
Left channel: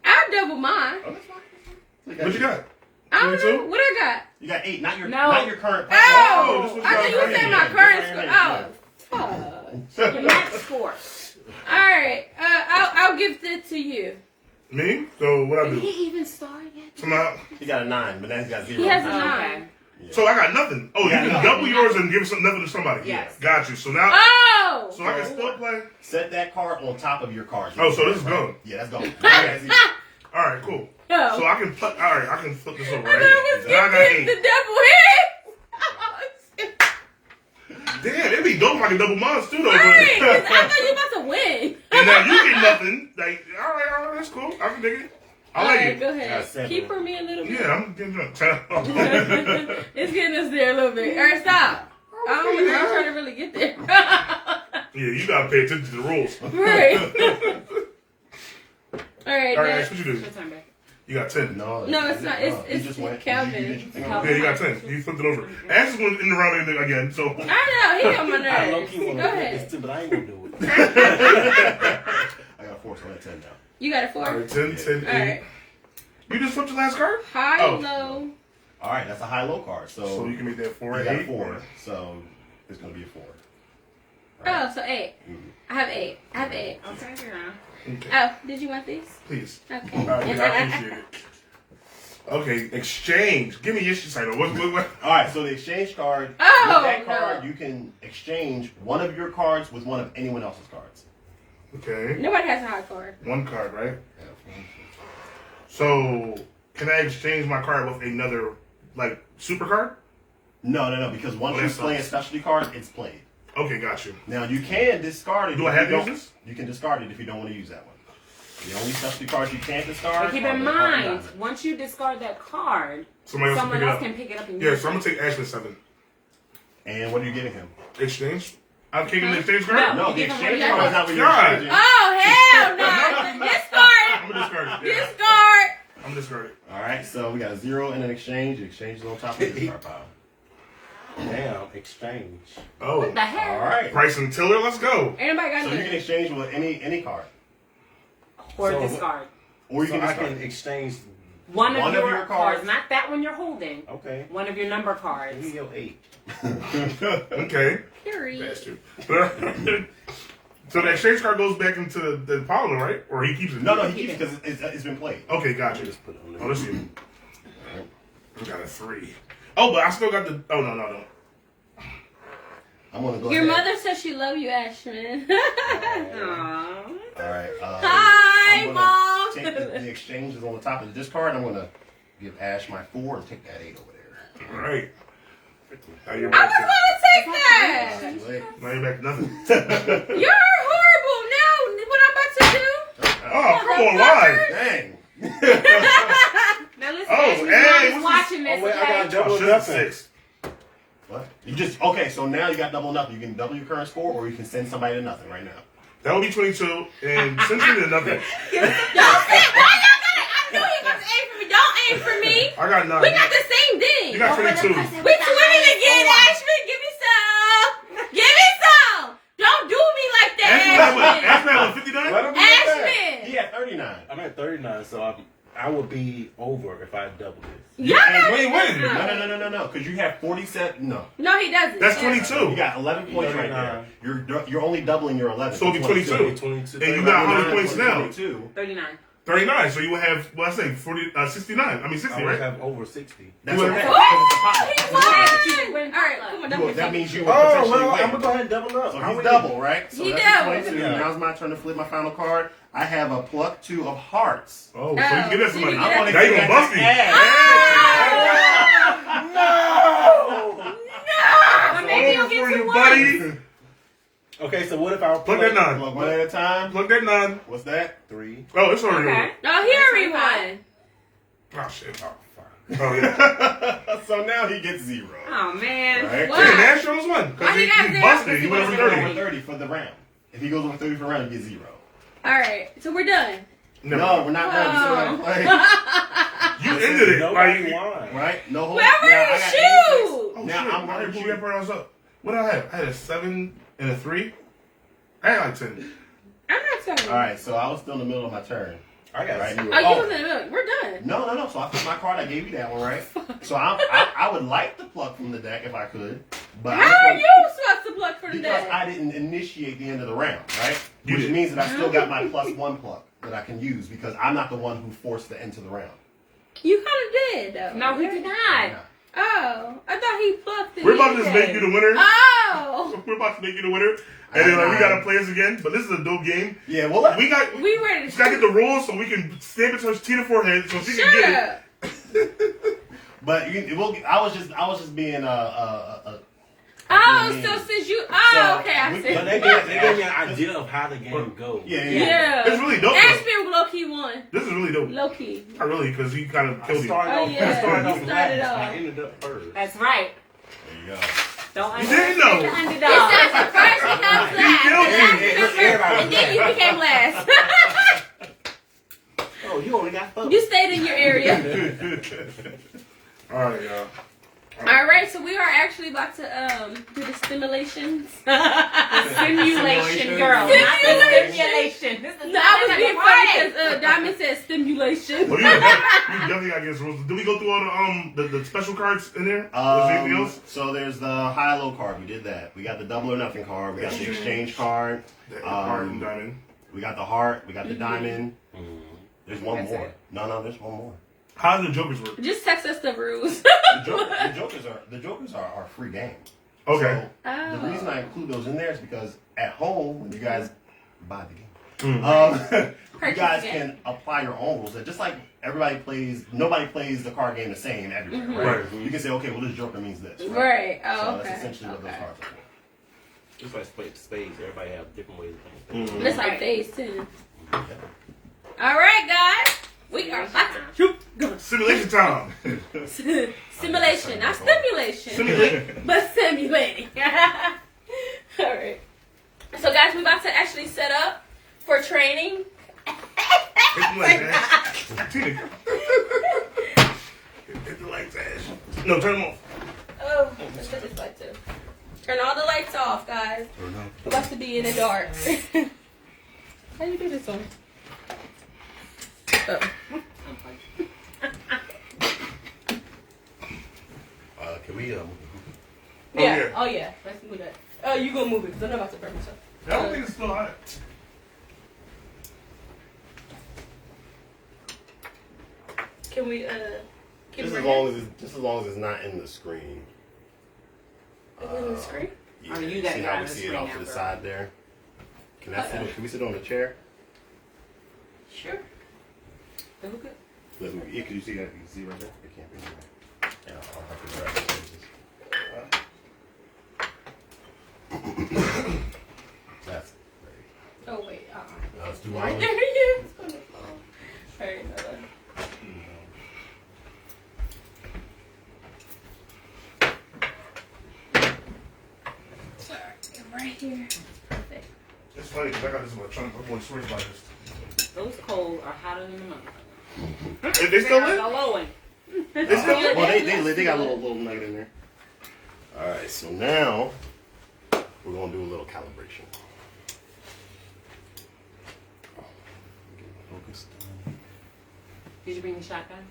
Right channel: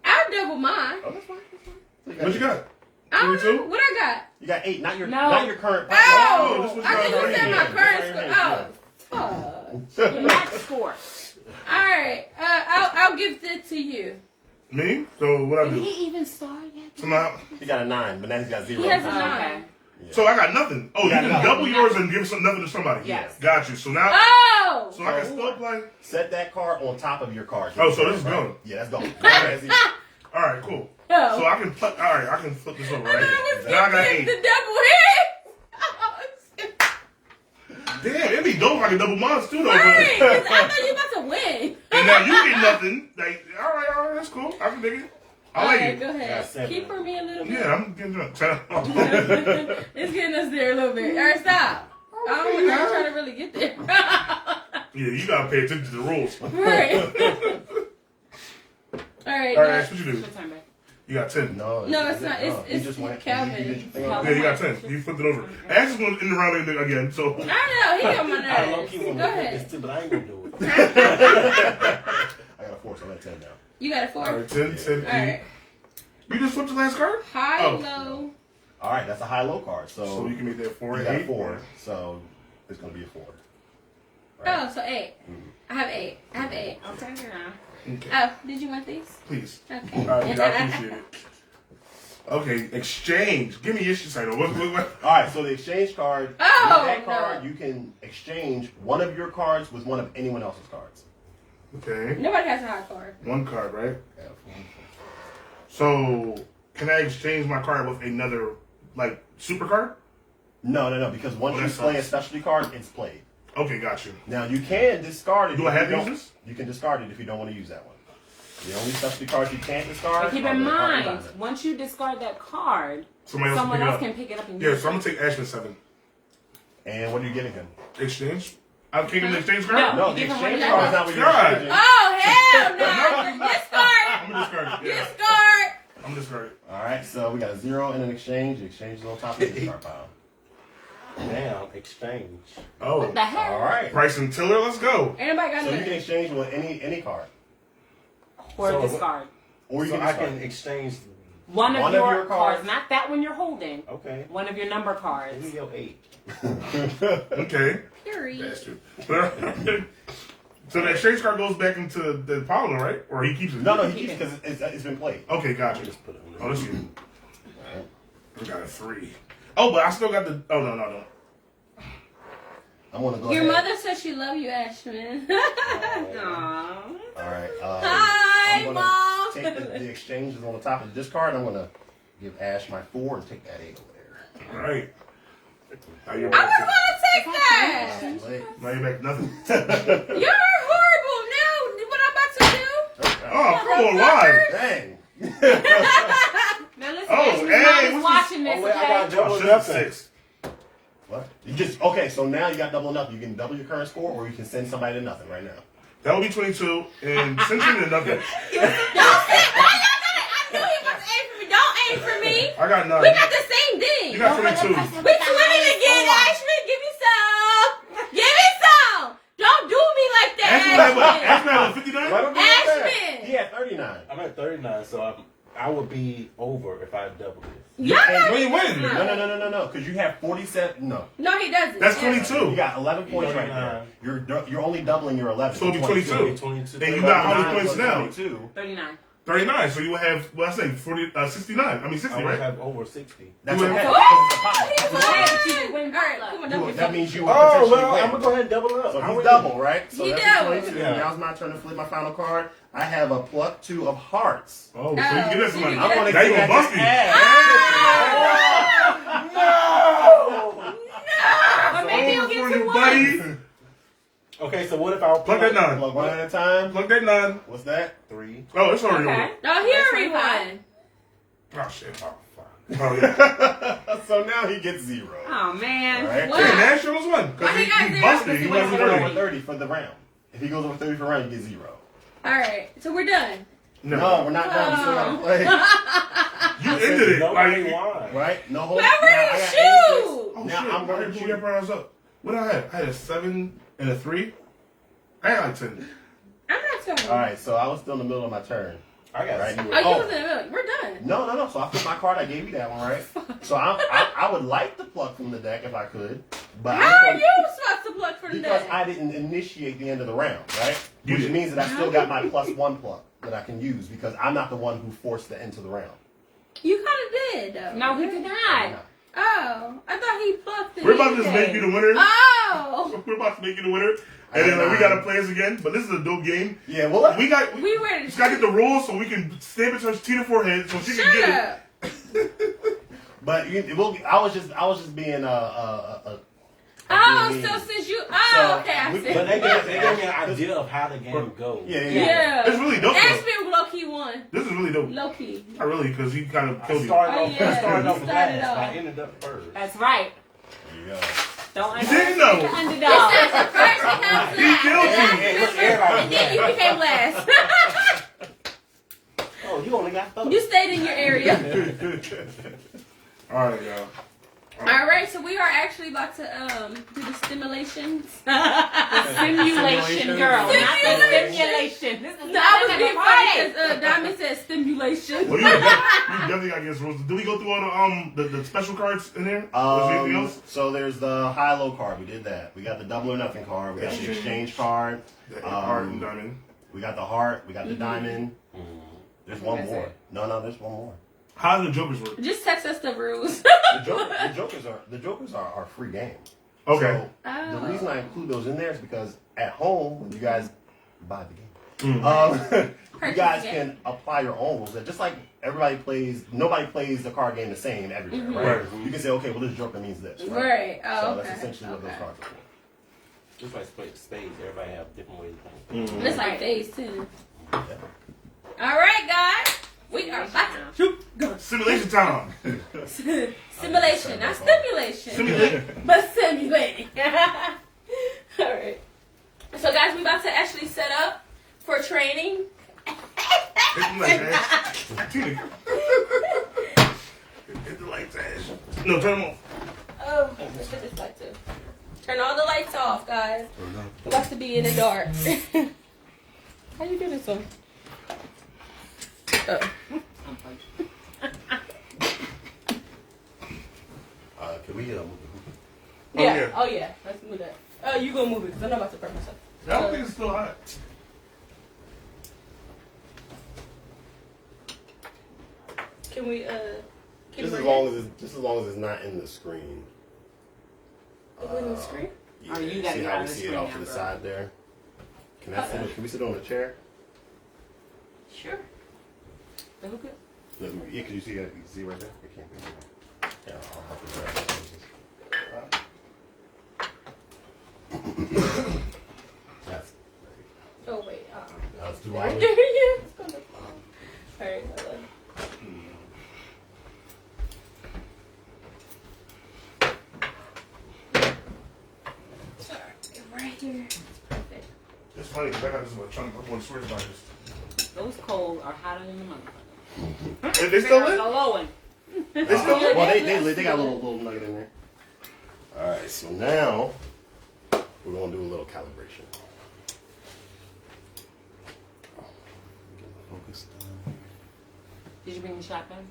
I'll double mine. Oh, that's fine. What you got? I don't know 22? what I got. You got 8, not your No. current. Oh, this was I think you your said my rating. current score. Oh, Your max score. all right. I'll give it to you. Me? So what I Did do? he even start yet? Somehow. He got a 9, but now he's got 0. He has a Okay. 9. So I got nothing. Oh, you Yeah, can no. double yours and give nothing to somebody. Yes. Got you. So now, Oh. so I can still play. Set that card on top of your cards. Oh, so this is gone. Yeah, that's gone. That's easy. All right, cool. Oh. So I can put. All right, I can flip this over I right thought here. it was Now I got the 8. double hit. Damn, it'd be dope if I could double mine too, though. Right, 'cause But, I thought you about to win. and now you get nothing. Like, all right, that's cool. I can dig it. I All like right, it. go Yeah, ahead. 7. Keep for me a little bit. Yeah, I'm getting drunk. It's getting us there a little bit. All right, stop. I don't know how I'm trying to really get there. Yeah, you gotta pay attention to the rules. Right. All right. All right, next. Ash, what you do? Your turn back. You got 10. No, it's not. He It's just went. Calvin. Yeah, you got 10. You flipped it over. Ash is going in the round again, so. I don't know. He on my I nerves. low-key Go want to flip ahead. this too, but I ain't gonna do it. I got a 4, so I got 10 now. You got a 4. All right, 10, 10, 8. All right. You just flipped the last card? High, Oh. low. All right, that's a high-low card. So you can make that 4 you and got 8. 4, so it's gonna be a 4. Oh, so 8. I have 8. I have 8. I'll turn it around. Okay. Oh, did you want these? Please. Okay. All right, I appreciate it. Okay, exchange. Give me your shit title. What? All right, so the exchange card. Oh, with that card, no. you can exchange one of your cards with one of anyone else's cards. Okay. Nobody has a high card. One card, right? So, can I exchange my card with another, like, super card? No, because once Oh, you that play a sucks. specialty card, it's played. Okay, got you. Now you can discard it. Do if I have you to use don't- this? You can discard it if you don't want to use that one. The only specialty cards you can't discard. But keep are in the Heart and mind, Diamond. once you discard that card, Somebody else someone can else pick can it up. pick it up and Yeah, use so I'm it. going to take Ashman 7. And what are you giving him? Exchange? I'm taking the exchange card? No, you the give him exchange one card is of not what you're God. exchanging. Oh, hell no. I'm Discard. going to discard it. Yeah. Discard. I'm discarding. All right, so we got a 0 and an exchange. The exchange is on top of the discard pile. Now, exchange. Oh. What the hell? All right. Price and Tiller, let's go. Anybody got So you can nothing? exchange with any card, Or So discard. or you So can I discard. can exchange. One of One of your your cards, cards. not that one you're holding. Okay. One of your number cards. Give me your 8. Okay. Period. Bastard. So the exchange card goes back into the pile, right? Or he keeps it? No, he keeps it because it's been played. Okay, gotcha. Just put it on Oh, there. this is. I got a 3. Oh, but I still got the. Oh, no. I'm gonna go Your ahead. mother says she love you, Ashman. Aww. All right. Hi, I'm gonna Mom. Take the exchange is on the top of the discard. I'm gonna give Ash my 4 and take that 8 over there. All right. Now you're I back was to, going to take that. Wait. now you're back to nothing. You're horrible. Now, what I'm about to do? Oh, come on, why? Dang. Now listen, Oh, Ashley's hey, mom is what's watching this. Oh, wait, I got Okay? double Oh, shit, nothing. 6. What? You just okay? So now you got double nothing. You can double your current score, or you can send somebody to nothing right now. That would be 22, and since you're to nothing, Don't say, why y'all gotta, I knew he was going to aim for me. Don't aim for me. I got 9. We got the same thing. You got 22. We twinning again, Ashman. Give me some. Give me some. Don't do me like Ashman had what? that, Ashman had what, Let 59? him do that. Ashman. He had 39. I'm at 39, so I would be over if I double this. Y'all know We ain't winning. No. Because you have 47. No. No, he doesn't. That's You 22. got 11 points right there. You're only doubling your 11. So it'll be 22. 22. And you got how many points now? 22. 39. 39. So you would have, well, I say 69. I mean 60, I would right? have over 60. That's You okay. would- Oh, he Won. won. All right, come on, double That means you Oh, will potentially well, win. I'm going to go ahead and double up. So I he's win. double, right? So He that's double. 22. Yeah. Now's my turn to flip my final card. I have a pluck 2 of hearts. Oh, so you can get that somebody. Oh, I want to Now you give gonna bust me. But maybe he'll Over get for two you, ones. buddy. Okay, so what if I Plug that 9. Plug one at a time. Plug that 9. What's that? 3? Oh, it's already Okay. over. No, he already won. Oh, shit. Oh, fuck. Oh, yeah. So now he gets 0. Oh, man. All right. What? Hey, Nash shows one. Because Why he got he zero? busted. He went over He goes over 30. 30 for the round. If he goes over 30 for the round, he gets 0. All right, so we're done. No, we're not done. We still have to play. You ended it. Nobody Like, won. Right? No hold. Whoever Now, I you got shoot. oh, Now shit. I'm gonna pull shoot. your brows up. What did I have? I had a 7 and a 3. I had like 10. I'm not telling All right, so I was still in the middle of my turn. I got Right. 0. Oh, you we're done. No. So I put my card. I gave you that one, right? So I would like to pluck from the deck if I could, but How are you supposed to pluck for the because day? I didn't initiate the end of the round, right? You Which did. means that I still got my +1 pluck that I can use because I'm not the one who forced the end to the round. You kind of did, though. No, he did not. Oh, I thought he plucked it. We're about to just make you the winner. Oh, We're about to make you the winner. And then like, we gotta play us again. But this is a dope game. Yeah, well, We got we ready just to gotta get the rules so we can stamp it to Tina's forehead so she can shut get up. it. but it will. I was just being Oh, being so mean. since you, So, okay, I we- see. But they gave me an idea of how the game goes. Yeah. Yeah. It's really dope, though. Ashman low key won. This is really dope. Low key. Not really, because he kind of I killed you. started Oh, off, yeah. I started You off started last. off. I ended up first. That's right. There you go. Don't You didn't underestimate know. the It's underdog. not surprising how He killed you. last. And then you became last. you only got 4. You stayed in your area. All right, y'all. All right, so we are actually about to do the stimulations. Simulation, girl. Not the simulation. This is No, I was being funny because Diamond said stimulation. Well, you definitely got to get rules. Did we go through all the special cards in there? Was there anything else? So there's the high-low card. We did that. We got the double or nothing card. We got the exchange card. The heart and diamond. We got the heart. We got the diamond. There's one more. No, there's one more. How do the jokers work? Just text us the rules. The jokers are free game. Okay. So the reason I include those in there is because at home when you guys buy the game, you guys can apply your own rules. Just like nobody plays the card game the same everywhere, right? You can say, okay, well this joker means this, Right. Oh, so okay. that's essentially what those cards are. Just like spades, everybody have different ways of playing. It's like phase 2. All right, guys. We are about to Simulation time. simulation, not stimulation. Simulate. But simulating. All right. So, guys, we're about to actually set up for training. Hit the lights, Ash. Hit the lights, Ash. No, turn them off. Oh, let's put this light too. Turn all the lights off, guys. We're about to be in the dark. How you do this one? Can we move Yeah. Oh, yeah. Let's move that. Oh, you gonna move it because I'm not about to burn myself. I don't think it's still hot. Can we, Just as long as it's not in the screen. Is it in the screen? Yeah, Oh, you gotta see get how on we the see it screen off to the after. side there? Can we sit on the chair? Sure. That'll be good. Yeah, can you see that? You can see right there? It can't be. Yeah, I'll have to grab the spaces. That's Oh, wait. no, it's too Right long. there, yeah. It's gonna fall. Alright, hold on. Sorry, right here. Perfect. It's funny because I got this much chunk. I'm going to switch by this. Those coals are hotter than the mother. Is they still They're lit? glowing. They still lit? Well, they got a little nugget in there. All right, so now we're gonna do a little calibration. Focus done. Did you bring the shotgun?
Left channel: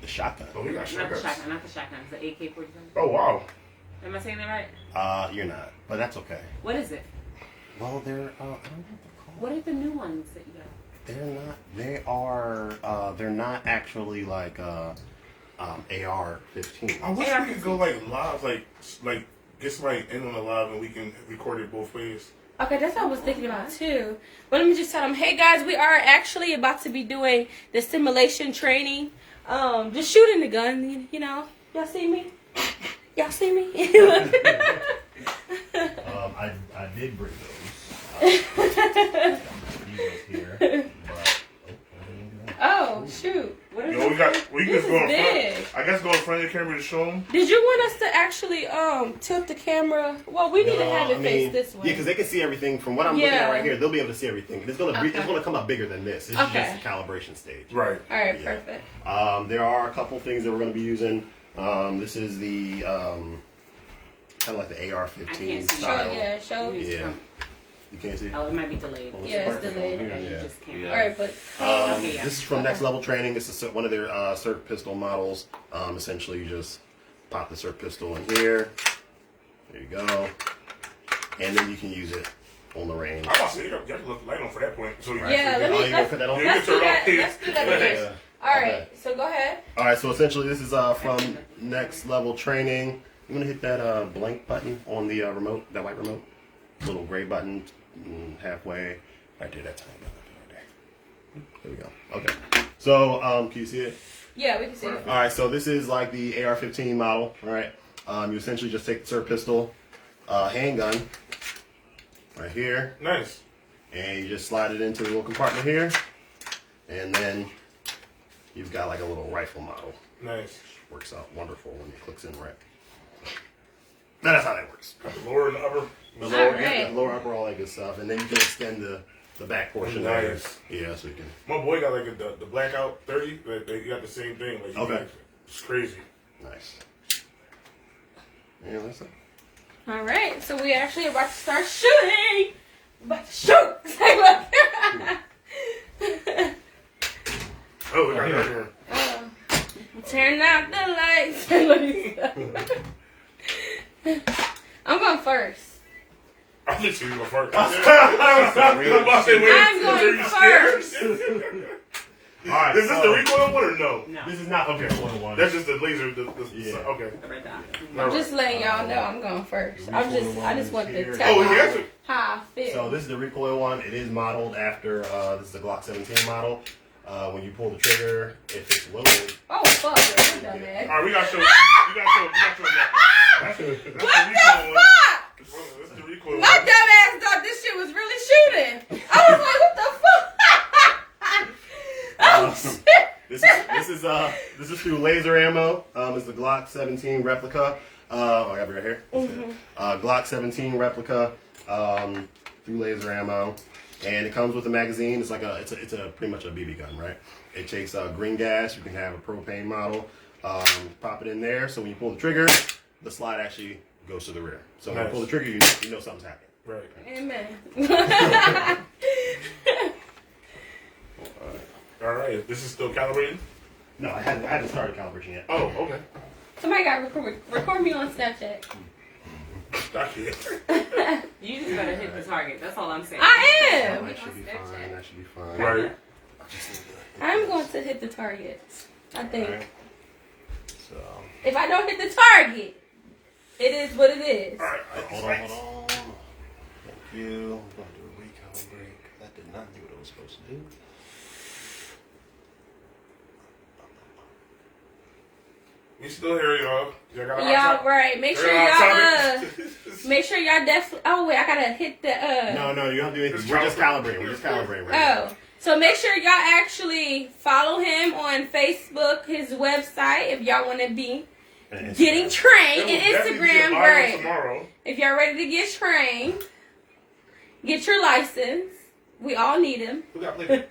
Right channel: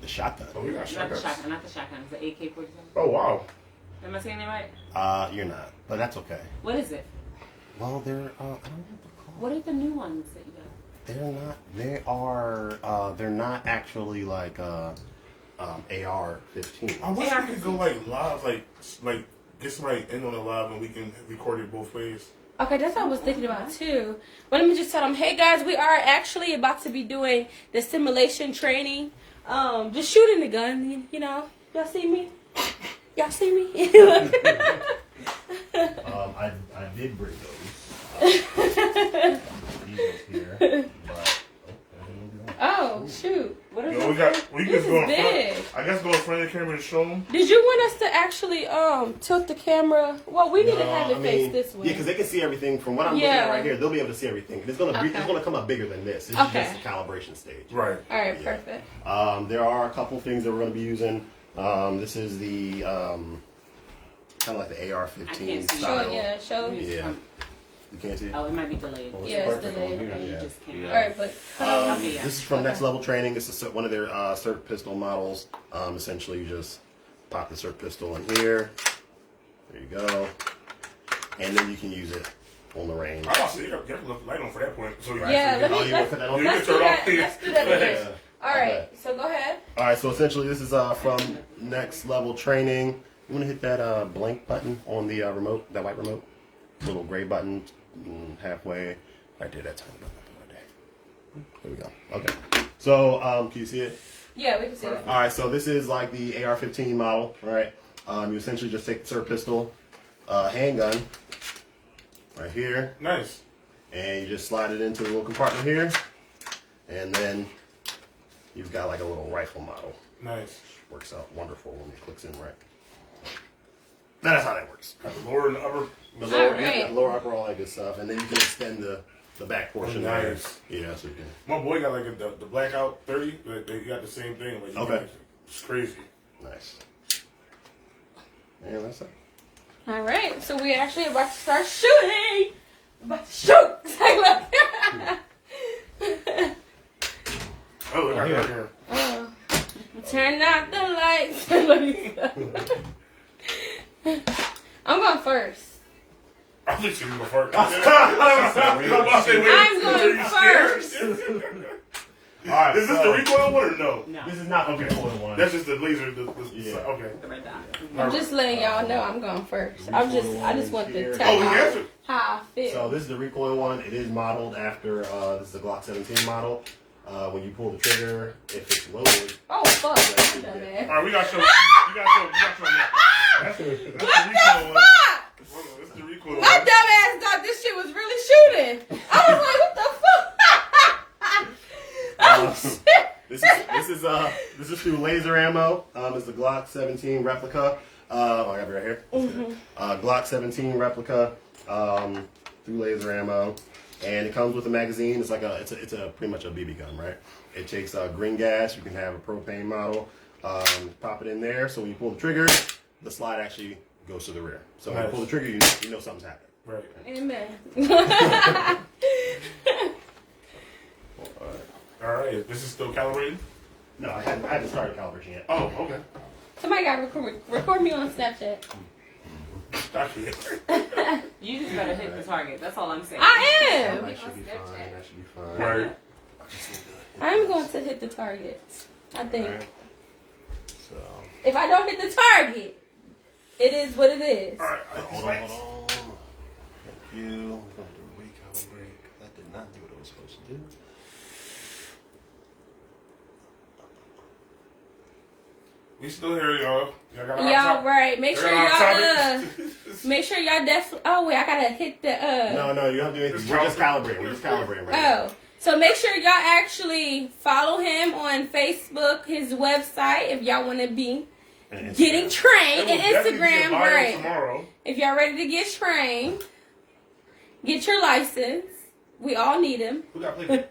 The shotgun. Oh, we got Not the shotguns. shotgun, not the shotgun. It's the AK-47. Oh, wow. Am I saying that right? You're not, but that's okay. What is it? Well, they're I don't know what they're called. What are the new ones that you got? They're not. They are. They're not actually like AR-15. I wish we could go like live, like get somebody in on the live and we can record it both ways. Okay, that's what I was thinking about too. But let me just tell them, hey guys, we are actually about to be doing the simulation training. Just shooting the gun, you know. Y'all see me? Y'all see me? I did bring those. These here, but Oh shoot! What is You know, we can This just go is in big. front. I guess go in front of the camera to show them. Did you want us to actually tilt the camera? Well, we need to have it face this way. Yeah, because they can see everything from what I'm looking Yeah. at right here. They'll be able to see everything, and it's gonna come up bigger than this. This is Okay. just a calibration stage. Right. All right, Yeah. perfect. There are a couple things that we're going to be using. This is the kind of like the AR-15 I can't see. style. Show. Yeah. You can't see it? Oh, it might be delayed. Well, Yeah, it's perfect. delayed. You Yeah. just can't. Yeah. All right, but This is from Next Level Training. This is one of their SIRT pistol models. Essentially, you just pop the SIRT pistol in here. There you go. And then you can use it on the range. I want to see you got to look the light on for that point. So Right. Yeah, let me- Oh, you want to put that on? let's do that. Let's do that. Yeah. all right. Okay. So go ahead. All right, so essentially this is from Next Level Training. I'm gonna hit that blank button on the remote, that white remote, little gray button halfway, right there. That's right there. There we go. Okay. So can you see it? Yeah, we can see it. All right. So this is like the AR-15 model. All right. You essentially just take the SIRT pistol, handgun, right here, nice. and you just slide it into the little compartment here, and then you've got like a little rifle model. Nice. Works out wonderful when it clicks in right. That's how that works. Lower and upper. The lower, Alright. lower, upper, all that good stuff, and then you can extend the the back portion Nice. there. Yeah, so you can. My boy got like the blackout 30. They got the same thing. Like, Okay. It's crazy. Nice. And that's it. All right, so we actually about to start shooting. About to shoot. Say look. Oh, look, I got her. Turn out the lights. I'm going first. I'm literally going first. I'm going first. All right, is this the recoil one or no? No. This is not the recoil one. That's just the laser. Yeah. Okay. The red dot. I'm just letting y'all know I'm going first. I just want to Oh, tell he you has it. how I feel. So this is the recoil one. It is modeled after this is the Glock 17 model. When you pull the trigger, if it's loaded, Oh fuck, you dumbass. All right, we got to show. You got to show that. That's the recoil one. That's the recoil My one. dumbass thought this shit was really shooting. I was like, what the fuck? Oh shit. this is through laser ammo. It's the Glock 17 replica. I have it right here. Glock 17 replica through laser ammo, and it comes with a magazine. It's like it's a pretty much a BB gun, right? It takes green gas. You can have a propane model. Pop it in there. So when you pull the trigger, the slide actually goes to the rear. So when you pull the trigger, you know something's happening. Right. Amen. All right. This is still calibrating? No, I hadn't started calibrating yet. Oh, okay. Somebody got to record me on Snapchat. Got you. You just gotta hit the target. That's all I'm saying. I am. That should be fine. That should be fine. Right. I'm going to hit the target. I think. Alright. So If I don't hit the target, it is what it is. All right. hold on. Thank you. I'm going to do a recalibrate. That did not do what it was supposed to do. We still here, y'all. Y'all got Y'all right. Make sure We're on y'all topic. make sure y'all definitely. Oh wait, I gotta hit the No, you don't have to do anything. We're just calibrating. We're just calibrating right now. Oh, so make sure y'all actually follow him on Facebook, his website, if y'all want to be And getting Instagram. trained, It will and definitely be a Instagram, bio right? tomorrow. If y'all ready to get trained, get your license. We all need him. Who got playback?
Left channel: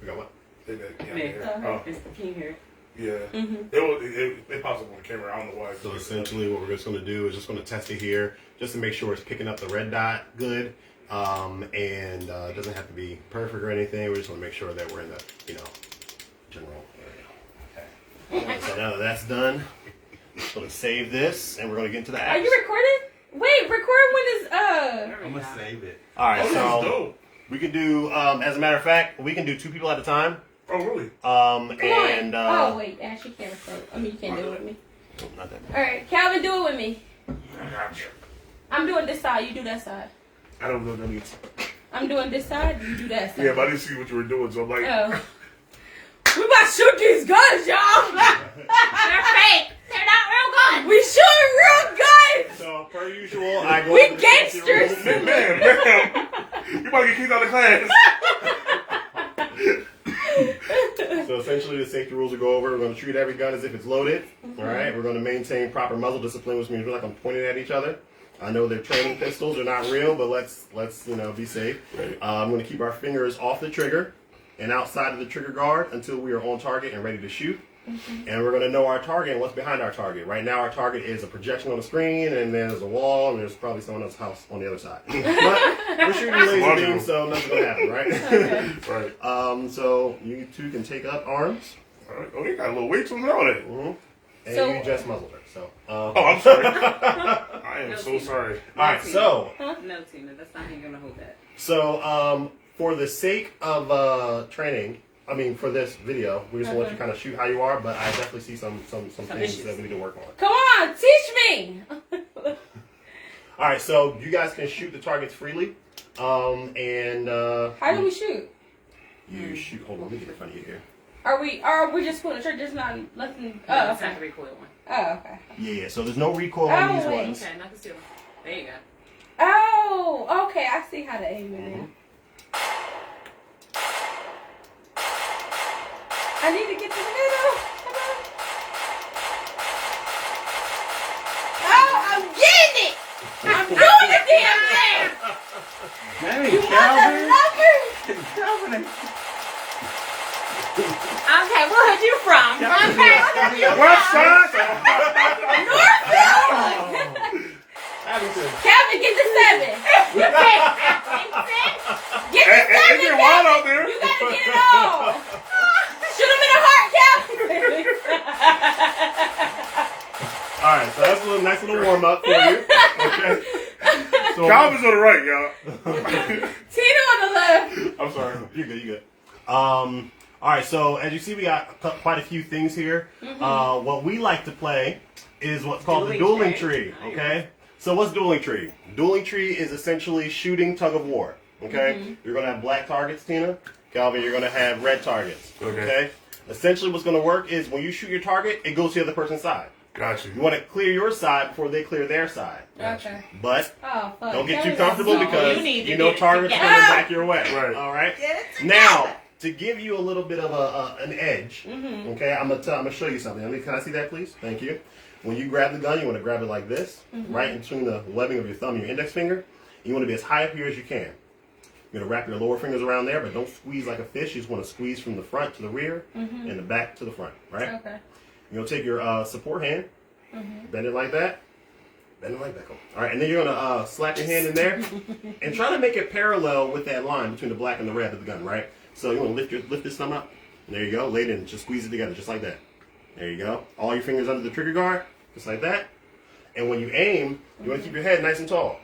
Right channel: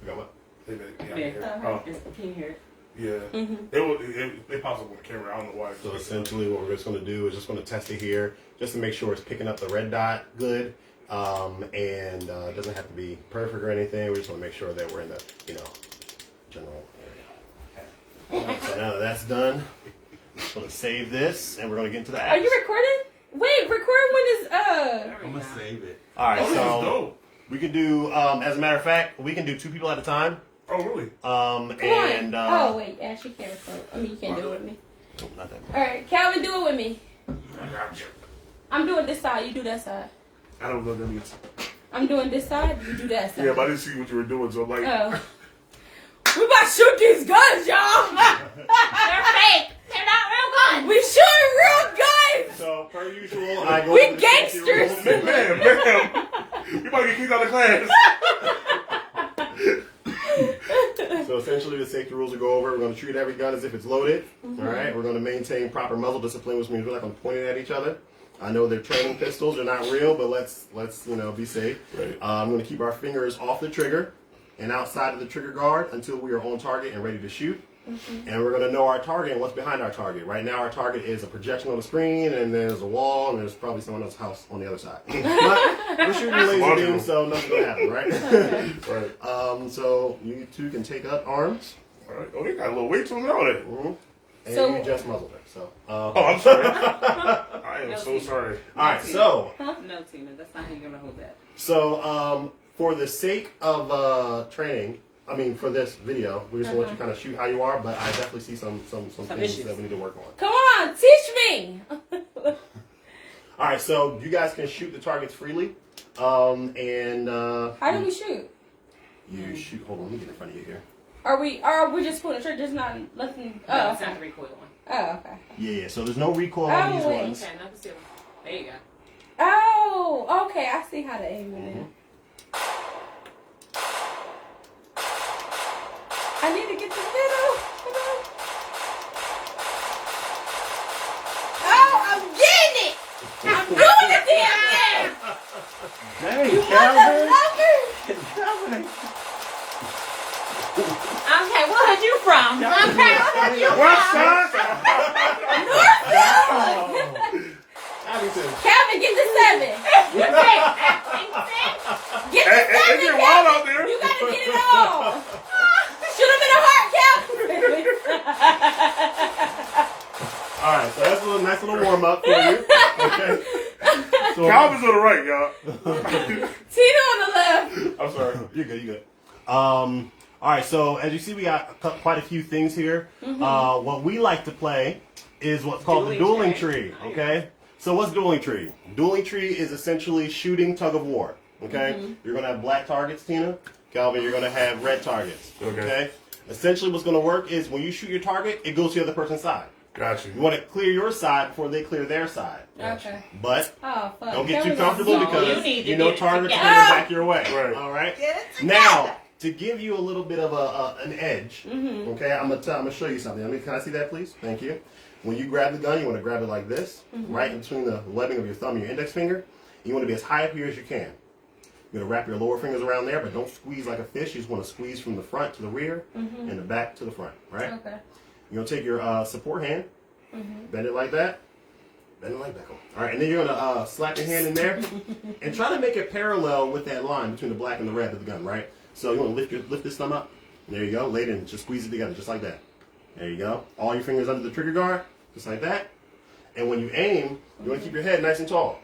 We got what? Playback. Yeah. Yeah. Yeah. Oh, Can you hear it? yeah. It pops up on camera. I don't know why. So essentially what we're just going to do is just going to test it here just to make sure it's picking up the red dot good. And it doesn't have to be perfect or anything. We just want to make sure that we're in the, general area. Okay. So now that that's done, I'm just going to save this and we're going to get into the Are apps. you recording? Wait, record when it's I'm going to save it. All right, Oh, this is so dope. we can do, as a matter of fact, we can do 2 people at a time. Oh, really? And oh wait, Ash, you can't record. I mean, you can't do it with me. not that All right, Calvin, do it with me. I got you. I'm doing this side. You do that side. I don't know any. I'm doing this side. You do that side. Yeah, but I didn't see what you were doing, so I'm like, Oh. We about to shoot these guns, y'all. They're fake. They're not real guns. We shooting real guns. So, per usual, I go We over the safety gangsters. rules. ma'am, you about to get kicked out of class. So essentially, the safety rules will go over. We're going to treat every gun as if it's loaded. All right. We're going to maintain proper muzzle discipline, which means we're not going to point it at each other. I know they're training pistols; they're not real, but let's be safe. Right. I'm going to keep our fingers off the trigger and outside of the trigger guard until we are on target and ready to shoot. And we're going to know our target and what's behind our target. Right now, our target is a projection on the screen, and there's a wall, and there's probably someone else's house on the other side. But we're shooting laser Logical. beams, so nothing's going to happen, right? Right. So you two can take up arms. All right. Oh, they got a little weight to them on it. And So- you just muzzled her. So, Oh, I'm sorry. I am so sorry. all right. So, No, Tina, that's not how you're gonna hold that. so for the sake of training, I mean, for this video, we just want you to kind of shoot how you are. But I definitely see some things issues. that we need to work on. Come on, teach me. All right. So you guys can shoot the targets freely. And How do we shoot? you shoot. Hold on. Let me get in front of you here. Are we just pulling the trigger? Just not looking. No, Oh, it's not okay. recoil. Oh, okay. Yeah. So there's no recoil on these Oh, wait. ones. Okay, no, still. There you go. Oh, okay. I see how to aim it. Now. I need to get the middle. Come on. Oh, I'm getting it. I'm doing the damn thing. Dang, You want Calvin. the Calvin. Okay, where are you from? West side. Calvin, get the 7. You can't. Get the 7. It get wild out there. You gotta get it all. Shoot him in the heart, Calvin. All right, so that's a nice little warm up for you. Okay. So, Calvin's on the right, y'all. Tina on the left. I'm sorry. You're good. You're good. All right. So as you see, we got quite a few things here. What we like to play is what's called the dueling tree. Okay. So what's dueling tree? Dueling tree is essentially shooting tug of war. Okay. You're gonna have black targets, Tina. Calvin, you're gonna have red targets. Okay. Essentially, what's gonna work is when you shoot your target, it goes to the other person's side. Got you. You want to clear your side before they clear their side. Okay. But Oh, fuck. don't get That too was comfortable so- because You need to you know get it targets are together. coming back your way. Right. All right. Get it together. Now, to give you a little bit of an edge, okay, I'm gonna show you something. Can I see that, please? Thank you. When you grab the gun, you want to grab it like this, right in between the webbing of your thumb and your index finger. You want to be as high up here as you can. You're gonna wrap your lower fingers around there, but don't squeeze like a fish. You just want to squeeze from the front to the rear and the back to the front. Right. Okay. You're gonna take your support hand, bend it like that. Bend it like that. All right, and then you're gonna slap your hand in there and try to make it parallel with that line between the black and the red of the gun, right? So you want to lift this thumb up. There you go. Lay it in. Just squeeze it together, just like that. There you go. All your fingers under the trigger guard, just like that. And when you aim, you want to keep your head nice and tall.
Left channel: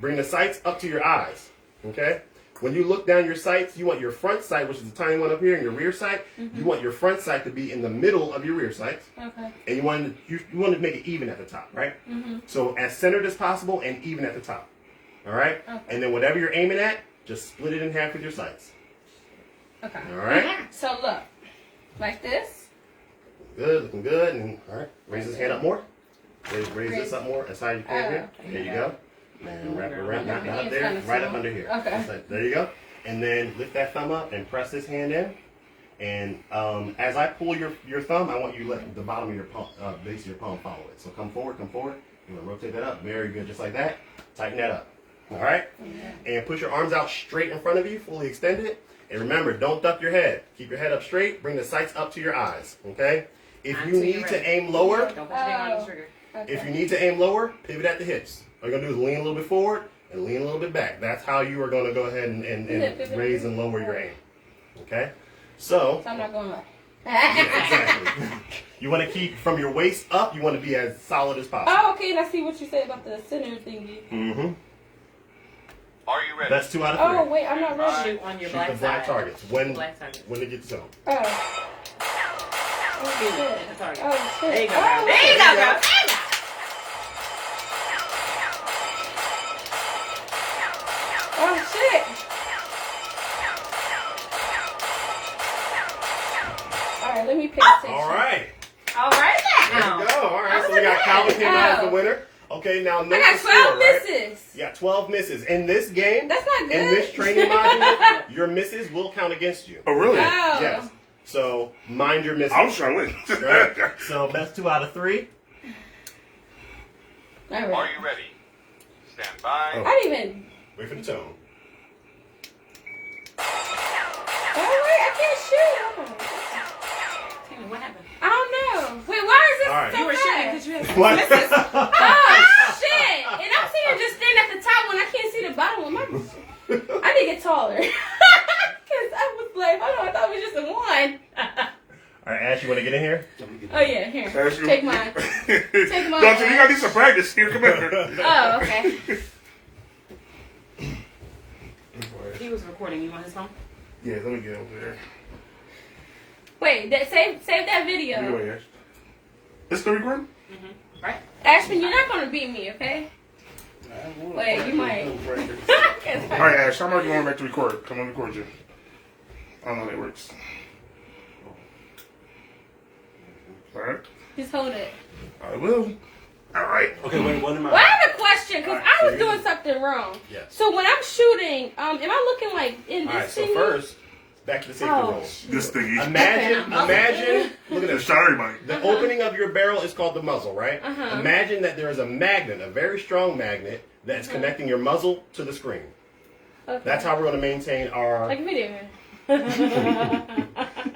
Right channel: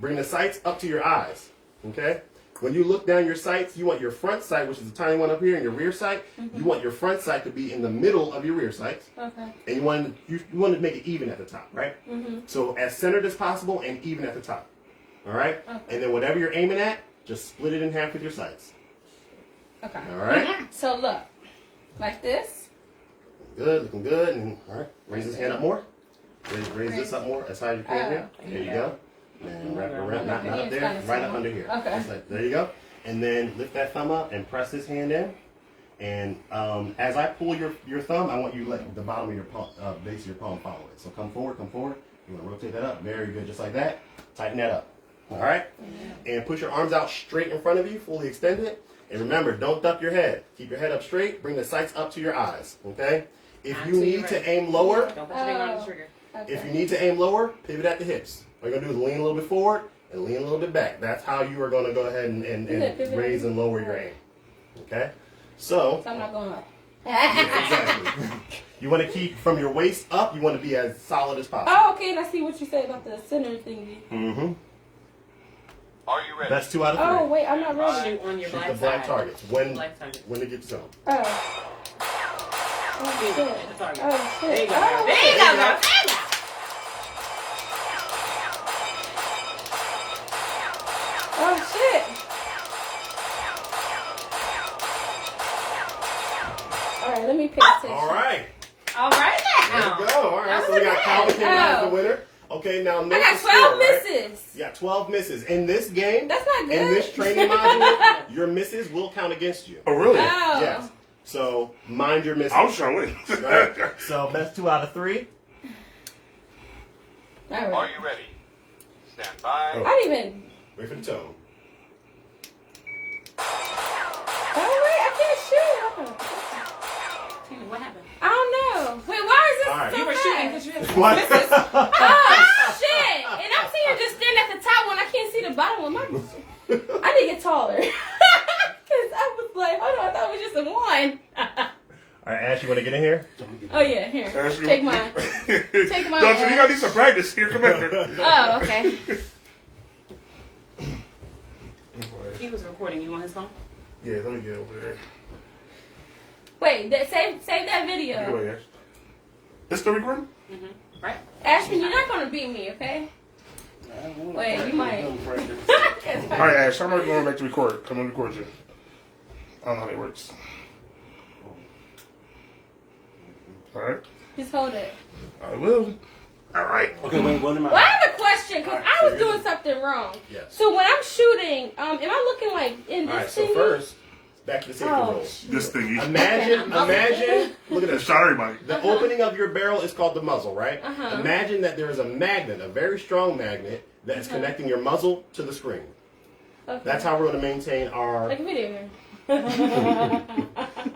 Bring the sights up to your eyes. Okay. When you look down your sights, you want your front sight, which is the tiny one up here, and your rear sight. You want your front sight to be in the middle of your rear sights. Okay. And you want to make it even at the top, right? So as centered as possible and even at the top. All right? Okay. And then whatever you're aiming at, just split it in half with your sights. Okay. All right? So look, like this. Good, looking good. And all right, raise this hand up more. Raise this up more as high as you can here. There you go. And wrap it around, not up there, right up under here. Okay. Just like, there you go. And then lift that thumb up and press this hand in. And as I pull your thumb, I want you to let the bottom of your palm, base of your palm follow it. So come forward, come forward. You want to rotate that up. Very good, just like that. Tighten that up. All right? And push your arms out straight in front of you, fully extended. And remember, don't duck your head. Keep your head up straight. Bring the sights up to your eyes. Okay? If you need to aim lower, Don't put your finger on the trigger. if you need to aim lower, pivot at the hips. All you're going to do is lean a little bit forward and lean a little bit back. That's how you are going to go ahead and raise and lower your aim. Okay? So, I'm not going like. yeah, exactly. You want to keep from your waist up, you want to be as solid as possible. Oh, okay. And I see what you said about the center thingy. Mm-hmm. Are you ready? That's 2 out of 3. Oh, wait. I'm not ready. Shoot on your Shoot black the black side. targets when Black target. it gets to them. Oh. Oh, shit. The target. Oh, shit. There you go. Oh, There you go. There you go. There you go. Oh, shit. All right, let me pay attention. All right. All right There now. you go. All right. So we got Calvin came out as the winner. Okay, now note I got the 12 score, right? misses. You got 12 misses. In this game, That's not good. in this training module, your misses will count against you. Oh, really? Oh. Yes. So mind your misses. I was trying to win. Right? So that's 2 out of 3. All Are right. you ready? Stand by. I didn't even. Wait for the tone. Oh, wait. I can't shoot. What happened? I don't know. Wait, why is this All right. so You were fast? shooting because you had What? misses. Oh, shit. And I'm sitting here just staring at the top when I can't see the bottom of my... I need to get taller. Because I was like, oh no, I thought it was just a 1. All right, Ash, you want to get in here? Oh, yeah, here. That's you. Take mine. Take mine. Don't you gotta need some practice here. Come here. Oh, okay. He was recording you on his phone. Yeah, let me get over there. Wait, save that video. Anyway, Ash. It's still recording? Right? Ashman, you're not going to beat me, okay? Wait, you might. All right, Ash, I'm not going back to record. Come on, record you. I don't know how it works. All right. Just hold it. I will. All right. Okay, wait, what am I? Well, I have a question because I was doing something wrong. Yes. So when I'm shooting, am I looking like in All this right, so thingy? first, back to the safety Oh, roll. shoot. This thingy. Imagine, look at Just this. shot everybody. The opening of your barrel is called the muzzle, right? Uh-huh. Imagine that there is a magnet, a very strong magnet, that's connecting your muzzle to the screen. Okay. That's how we're going to maintain our. Like a video.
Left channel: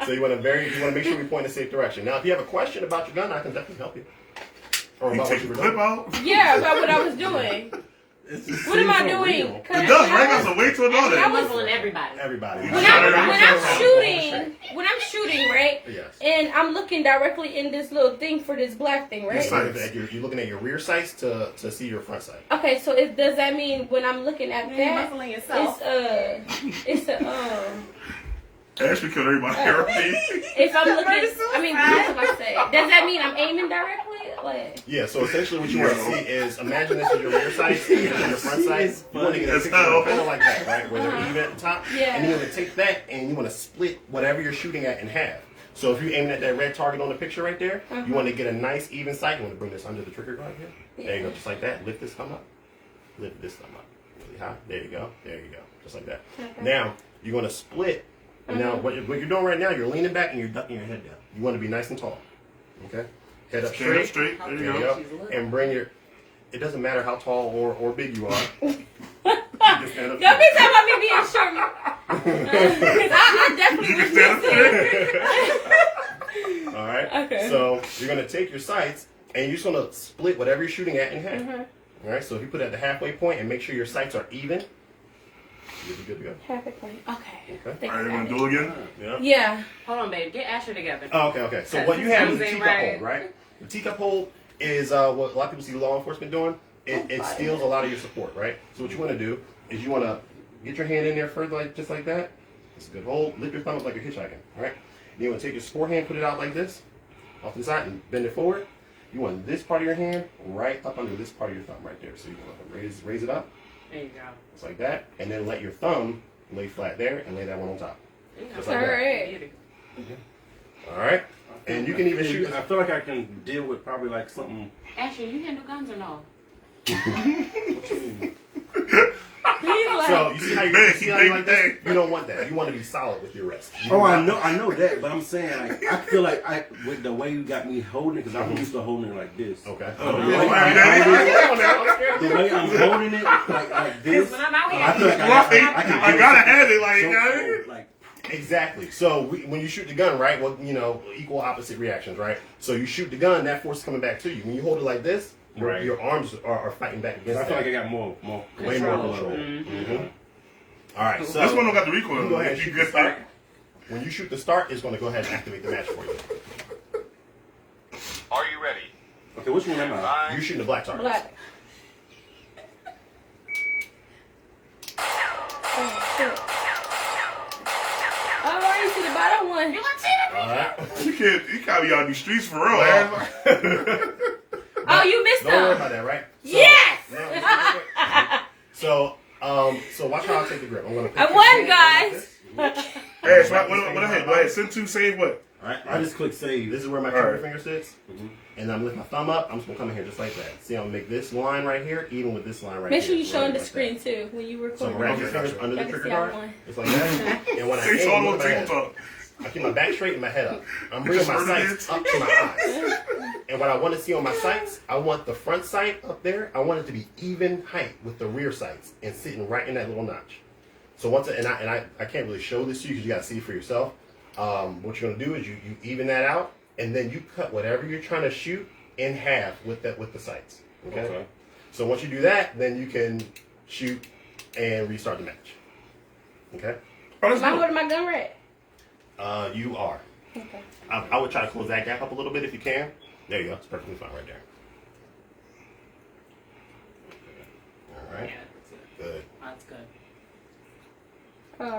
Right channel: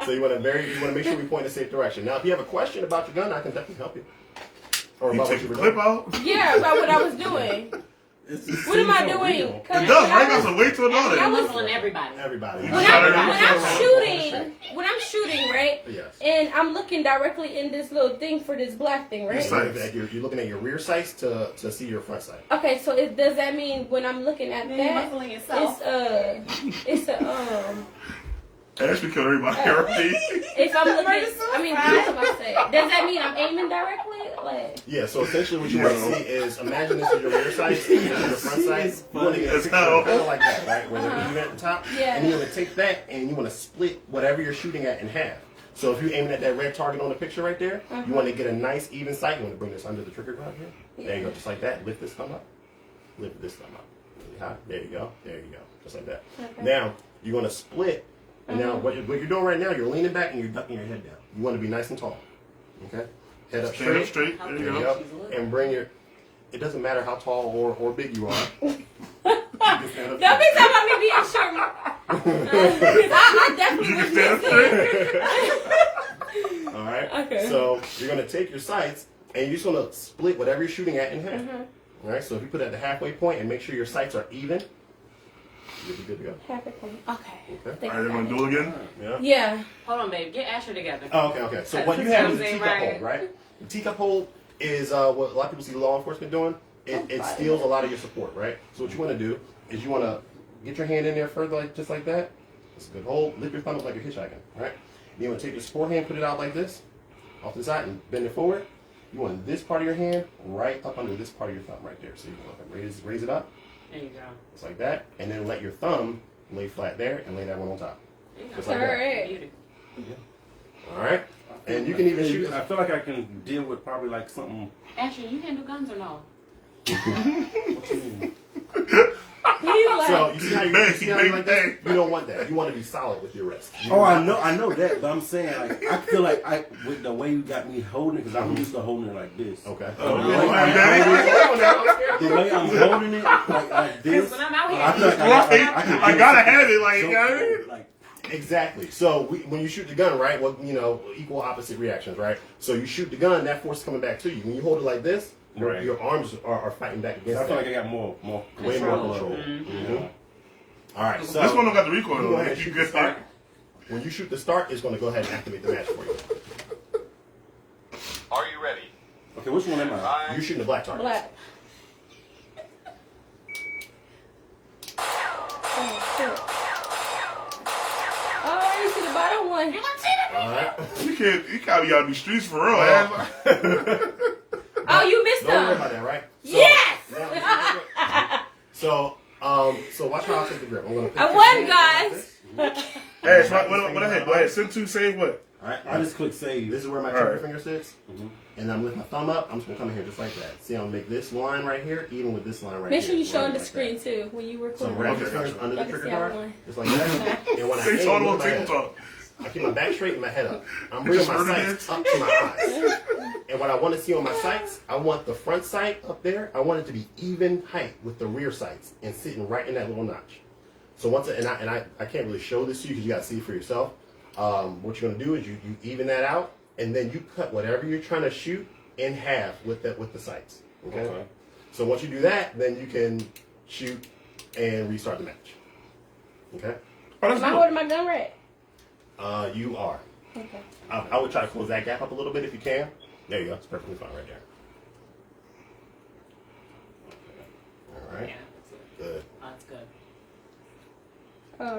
So you want to make sure we point in a safe direction. Now, if you have a question about your gun, I can definitely help you. Or You about what take you the were clip doing. out. Yeah, about what I was doing. What am I doing? It does, right? That's a way to another. I was on everybody. Everybody. when I'm shooting, right? Yes. And I'm looking directly in this little thing for this black thing, right? You're looking at your reir sights to see your front sight. Okay, so does that mean when I'm looking at that, muffling yourself. it's a Ashley killed everybody already. if I'm looking, I mean, what am I saying? Does that mean I'm aiming directly? Like, Yeah, so essentially what you want to see is, imagine this is your rear sights, and your front sights. You want to get a picture kind of like that, right? Where they're even at the top. Yeah. And you want to take that and you want to split whatever you're shooting at in half. So if you're aiming at that red target on the picture right there, you want to get a nice even sight. You want to bring this under the trigger guard here. There you go, just like that. Lift this thumb up. Lift this thumb up. Really high. There you go. There you go. Just like that. Okay. Now, you're going to split. And now, what you're doing right now, you're leaning back and you're ducking your head down. You want to be nice and tall. Okay? Head up straight. There There you you go. go. And bring your. It doesn't matter how tall or big you are. You just stand up don't be straight. talking about me being short. Because I definitely You was can stand up missing. All right? Okay. So you're going to take your sights and you're just going to split whatever you're shooting at in half. All right? So if you put it at the halfway point and make sure your sights are even, you'll be good to go. Half a point. Okay. Thank Are you. they going to do it again? Yeah? Yeah. Hold on, baby. Get Ashley together. Oh, okay. So what you have is a Right. teacup hold, right? The teacup hold is what a lot of people see law enforcement doing. It steals a lot of your support, right? So what you want to do is you want to get your hand in there first, like just like that. It's a good hold. Lift your thumb up like you're hitchhiking, right? Then you want to take your forehand, put it out like this, off to the side, and bend it forward. You want this part of your hand right up under this part of your thumb right there. So you want to raise it up, There you go. just like that, and then let your thumb lay flat there and lay that one on top. Just like All that. right. All right? And you can even shoot. I feel like I can deal with probably like something. Ashley, you handle guns or no? He's like, So you see how you like that? You don't want that. You want to be solid with your wrist. Oh, I know that, but I'm saying like I feel like with the way you got me holding it, because I'm used to holding it like this. Okay. Oh, The yeah. way Yeah. the way I'm holding it like this, When I'm out here, I feel like I gotta have it, like, like Exactly. So when you shoot the gun, right? Well, equal opposite reactions, right? So you shoot the gun, that force is coming back to you. When you hold it like this, Right. your arms are fighting back against I feel that. like I got more Way more control. control. Mm-hmm. All right. So This one don't got the recoil. You can go ahead and You shoot good the start. start? When you shoot the start, it's going to go ahead and activate the match for you. Are you ready? Okay, which one am I? Bye. You're shooting the black target. black. Oh, shit. Oh, I didn't see the bottom one. All right. You gotta be out in these streets for real, man. Oh, you missed Don't worry them. about that, right? So, Yes! now, so watch how I take the grip. I'm going to. I won, guys. Hey, so what I go ahead. Send two, save what? All right. I just click save. This is where my All trigger right. finger sits, and I'm lifting my thumb up. I'm just gonna come in here just like that. See, I'm gonna make this line right here, even with this line right Make here. sure you show on the like screen that. too when you So I'm record. gonna wrap your fingers under the Y'all can trigger see how guard, one. just like that. And when I They saw aim, it on look at my head. tabletop. I keep my back straight and my head up. I'm bringing my sights up to my eyes. And what I want to see on my sights, I want the front sight up there. I want it to be even height with the rear sights and sitting right in that little notch. So I can't really show this to you because you got to see it for yourself. What you're gonna do is you even that out, and then you cut whatever you're trying to shoot in half with the sights. Okay. So once you do that, then you can shoot and restart the match. Okay. Am I holding my gun right? You are. Okay. I would try to close that gap up a little bit if you can. There you go. It's perfectly fine right there. All right. Good. That's good.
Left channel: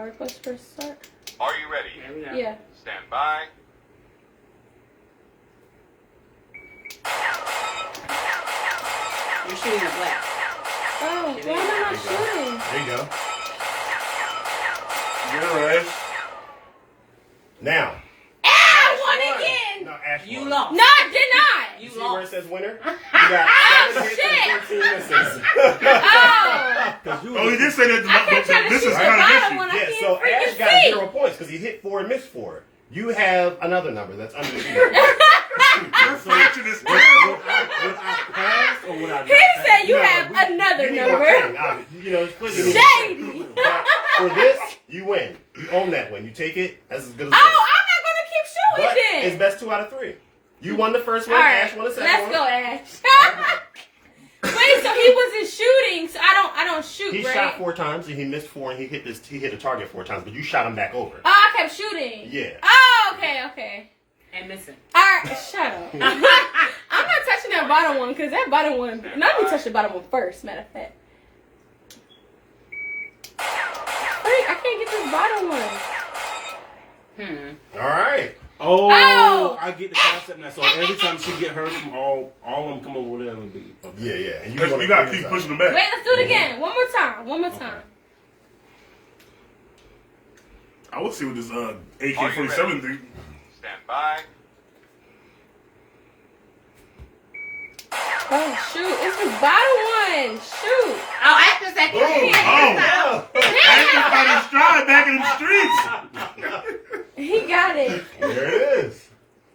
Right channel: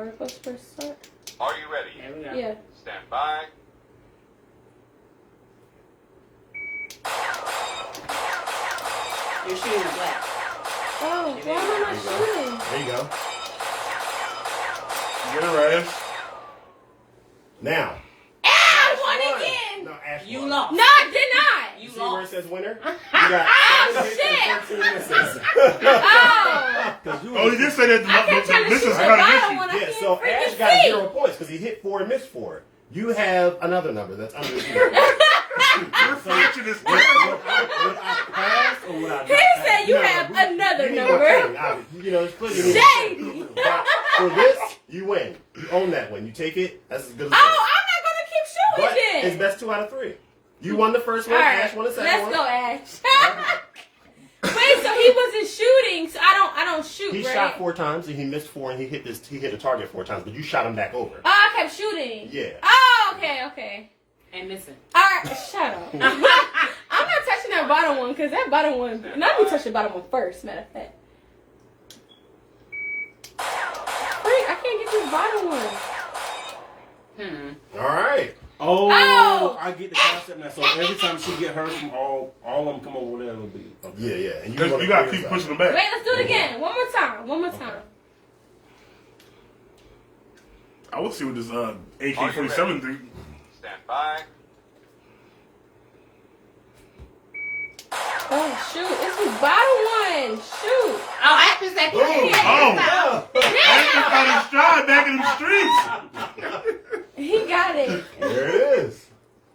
Request for start. Are you ready? There we go. Yeah. Stand by. You're shooting at black. Oh, why am I not shooting? There you go. You're right. Now. I won again. No, Ash You won. lost. No, I did not. You See where it lost. says winner? You got 7 hits and 13 misses. Oh. Oh, you did say that. I kept trying to This shoot is the gonna bottom miss one. I Yeah, can't so Ash freaking got see. 0 points because he hit 4 and missed 4. You have another number that's under the zero. Your fortune is Would I pass or would I? He said you have another You need more number. pain, obviously. You know, it's pretty Shady. But For this, you win. You own that win. You take it. That's as good as it Oh, gets. I'm not gonna keep shooting But then. it's best 2 out of 3. You won the first one. All right, Ash won the second one. let's go, Ash. Wait, so he wasn't shooting, so I don't shoot, He right? shot 4 times and he missed 4 and he hit the target 4 times, but you shot him back over. Oh, I kept shooting. Yeah. Oh, okay. And missing. All right, shut up. I'm not touching that bottom one because that bottom one. No, let me touch the bottom one first. Matter of fact. Wait, I can't get this bottom one. All right. Oh, Oh! I get the concept now. So every time she get hers from all of them come over there, it'll be. Okay. Yeah. And You gotta keep pushing them back. Wait, let's do it again. One more time. I will see what this Are you AK-47 do. Stand by. Oh shoot! It's the bottom one. Shoot! Oh, after that. Oh, I ain't back in the streets. He got it. There it is.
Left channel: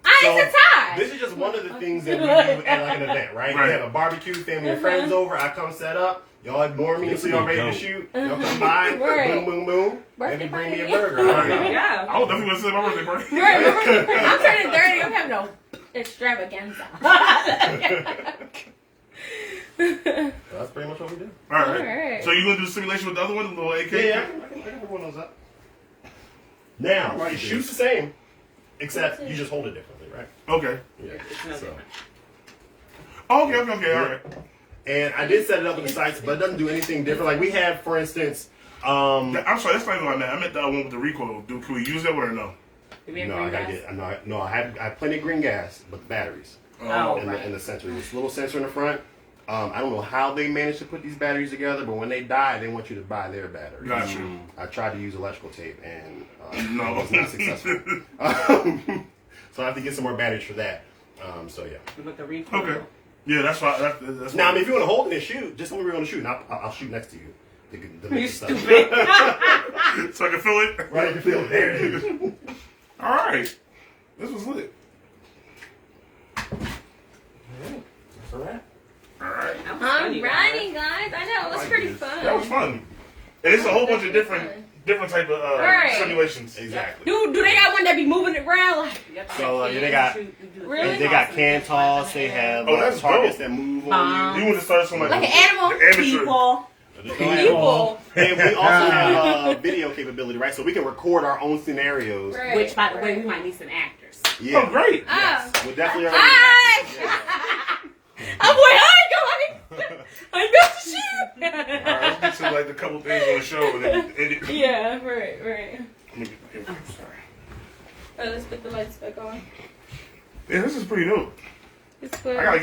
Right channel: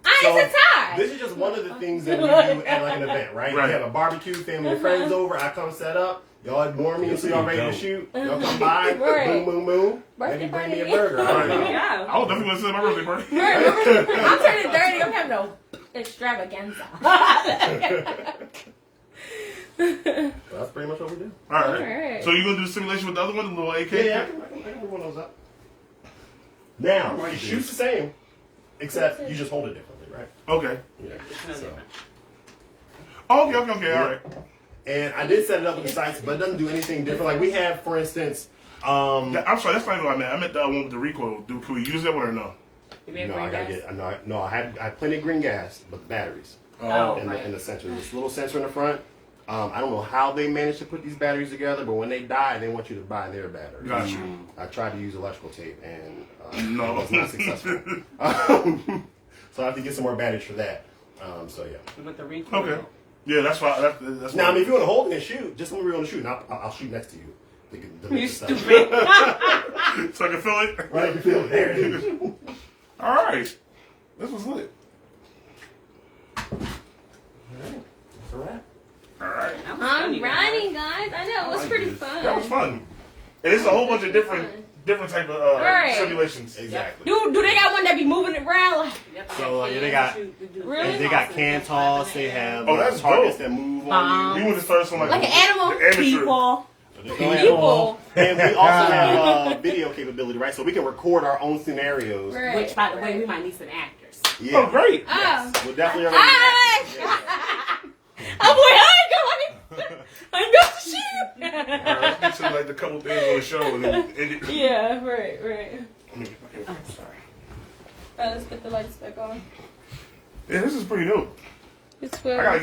It's a tie. This is just one of the things that we do at like an event, right? Right. You have a barbecue, family and friends over. I come set up. Y'all ignore me until y'all ready to shoot. Y'all come by. Right. Boom. Birthday Maybe bring me a party. burger. I don't know. Yeah. I was definitely gonna say my birthday party. Right, I'm turning 30. I'm having no extravaganza. That's pretty much what we do. All right. Alright. So you gonna do simulation with the other one, the little AK? Yeah, I can move one of those up. Now, it shoots the same, except you just hold it differently, right? Okay. Yeah. So. Okay. All right. And I did set it up with the sights, but it doesn't do anything different. Like we have, for instance, Yeah, I'm sorry, that's not what I meant. I meant the one with the recoil. Can we use that one or no? no, I gotta get. No, I have plenty of green gas, but the batteries Oh, in the sensor. This little sensor in the front. I don't know how they managed to put these batteries together, but when they die, they want you to buy their battery. Gotcha. I tried to use electrical tape, and No. it was not successful. So I have to get some more batteries for that. So yeah. With the recoil. Okay. Yeah, that's why. That's Now, I why. mean, if you want to hold it and shoot, just tell me where you want to shoot, and I'll shoot next to you. The You mix stuff. stupid. So I can feel it. Right, I can feel it. There it is. All right. This was lit. That's all right. All right. I'm riding, guys. I know it was pretty fun. That was fun. And it's a whole bunch of different type of Right. simulations. Exactly. Do they got one that be moving it around? Like, So yeah, they got really? they got can toss. They have Oh, that's targets dope. that move on You want to start something Like like an animal? the amateur. People. you. People. And we also have video capability, right? So we can record our own scenarios. Right. Which, by the way, we might need some actors. Yeah. Oh, great. Oh. We'll definitely already. Hi. I'm like, I got the shit. All right, let's get to like the couple things on the show and then end it. Yeah, right. Let me get my hair fixed. Sorry. Let's put the lights back on. Yeah, this is pretty dope. It's I gotta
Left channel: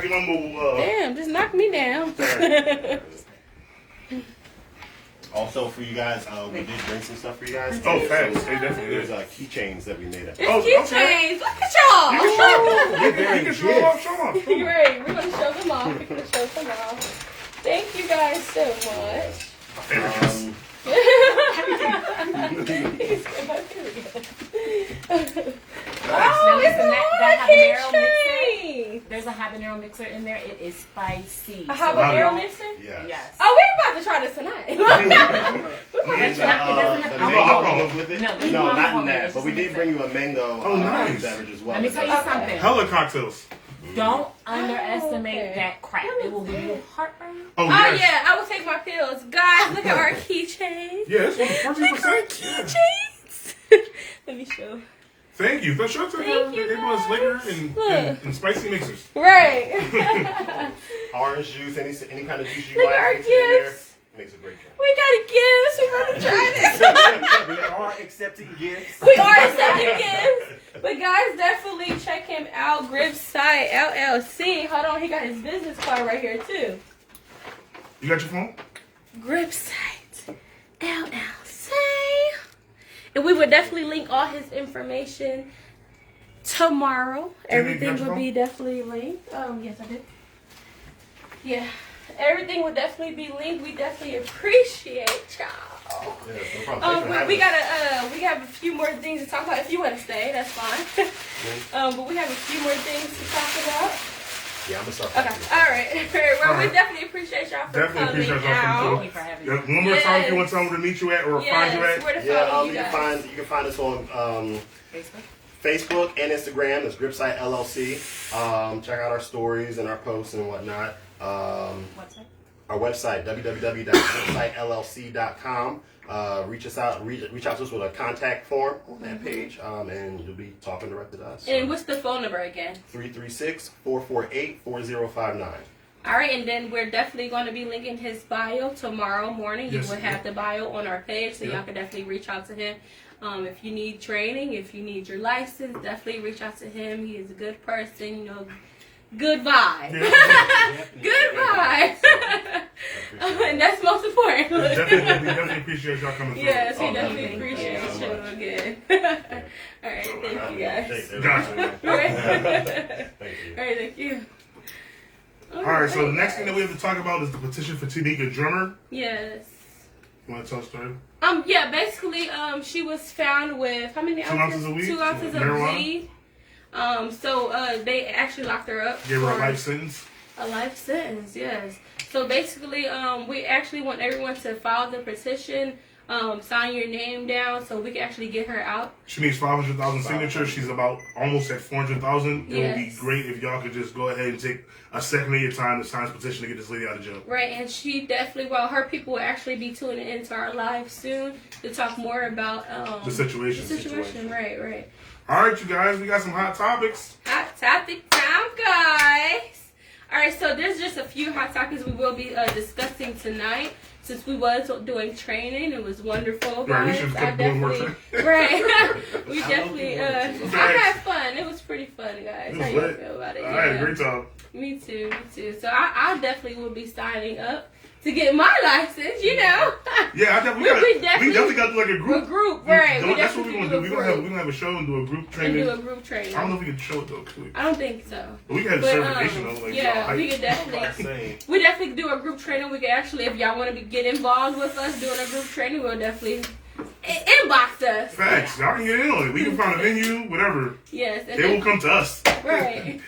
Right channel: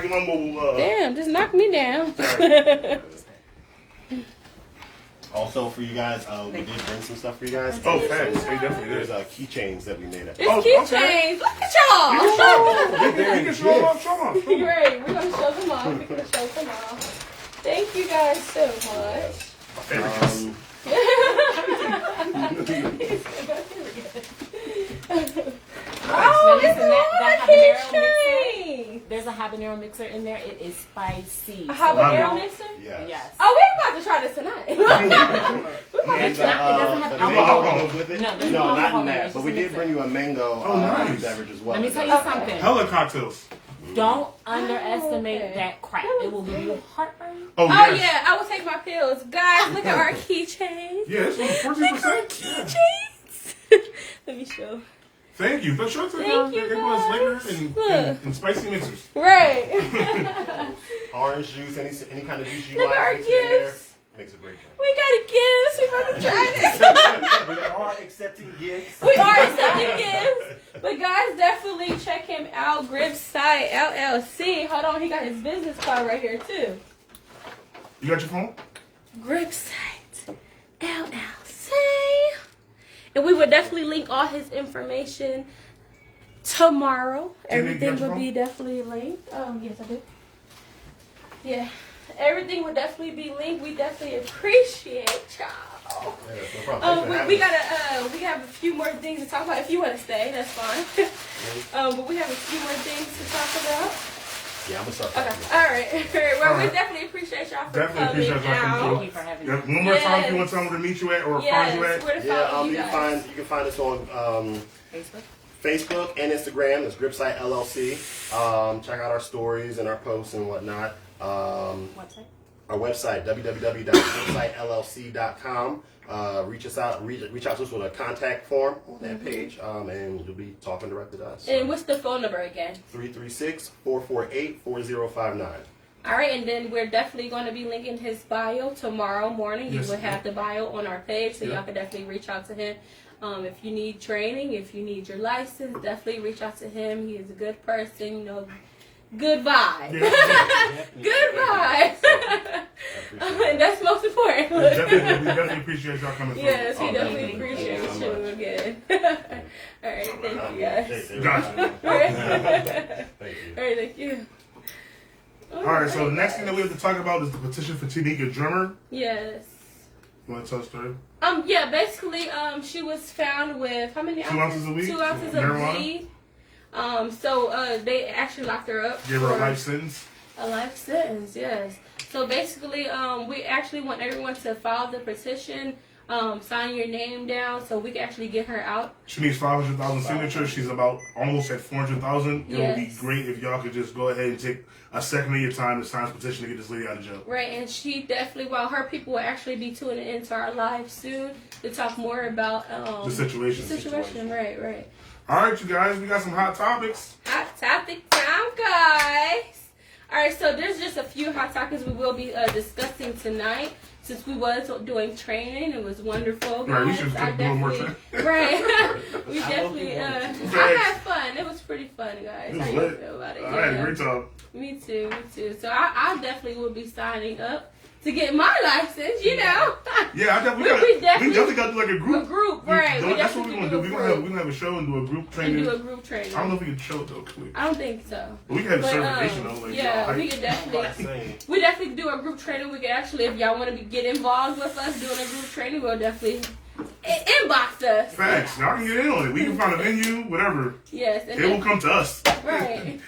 get my mobile. Damn, just knock me down. Sorry. Also for you guys, we did bring some stuff for you guys. Oh, thanks. They definitely There's did. keychains that we made up. It's Oh, keychains. okay. Look at y'all. You can show them off. Show them off. You're right. We're gonna show them off. We're gonna show them off. Thank you guys so much. My favorite gifts. Oh, it's that a habanero keychain. There's a habanero mixer in there. It is spicy. A habanero mixer? Yes. Yes. Oh, we're about to try this tonight. And doesn't have the alcohol. mango goes with it. No, there's No, no not alcohol in in it. that. It's But just we a did mixer. bring you a mango Oh, nice. beverage as well. Let me tell you something. Hella cocktails. Don't underestimate okay. that crap. It will give you heartburn. Oh, Oh yes. yeah, I will take my pills. Guys, look at our keychain. Yeah, it's Look 14%. at our Yeah. keychains. Let me show. Thank you. Sure, Thank you, gave us liquor guys. and spicy mixers. Right. Orange juice, any kind of juice you Look like. at our mix it in there. gifts. Makes a great drink. We got a gift. We're gonna try this. We are accepting gifts. We are accepting gifts. But guys, definitely check him out. Gripsite LLC. Hold on, he got his business card right here too. You got your phone? Gripsite LLC. And we will definitely link all his information tomorrow. Everything will be definitely linked. Yes, I did. Yeah. Everything will definitely be linked. We definitely appreciate y'all. Yeah, no problem. We have a few more things to talk about. If you want to stay, that's fine. But we have a few more things to talk about. Yeah, I'm gonna start. Okay. All right. Well, we definitely appreciate y'all for Definitely coming appreciate y'all out. coming Thank you for having Yeah, me. one more time, if you want to tell them where to meet you at or find you at. Where to Yeah, follow you you guys. can find us on Facebook? Facebook and Instagram. It's Gripsite LLC. Check out our stories and our posts and whatnot. Website? Our website, www.gripsitellc.com. Reach out to us with a contact form on that page, and you'll be talking directly to us. And what's the phone number again? 336-448-4059. All right, and then we're definitely going to be linking his bio tomorrow morning. Yes, You will have yeah. the bio on our page, so Yeah. y'all can definitely reach out to him. If you need training, if you need your license, definitely reach out to him. He is a good person, you know, good vibe. Yeah. Good vibe. And that's most important. We definitely appreciate y'all coming through. Yes, we Oh, definitely thank you. appreciate Thank you you so much. again. All right, thank you guys. Gotcha. All right, Thank you. thank you. All right, so the next thing that we have to talk about is the petition for Tanika Drummer. Yes. You want to tell the story? Yeah, basically, she was found with how many 2 ounces of weed? 2 ounces of Marijuana? weed. So they actually locked her up. Gave her a for life sentence. A life sentence, yes. So basically, we actually want everyone to file the petition, sign your name down, so we can actually get her out. She needs 500,000 signatures. She's about almost at 400,000. It would be Yes. great if y'all could just go ahead and take a second of your time to sign this petition to get this lady out of jail. Right, and she definitely, well, her people will actually be tuning into our live soon to talk more about The situation. The situation, right. All right, you guys, we got some hot topics. Hot topic time, guys. All right, so there's just a few hot topics we will be discussing tonight. Since we was doing training, it was wonderful. Right, we guys. should I keep doing more definitely- training. Right, we definitely. I Thanks. had fun. It was pretty fun, guys. It How was you lit. feel about it? I had a great time. Me too. So I definitely will be signing up to get my license. You know. Yeah, we definitely got to do like a A group. group, right? That's what we're gonna do. We're gonna have a show and do a group We training. do a group training. I don't know if we can show it though. Could we? I don't think so. But we can have a But, certification though. Like, yeah, y'all we hype. could definitely. Same. We definitely do a group training. We can actually, if y'all want to get involved with us doing a group training, we'll definitely inbox us. Facts. Y'all can get in on it. We can find a venue, whatever. Yes. And They will come to us. Right.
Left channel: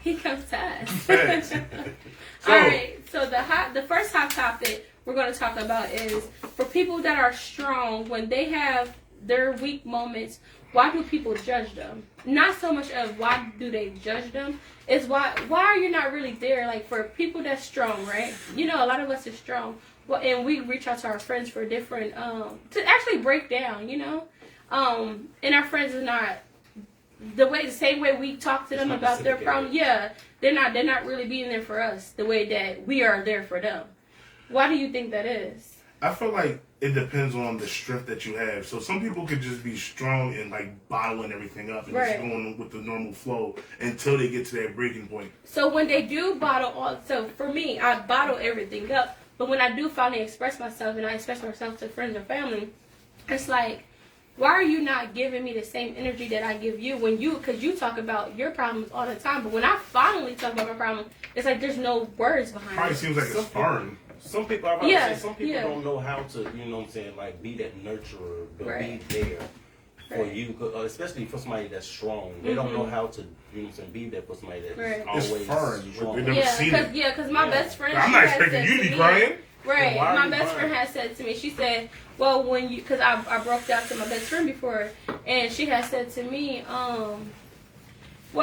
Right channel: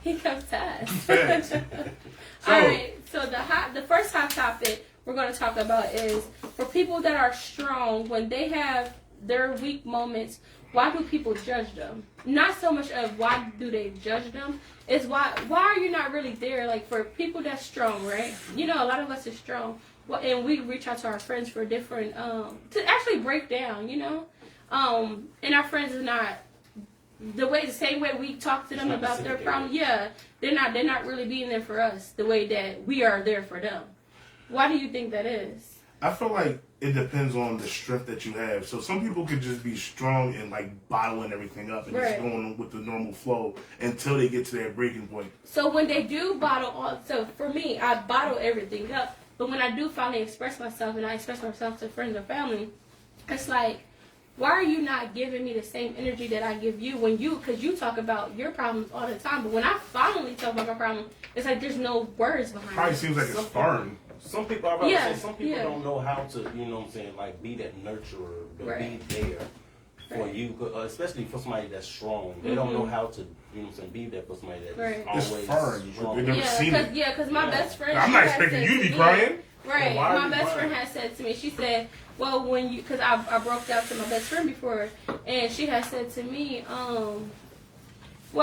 He comes to us. Facts. So, All right. So the first hot topic we're going to talk about is for people that are strong when they have their weak moments. Why do people judge them? Not so much of why do they judge them. It's why are you not really there? Like for people that's strong, right? You know, a lot of us are strong. Well, and we reach out to our friends for different to actually break down. You know, and our friends is not the same way we talk to them about their problem. Yeah, they're not really being there for us the way that we are there for them. Why do you think that is? I feel like it depends on the strength that you have. So some people could just be strong and like bottling everything up and just Right. going with the normal flow until they get to that breaking point. So when they do bottle on, so for me, I bottle everything up. But when I do finally express myself and I express myself to friends and family, it's like, why are you not giving me the same energy that I give you because you talk about your problems all the time. But when I finally talk about my problem, it's like there's no words behind Probably it. seems like it's foreign. Some people, I Yeah, say, some people yeah. don't know how to, you know what I'm saying, like be that nurturer, but Right. be there for Right. you, especially for somebody that's strong. They don't know how to, you know what I'm saying, be there for somebody that's Right. always It's foreign. strong. We've never seen it. Because my best friend. I'm she not had expecting said you to be me- crying. Right. Why are My you best crying? friend had said to me, she said, well, when you, because I broke down to my best friend before, and she had said to me, well,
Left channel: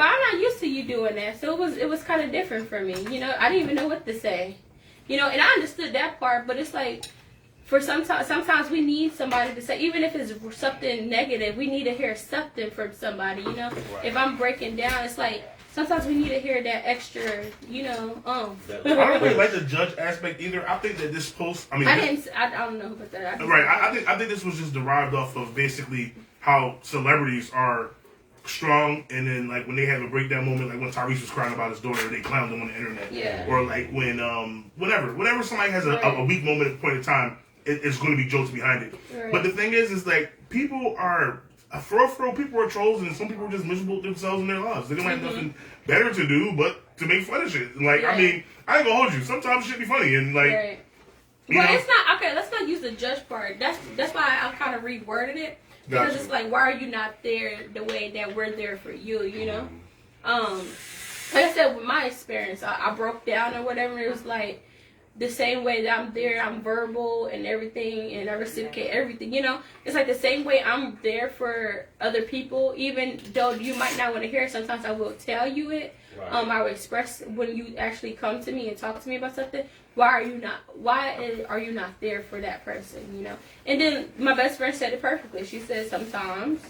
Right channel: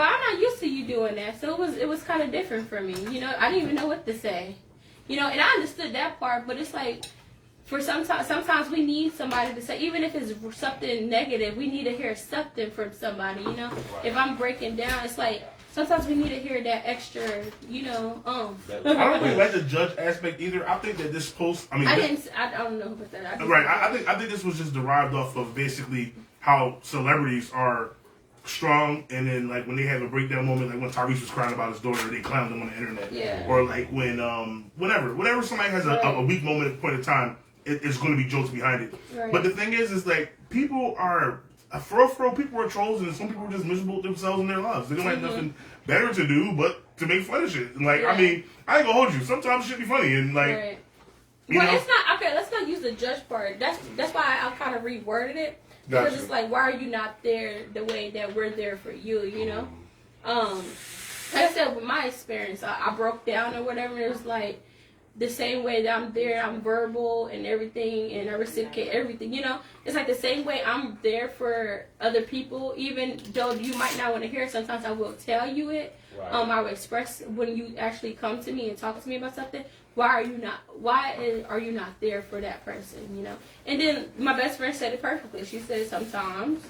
I'm not used to you doing that, so it was kind of different for me. You know, I didn't even know what to say. You know, and I understood that part, but it's like, for sometimes we need somebody to say, even if it's something negative, we need to hear something from somebody, you know? If I'm breaking down, it's like, sometimes we need to hear that extra, you know, I don't really like the judge aspect either. I think that this post, I don't know about that. I think this was just derived off of basically how celebrities are strong, and then like when they have a breakdown moment, like when Tyrese was crying about his daughter, they clowned him on the internet. Yeah. Or like when whenever somebody has a weak moment at a point in time, it's going to be jokes behind it. Right. But the thing is like people are for real, people are trolls, and some people are just miserable with themselves in their lives. They don't have nothing better to do but to make fun of shit. And like, Yeah. I mean, I ain't gonna hold you. Sometimes shit be funny, and like, Right. you Well, know, it's not okay. Let's not use the judge part. That's why I kind of reworded it because Gotcha. it's like, why are you not there the way that we're there for you? You know. like I said, with my experience, I broke down or whatever. It was like the same way that I'm there, I'm verbal and everything, and I reciprocate everything. You know, it's like the same way I'm there for other people, even though you might not want to hear it. Sometimes I will tell you it. Right. I will express when you actually come to me and talk to me about something. Why are you not there for that person? You know. And then my best friend said it perfectly. She said sometimes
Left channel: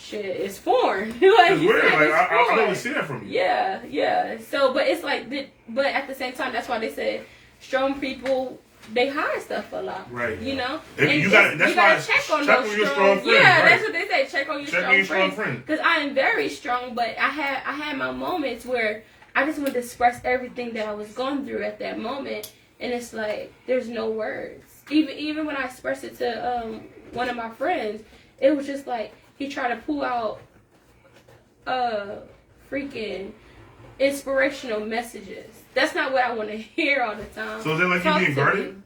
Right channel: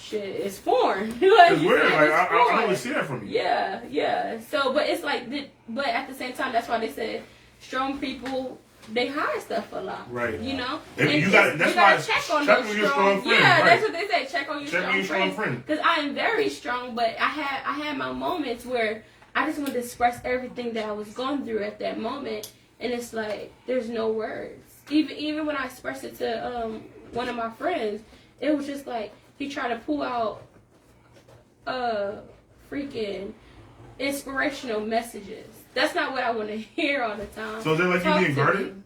shit is foreign. Like, it's weird. Like I don't really see that from you. Yeah. So, but it's like, but at the same time, that's why they said strong people, they hide stuff a lot. Right. You know. And you gotta check on your those strong friends. Yeah, right. that's what they say. Check on your strong friends. friend. Because I am very strong, but I had my moments where I just wanted to express everything that I was going through at that moment, and it's like there's no words. Even when I expressed it to one of my friends, it was just like he tried to pull out freaking inspirational messages. That's not what I want to hear all the time. So is that like you being guarded?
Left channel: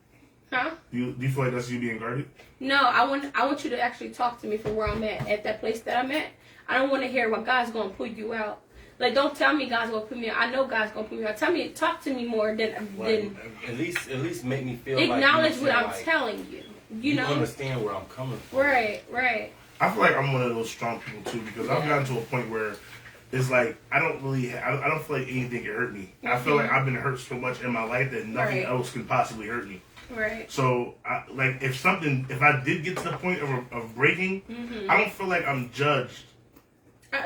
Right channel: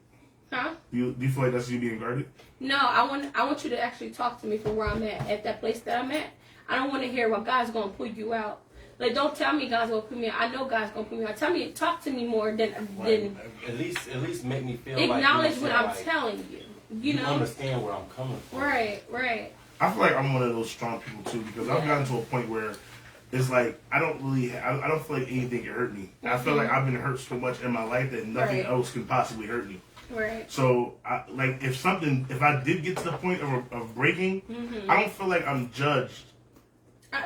Huh? Do you feel like that's you being guarded? No, I want you to actually talk to me for where I'm at that place that I'm at. I don't want to hear what God's going to put you out. Like, don't tell me God's going to put me out. I know God's going to put me out. Talk to me more than at least make me feel acknowledge like what I'm like telling you. You know, understand where I'm coming from. Right. I feel like I'm one of those strong people too, because I've gotten to a point where it's like I don't feel like anything can hurt me. I feel like I've been hurt so much in my life that nothing else can possibly hurt me. Right. So, if I did get to the point of breaking, I don't feel like I'm judged.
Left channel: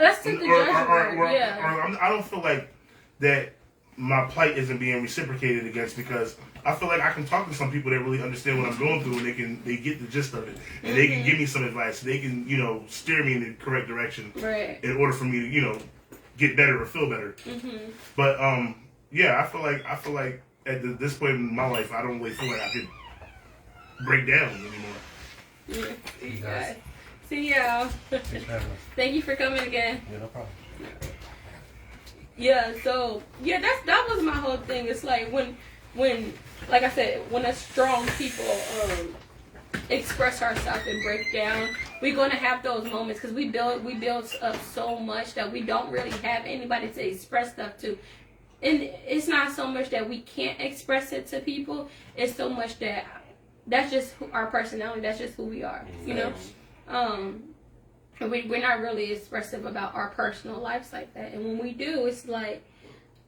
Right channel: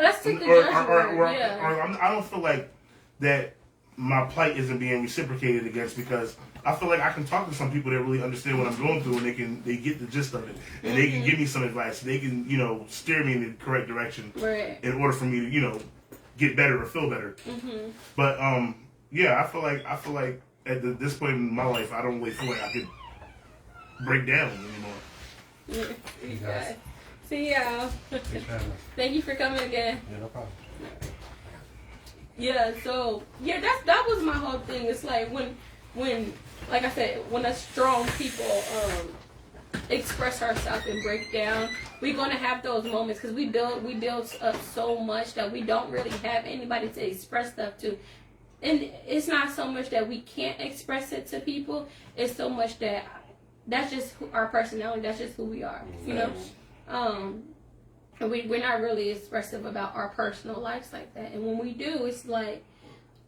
Let's take the judgment. I don't feel like that my plight isn't being reciprocated against, because I feel like I can talk to some people that really understand what I'm going through, and they get the gist of it, and they can give me some advice. They can steer me in the correct direction in order for me to get better or feel better. But I feel like at this point in my life, I don't really feel like I could break down anymore. Yeah. See y'all. Thank you for coming again. Yeah, no problem. Yeah, so that was my whole thing. It's like when like I said, when us strong people express ourselves and break down, we're gonna have those moments because we build up so much that we don't really have anybody to express stuff to. And it's not so much that we can't express it to people. It's so much that that's just our personality. That's just who we are. You know. We're not really expressive about our personal lives like that. And when we do, it's like,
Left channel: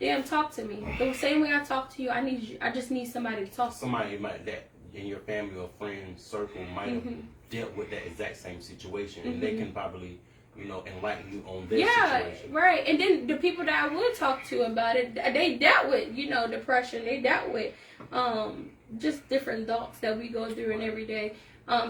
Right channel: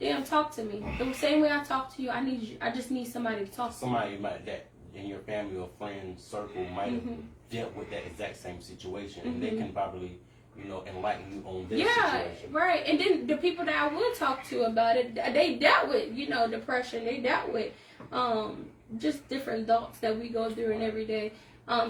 damn, talk to me. The same way I talk to you, I just need somebody to talk to. Somebody that in your family or friend circle might have dealt with that exact same situation, and they can probably, enlighten you on their situation. Right. And then the people that I would talk to about it, they dealt with, depression. They dealt with just different thoughts that we go through in every day.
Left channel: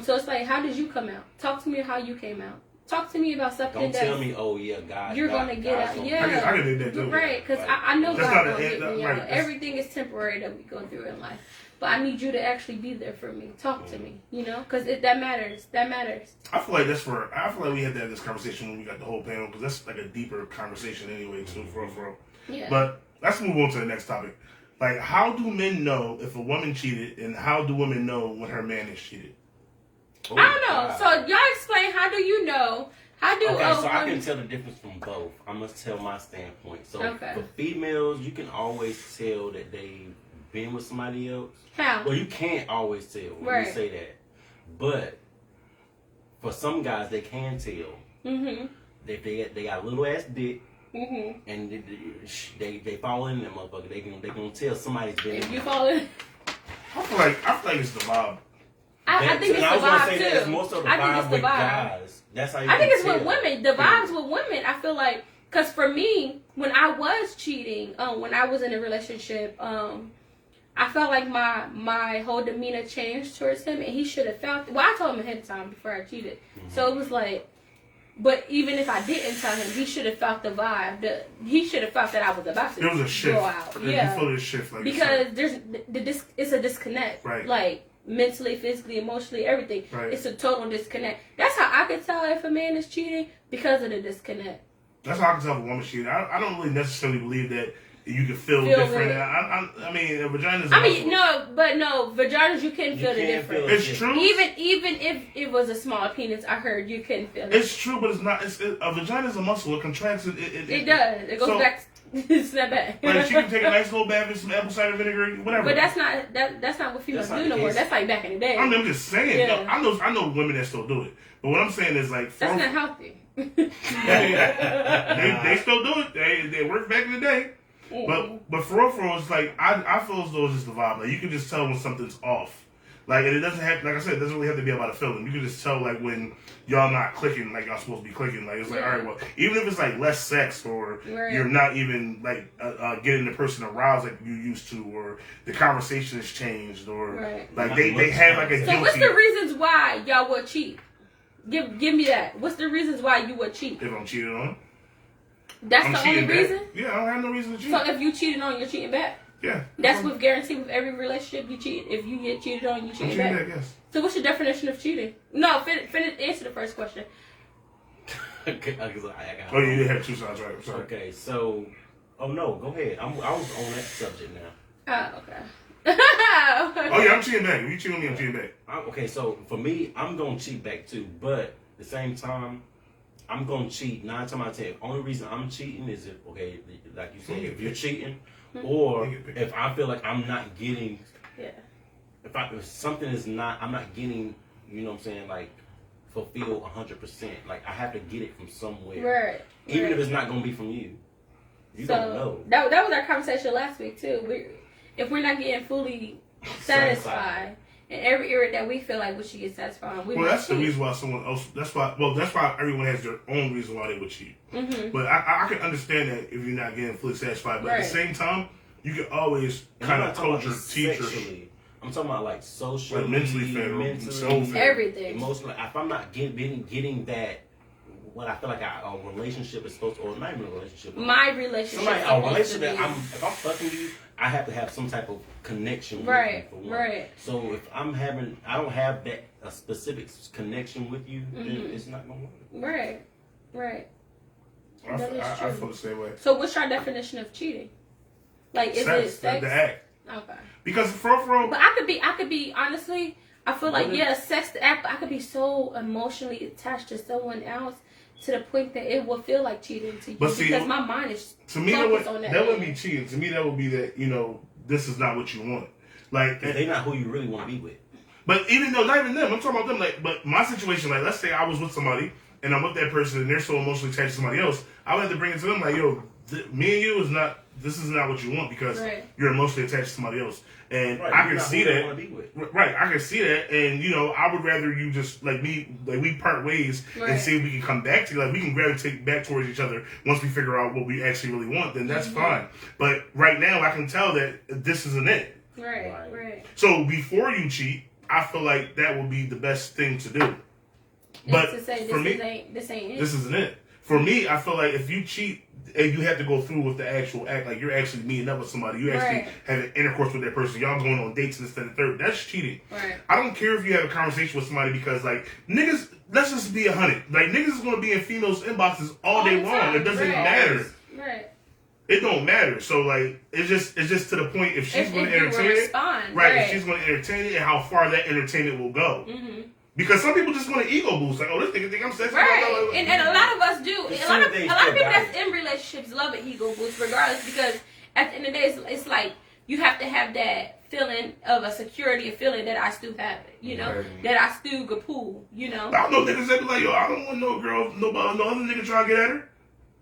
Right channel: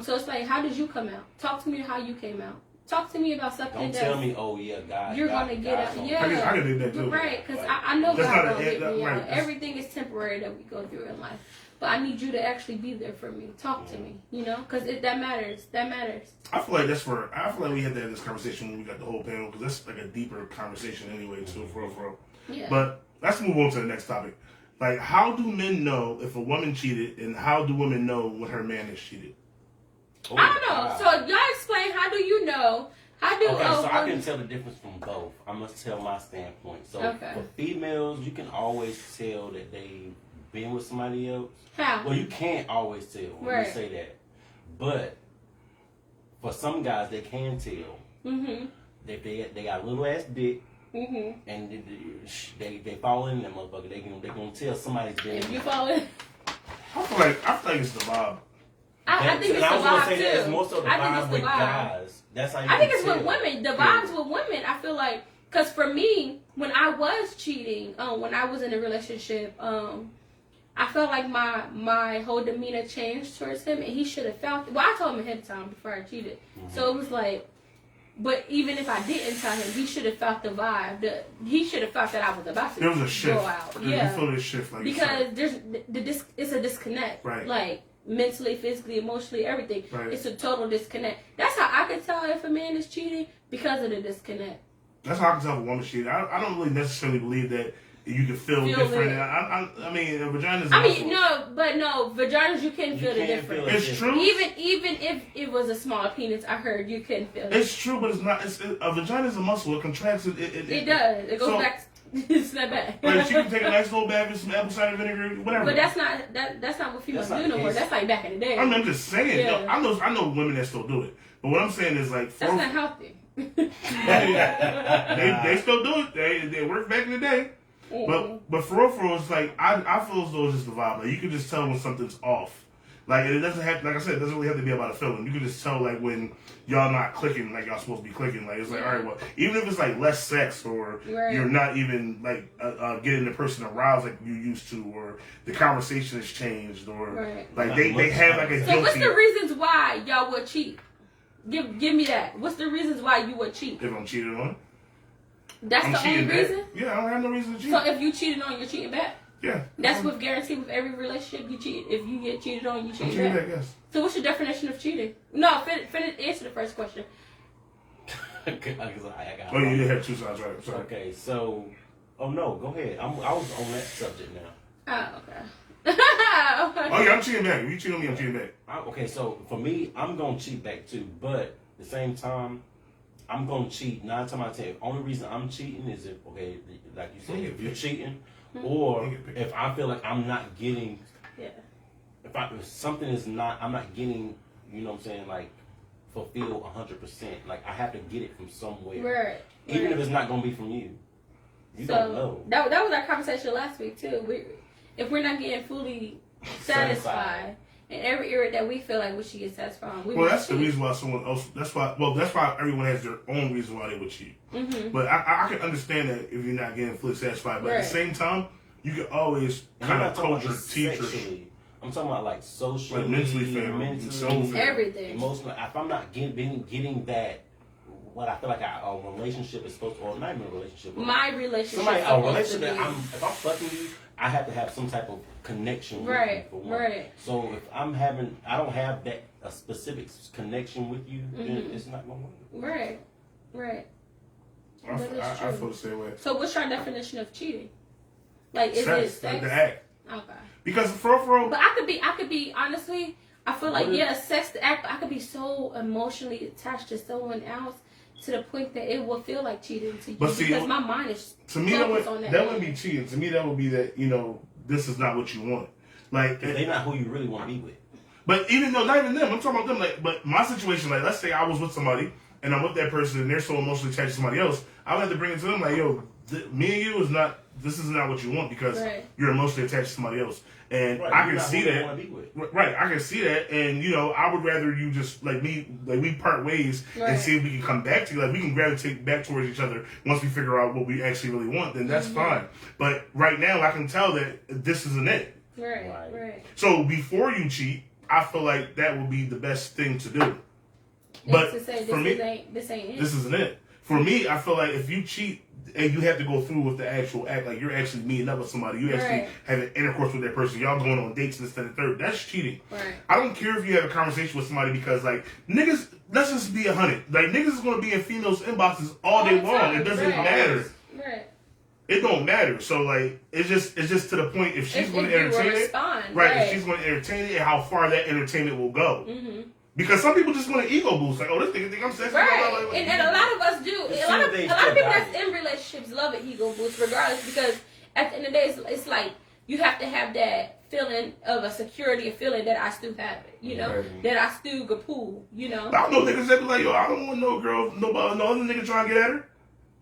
So it's like, how did you come out? Talk to me how you came out. Talk to me about something. Don't tell me, oh yeah, God. You're gonna get out. Yeah, I can do that too. Right, because I know that's God not gonna get me right. out. Everything is temporary that we go through in life, but I need you to actually be there for me. Talk to me, because that matters. That matters. I feel like we had this conversation when we got the whole panel, because that's like a deeper conversation anyway too, for real. Yeah. But let's move on to the next topic. Like, how do men know if a woman cheated, and how do women know when her man is cheated? Oh, I don't know. So y'all explain. How do you know? How do I can tell the difference from both. I must tell my standpoint. So for females, you can always tell that they've been with somebody else. How? Well, you can't always tell when you say that. But for some guys, they can tell. That they got a little ass dick. And they fall in that motherfucker. They gonna tell somebody's been. If you fall in, I feel like it's the vibe. I think it's the vibe too. That's most of the vibe with guys. That's how you I think it's tell. with women. The vibes with women. I feel like, because for me, when I was cheating, when I was in a relationship, I felt like my whole demeanor changed towards him, and he should have felt. Well, I told him ahead of time before I cheated, so it was like. But even if I didn't tell him, he should have felt the vibe. He should have felt that I was about to There was a shift. go out. You feel this shift, like, because it's a disconnect. Right. Like mentally, physically, emotionally, everything. Right. It's a total disconnect. That's how I can tell if a man is cheating, because of the disconnect. That's how I can tell if a woman's cheating. I don't really necessarily believe that you can feel different. I mean, vaginas. Vaginas you can feel the difference. It's true. Even if it was a small penis, I heard you can feel it. It's true, but it's not. A vagina is a muscle. It contracts. It does. It goes back Snap back. Like she can take a nice little bath with some apple cider vinegar, whatever. But that's not what females do no more. That's like back in the day. I'm just saying. Yeah. No, I know women that still do it. But what I'm saying is like that's not healthy. they still do it. They worked back in the day. But for real, it's like I feel as though it's just the vibe. Like you can just tell when something's off. Like and it doesn't have, like I said, it doesn't really have to be about a feeling. You can just tell like when y'all not clicking like y'all supposed to be clicking. Like it's like, all right, well, even if it's like less sex or you're not even like getting the person aroused like you used to, or the conversation has changed, or like they have like a guilty. So what's the reasons why y'all would cheat? Give me that. What's the reasons why you would cheat? If I'm cheated on. That's I'm the only reason? Back. Yeah, I don't have no reason to cheat. So if you cheated on, you're cheating back? Yeah. That's with guarantee with every relationship you cheat. If you get cheated on, you cheat back. Yes. So what's your definition of cheating? No, finish answer the first question. Okay, oh, you did have two sides, right? I'm sorry. Okay, so no, go ahead. I was on that subject now. Oh, okay. Oh yeah, I'm cheating back. If you cheat on me, I'm cheating back. Okay, so for me, I'm gonna cheat back too, but at the same time, I'm gonna cheat 9 times out of 10. The only reason I'm cheating is if, okay, like you said, if you're cheating, or if I feel like I'm not getting, if something is not, I'm not getting, you know what I'm saying, like fulfilled 100%. Like I have to get it from somewhere, right? Even if it's not gonna be from you. You don't know. That was our conversation last week too. If we're not getting fully satisfied in every area that we feel like we should get satisfied, that's the reason why someone else. That's why everyone has their own reason why they would cheat. Mm-hmm. But I can understand that if you're not getting fully satisfied. But at the same time, you can always kind of coach your teacher. I'm talking about like socially, like mentally, everything, emotionally. If I'm not getting that, what I feel like a relationship is supposed to, or not even a relationship. My relationship. A relationship that if I'm fucking you, I have to have some type of connection with you for one. Right. So if I don't have a specific connection with you, then it's not gonna work. Right. I feel the same way. So what's your definition of cheating? Like is it sex? The act. Okay. Because for but I could be honestly, I feel like sex the act, but I could be so emotionally attached to someone else to the point that it will feel like cheating to you, because my mind is to me that wouldn't be cheating. To me that would be that, you know, this is not what you want. Like they're not who you really want to be with. But even though not even them, I'm talking about them. Like, but my situation, like let's say I was with somebody and I'm with that person and they're so emotionally attached to somebody else, I would have to bring it to them like, yo, me and you this is not what you want, because you're emotionally attached to somebody else. And I can see that. Right, I can see that, and you know, I would rather you just we part ways and see if we can come back together. Like, we can gravitate back towards each other once we figure out what we actually really want. Then that's fine. But right now, I can tell that this isn't it. Right. So before you cheat, I feel like that would be the best thing to do. But to say, for me, this ain't it. This isn't it. For me, I feel like if you cheat and you have to go through with the actual act, like you're actually meeting up with somebody, you actually having intercourse with that person, y'all going on dates and this and the third, that's cheating. Right. I don't care if you have a conversation with somebody, because like niggas, let's just be 100. Like niggas is gonna be in females' inboxes all day long. It doesn't matter. Right. It don't matter. So like it's just to the point if she's going to entertain it, if she's going to entertain it, and how far that entertainment will go. Mm-hmm. Because some people just want to ego boost, like, oh, this nigga think I'm sexy. Right. And a lot of us do. A lot of people that's in relationships love an ego boost regardless, because at the end of the day, it's like you have to have that feeling of a security, a feeling that I still have it, you know, that I still could pull, you know. I know niggas that be like, yo, I don't want no girl, no other nigga trying to get at her.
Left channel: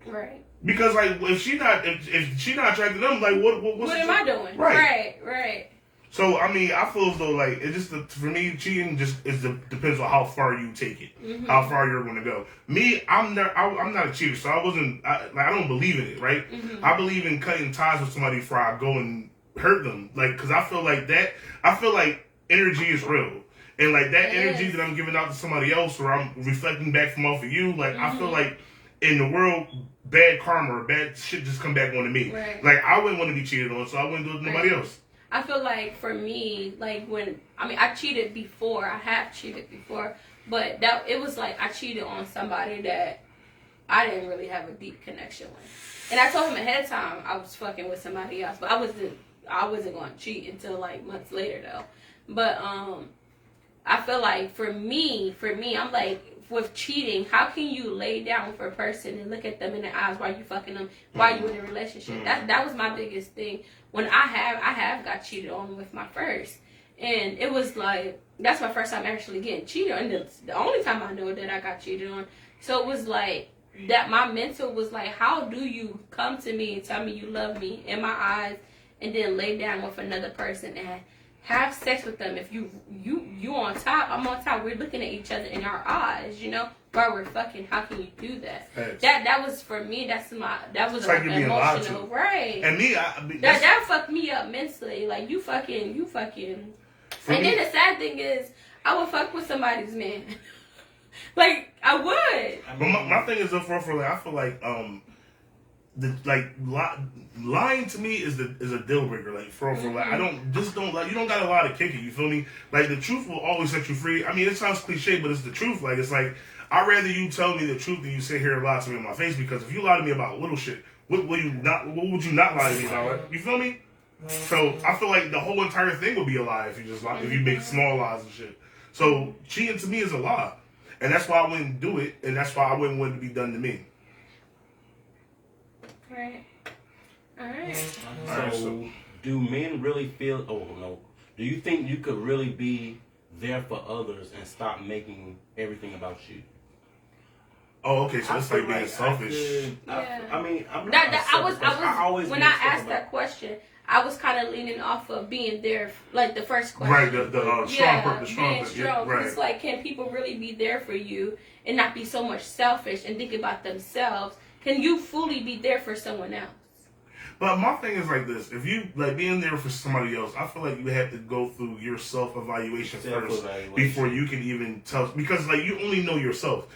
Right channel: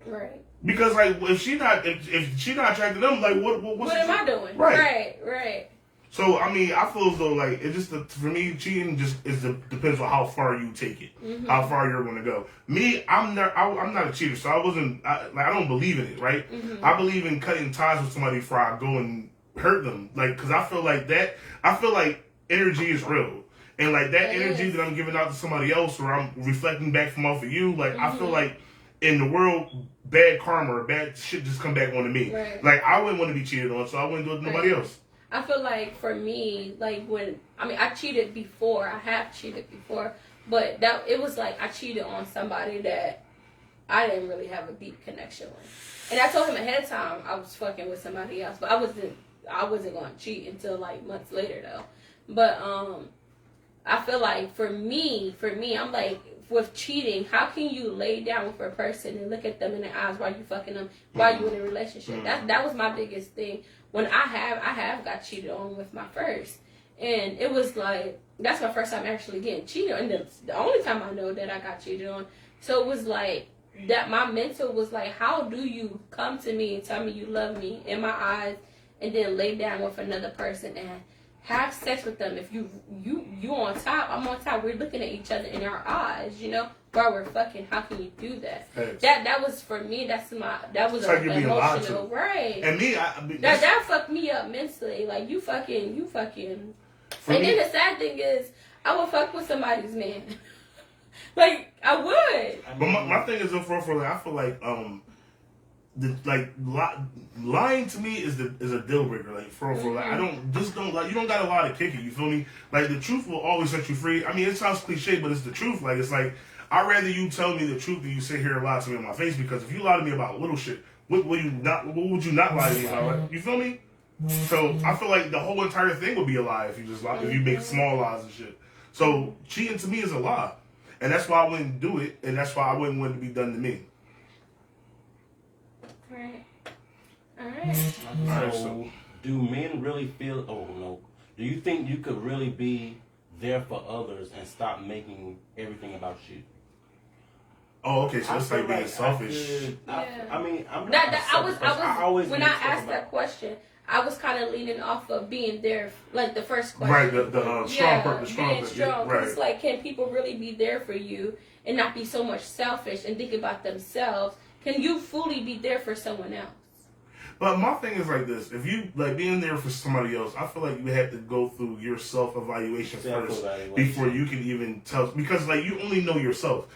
Right. Because like if she not attracted to them, like what am I doing? Right. So I mean, I feel as though like it just for me, cheating depends on how far you take it, how far you're going to go. Me, I'm not a cheater, so I don't believe in it, right? Mm-hmm. I believe in cutting ties with somebody before I go and hurt them, like because I feel like energy is real, and like that energy that I'm giving out to somebody else, or I'm reflecting back from off of you, like I feel like in the world, bad karma or bad shit just come back onto me. Right. Like I wouldn't want to be cheated on, so I wouldn't do it to nobody else. I feel like for me, like I cheated before. I have cheated before, but it was like I cheated on somebody that I didn't really have a deep connection with. And I told him ahead of time I was fucking with somebody else, but I wasn't going to cheat until like months later though. But I feel like for me, I'm like, with cheating, how can you lay down with a person and look at them in the eyes while you fucking them, while you in a relationship? That was my biggest thing. When I have got cheated on with my first, and it was like, that's my first time actually getting cheated on, and the only time I know that I got cheated on. So it was like that. My mental was like, how do you come to me and tell me you love me in my eyes, and then lay down with another person and have sex with them? If you on top, I'm on top. We're looking at each other in our eyes, you know, while we're fucking. How can you do that? Thanks. That was for me. That was like you're being lied to. emotional, right? And me, that fucked me up mentally. Like you fucking. And then the sad thing is, I would fuck with somebody's man. Like I would. But my thing is, for like, I feel like lying to me is a deal breaker. Like for like, I don't like, you don't got a lot of kicking. You feel me? Like the truth will always set you free. I mean, it sounds cliche, but it's the truth. Like it's like, I'd rather you tell me the truth than you sit here and lie to me in my face. Because if you lie to me about little shit, what would you not lie to me about? Like, you feel me? So I feel like the whole entire thing would be a lie if you just lie, if you make small lies and shit. So cheating to me is a lie, and that's why I wouldn't do it, and that's why I wouldn't want it to be done to me. Right. All right. So, do men really feel? Oh no. Do you think you could really be there for others and stop making everything about you? Oh, okay. So it's like being selfish. I mean, I'm I always when I asked that question, I was kind of leaning off of being there, like the first question. Right, the strong part, the strong being thing. strong. Yeah, right. It's like, can people really be there for you and not be so much selfish and think about themselves? Can you fully be there for someone else? But my thing is like this: if you like being there for somebody else, I feel like you have to go through your self-evaluation first before you can even tell. Because like you only know yourself.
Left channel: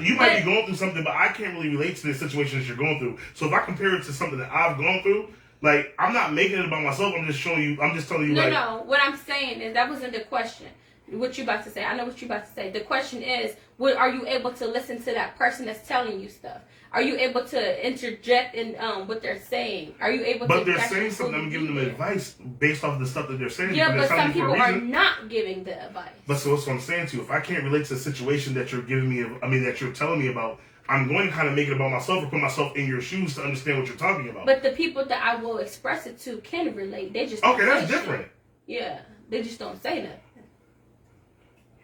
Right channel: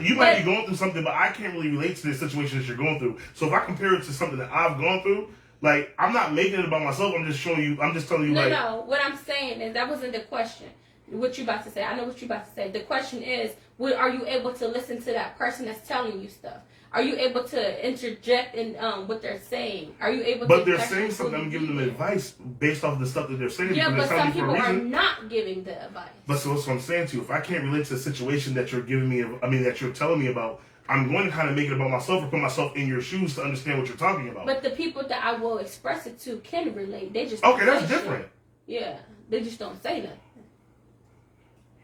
You might be going through something, but I can't really relate to the situation that you're going through. So if I compare it to something that I've gone through, like I'm not making it about myself. I'm just showing you. I'm just telling you. No. What I'm saying is that wasn't the question. What you about to say? I know what you about to say. The question is, are you able to listen to that person that's telling you stuff? Are you able to interject in what they're saying? Are you able to? But they're saying something. I'm giving them advice based off of the stuff that they're saying. Yeah, but some people are not giving the advice. But so that's what I'm saying to you. If I can't relate to the situation that you're giving me, that you're telling me about, I'm going to kind of make it about myself or put myself in your shoes to understand what you're talking about. But the people that I will express it to can relate. They just okay. That's different. Yeah, they just don't say nothing.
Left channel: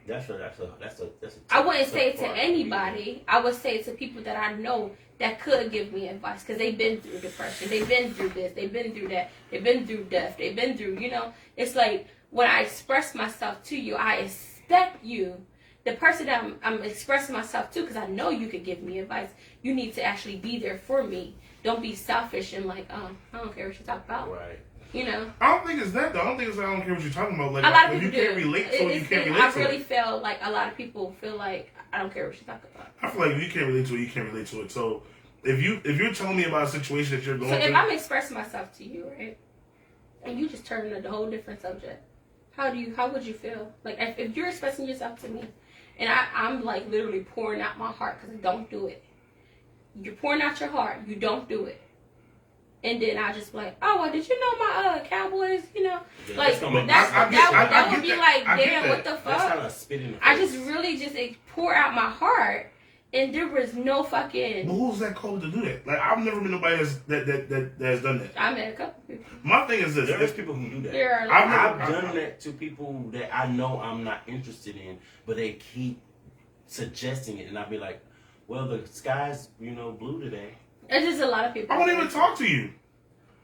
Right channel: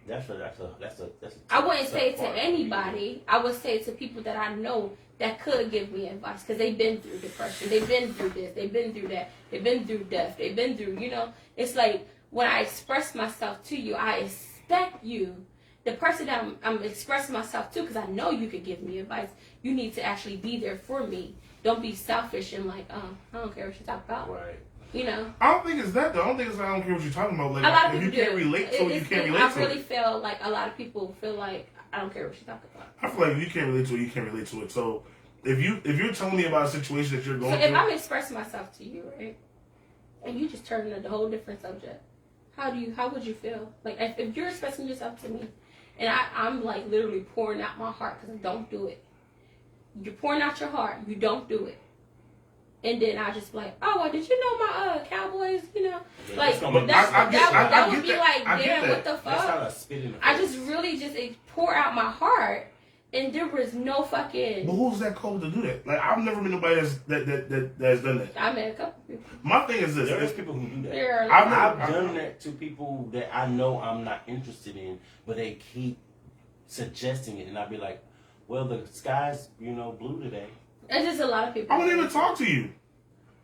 That's a I wouldn't say it to anybody. I would say it to people that I know that could give me advice because they've been through depression, they've been through this, they've been through that, they've been through death, they've been through, it's like when I express myself to you, I expect you, the person that I'm expressing myself to, because I know you could give me advice, you need to actually be there for me. Don't be selfish and like, I don't care what you talk about. Right. I don't think it's that though. I don't think it's I don't care what you're talking about. Like, a lot of if you people can't relate to it, you can't relate to it. I really feel like a lot of people feel like I don't care what you talk about. I feel like if you can't relate to it, you can't relate to it. So if you're telling me about a situation that you're going through, if I'm expressing myself to you, right, and you just turn into a whole different subject, how would you feel? Like if you're expressing yourself to me, and I'm like literally pouring out my heart because I don't do it. You're pouring out your heart, you don't do it. And then I just be like, oh, well, did you know my Cowboys? Yeah, like that would be like, damn, what the fuck? I just really just pour out my heart, and there was no fucking. But who's that cold to do that? Like I've never met nobody that's done that. I met a couple people. My thing is this: there's people who do that. I've done that to people that I know I'm not interested in, but they keep suggesting it, and I'll be like, well, the sky's blue today. It's just a lot of people. I won't even talk to you.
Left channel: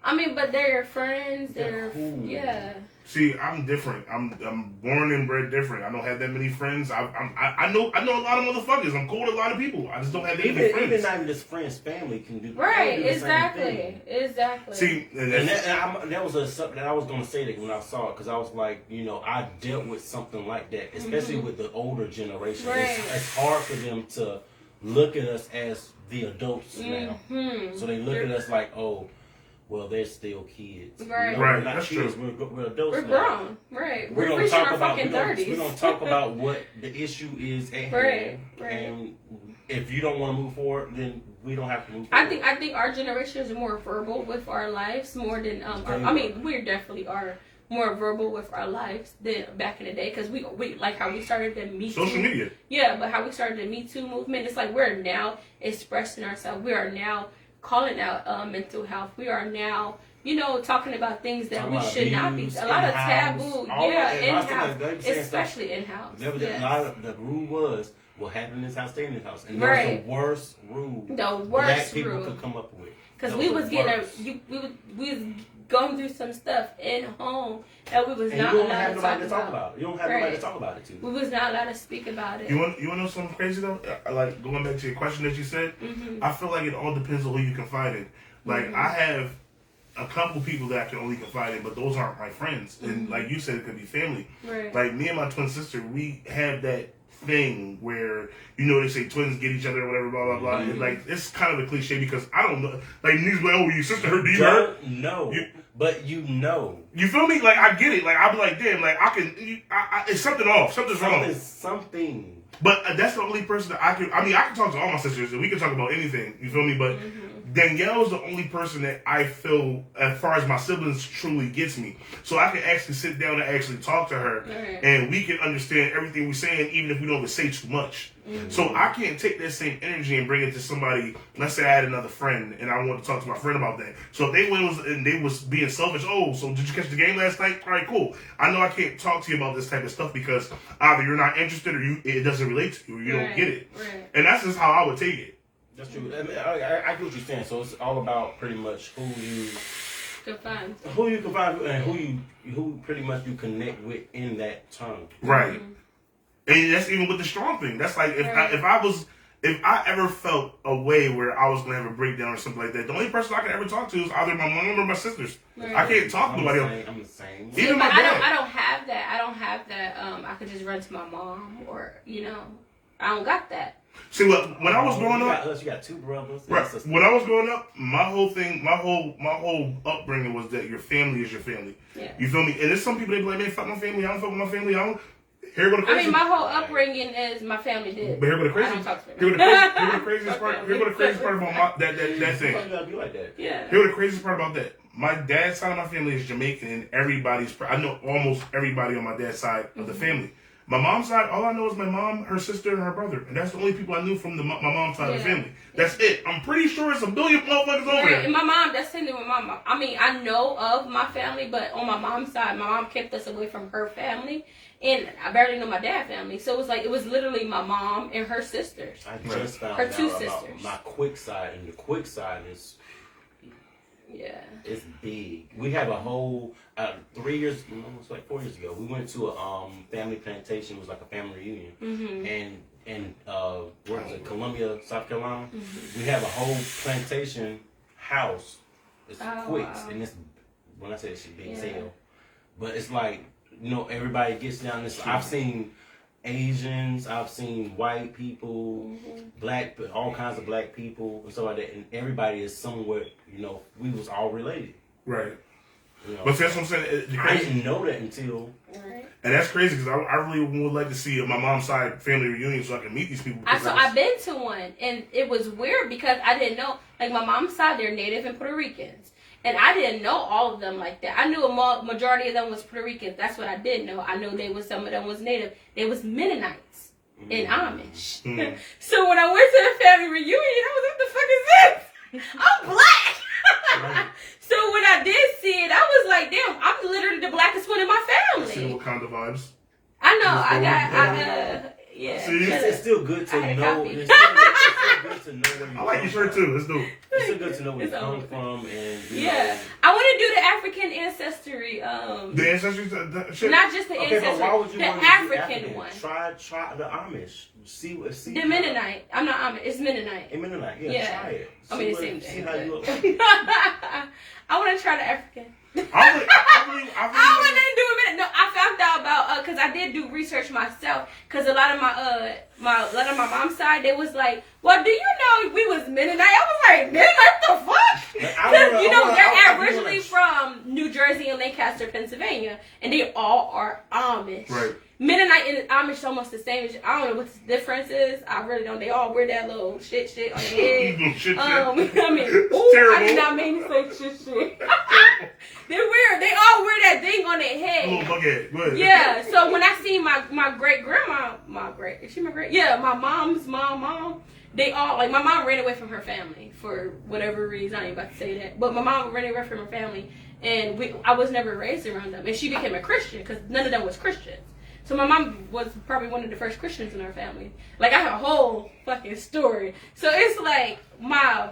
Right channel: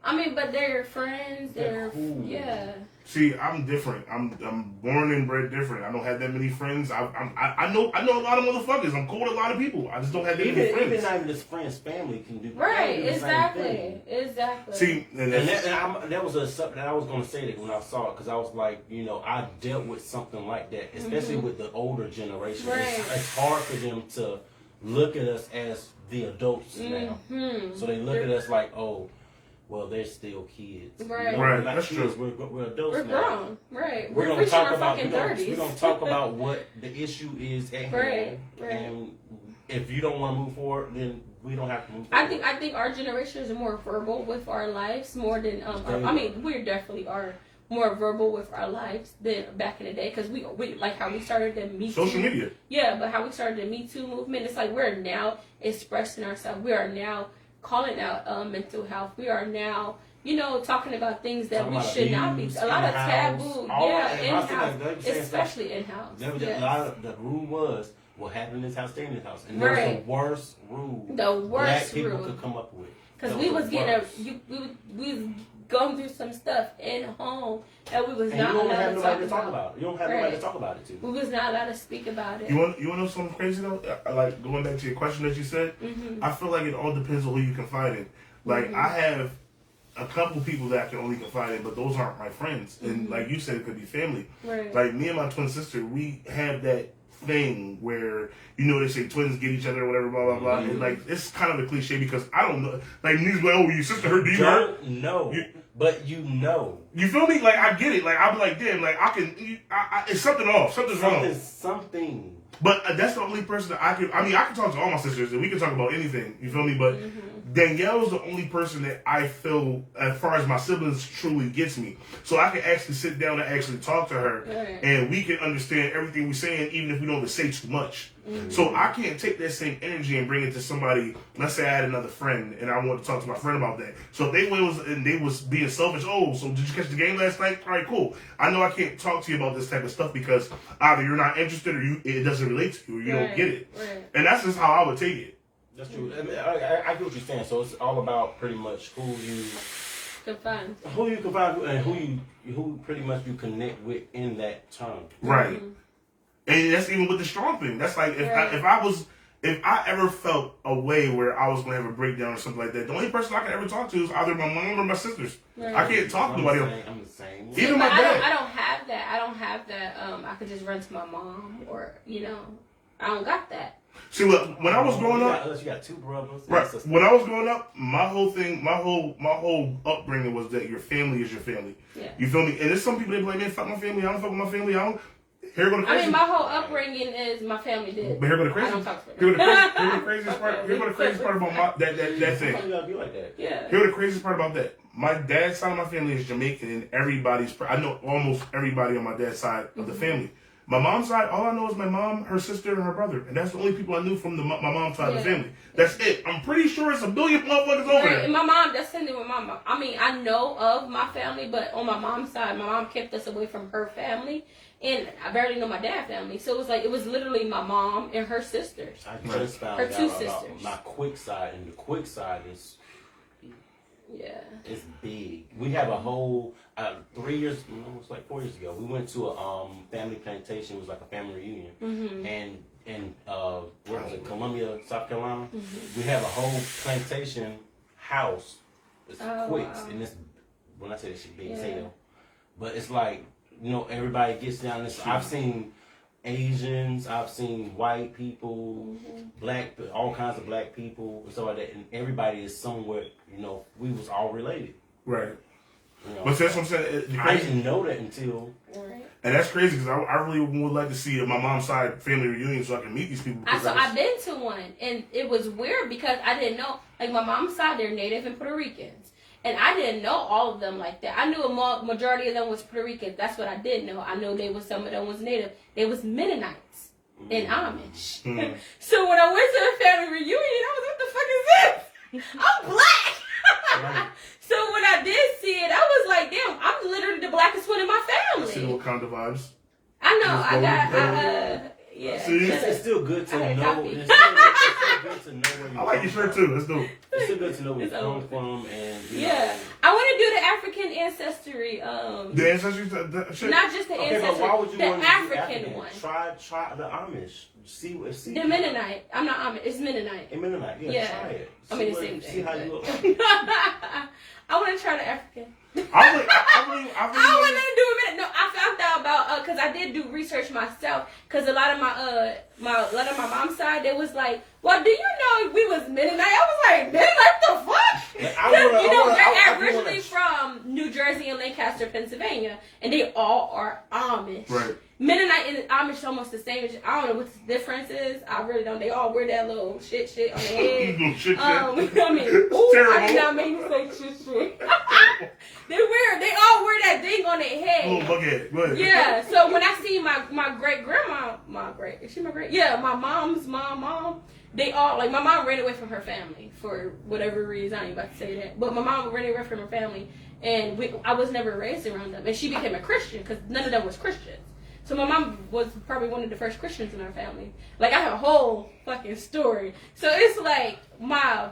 I mean, but they're friends. They're cool. Yeah. See, I'm different. I'm born and bred different. I don't have that many friends. I know a lot of motherfuckers. I'm cool with a lot of people. I just don't have that many friends. Even not even just friends, family can do. Right. Do the exactly. Same thing. Exactly. See, that was something that I was going to say that when I saw it, because I was like, I dealt with something like that, especially with the older generation. Right. It's hard for them to look at us as the adults now. So they look at us like, oh, well, they're still kids. Right. Right. We're That's kids. true. We're adults We're now. grown. Right. We're going to talk about fucking 30s. We're going to talk about what the issue is at hand. Right. And if you don't want to move forward, then we don't have to move forward. I think our generation is more verbal with our lives more than I mean, we definitely are. more verbal with our lives than back in the day, because we like how we started the Me Too. Social media. Yeah, but how we started the Me Too movement, it's like we're now expressing ourselves. We are now calling out mental health. We are now, talking about things that we should not be. A lot of taboo, in-house, especially in-house. A lot of the rule was, what happened in this house, stay in this house. And Right. that was the worst rule black people could come up with. Because we was going through some stuff in home that we was not allowed to talk about. You don't have nobody to talk about it to. We was not allowed to speak about it. You want to know something crazy though? Like going back to your question that you said, I feel like it all depends on who you confide in. Like I have a couple people that I can only confide in, but those aren't my friends. And like you said, it could be family. Right. Like me and my twin sister, we have that thing where they say twins get each other or whatever, blah blah blah. And like it's kind of a cliche because I don't know. Like niggas like, oh, your sister hurt? Do you hurt? No, but you know. You feel me? Like I get it. Like I'll be like, damn. Like I can. It's something off. Something's wrong. Something. But that's the only person that I can. I mean, I can talk to all my sisters and we can talk about anything. You feel me? But Danielle's the only person that I feel, as far as my siblings, truly gets me. So I can actually sit down and actually talk to her, and we can understand everything we're saying, even if we don't even say too much. So I can't take that same energy and bring it to somebody. Let's say I had another friend and I want to talk to my friend about that. So if they was being selfish, oh, so did you catch the game last night? All right, cool. I know I can't talk to you about this type of stuff because either you're not interested or it doesn't relate to you or you don't get it. Right. And that's just how I would take it. That's true. I get what you're saying. So it's all about pretty much who you confine and who pretty much you connect with in that term. Right. And that's even with the strong thing. That's like if I ever felt a way where I was gonna have a breakdown or something like that, the only person I can ever talk to is either my mom or my sisters. Right. I can't talk to nobody else. I'm the same. Even my dad. I don't have that. I could just run to my mom or I don't got that. See, when I was growing up, you got two brothers. Right. When I was growing up, my whole upbringing was that your family is your family. Yeah. You feel me? And there's some people that be like, man, fuck my family. I don't fuck with my family. I don't. Here go the crazy. I mean, my whole upbringing is my family did. But here go the crazy. Here go the craziest part. Here go the craziest part about that thing. You gotta be like that. Yeah. Here go the craziest part about that. My dad's side of my family is Jamaican, and I know almost everybody on my dad's side of the family. My mom's side, all I know is my mom, her sister, and her brother. And that's the only people I knew from my mom's side of the family. That's it. I'm pretty sure it's a billion motherfuckers over there. And my mom, that's the thing with my mom. I mean, I know of my family, but on my mom's side, my mom kept us away from her family. And I barely know my dad's family. So it was literally my mom and her sisters. I just found her out two about sisters. My quick side, and the quick side is... Yeah. It's big. We have a whole 3 years, almost like 4 years ago. We went to a family plantation. It was like a family reunion, and in what was it, Columbia, South Carolina. We have a whole plantation house. It's quicks, and it's when I say it's big as hell, but it's like everybody gets down this. I've seen Asians, I've seen white people, black, all kinds of black people, and so like that, and everybody is somewhere. We was all related. Right. But that's what I'm saying. I didn't know that until. And that's crazy because I really would like to see my mom's side family reunion so I can meet these people. I've been to one, and it was weird because I didn't know. Like my mom's side, they're Native and Puerto Ricans. And I didn't know all of them like that. I knew a majority of them was Puerto Ricans. That's what I did know. I know some of them was Native. They was Mennonites and Amish. So when I went to the family reunion, I was like, what the fuck is this? I'm black. So when I did see it, I was like, damn, I'm literally the blackest one in my family. See what kind of vibes? I know. Yeah. See, it's still good to know. It's still good to know where you I like your shirt too. Let's do it. It's still good to know where you come from, and I want to do the African ancestry. The ancestry shit. Not just the ancestry. But why would you the want African one. Try the Amish. See. The Mennonite. I'm not Amish. It's Mennonite. Mennonite. Yeah. Try it. I mean, the same thing. See how you look. I want to try the African. I really I don't want nothing to do with it. No, I found out about because I did do research myself. Because a lot of my mom's side, they was like, "Well, do you know we was Mennonite?" I was like, "Mennonite, the fuck?" Because they're originally from New Jersey. Jersey and Lancaster, Pennsylvania, and they all are Amish. Right. Mennonite and Amish almost the same. I don't know what the difference is. I really don't. They all wear that little shit on their head. Little shit. I mean, Terrible. I did not mean to say shit. They all wear that thing on their head. Little bucket. Go ahead. Yeah. So when I see my great grandma, is she my great? Yeah, my mom's mom. They all, like, my mom ran away from her family for whatever reason. I ain't about to say that. But my mom ran away from her family, and I was never raised around them. And she became a Christian because none of them was Christians. So my mom was probably one of the first Christians in our family. Like, I have a whole fucking story. So it's like my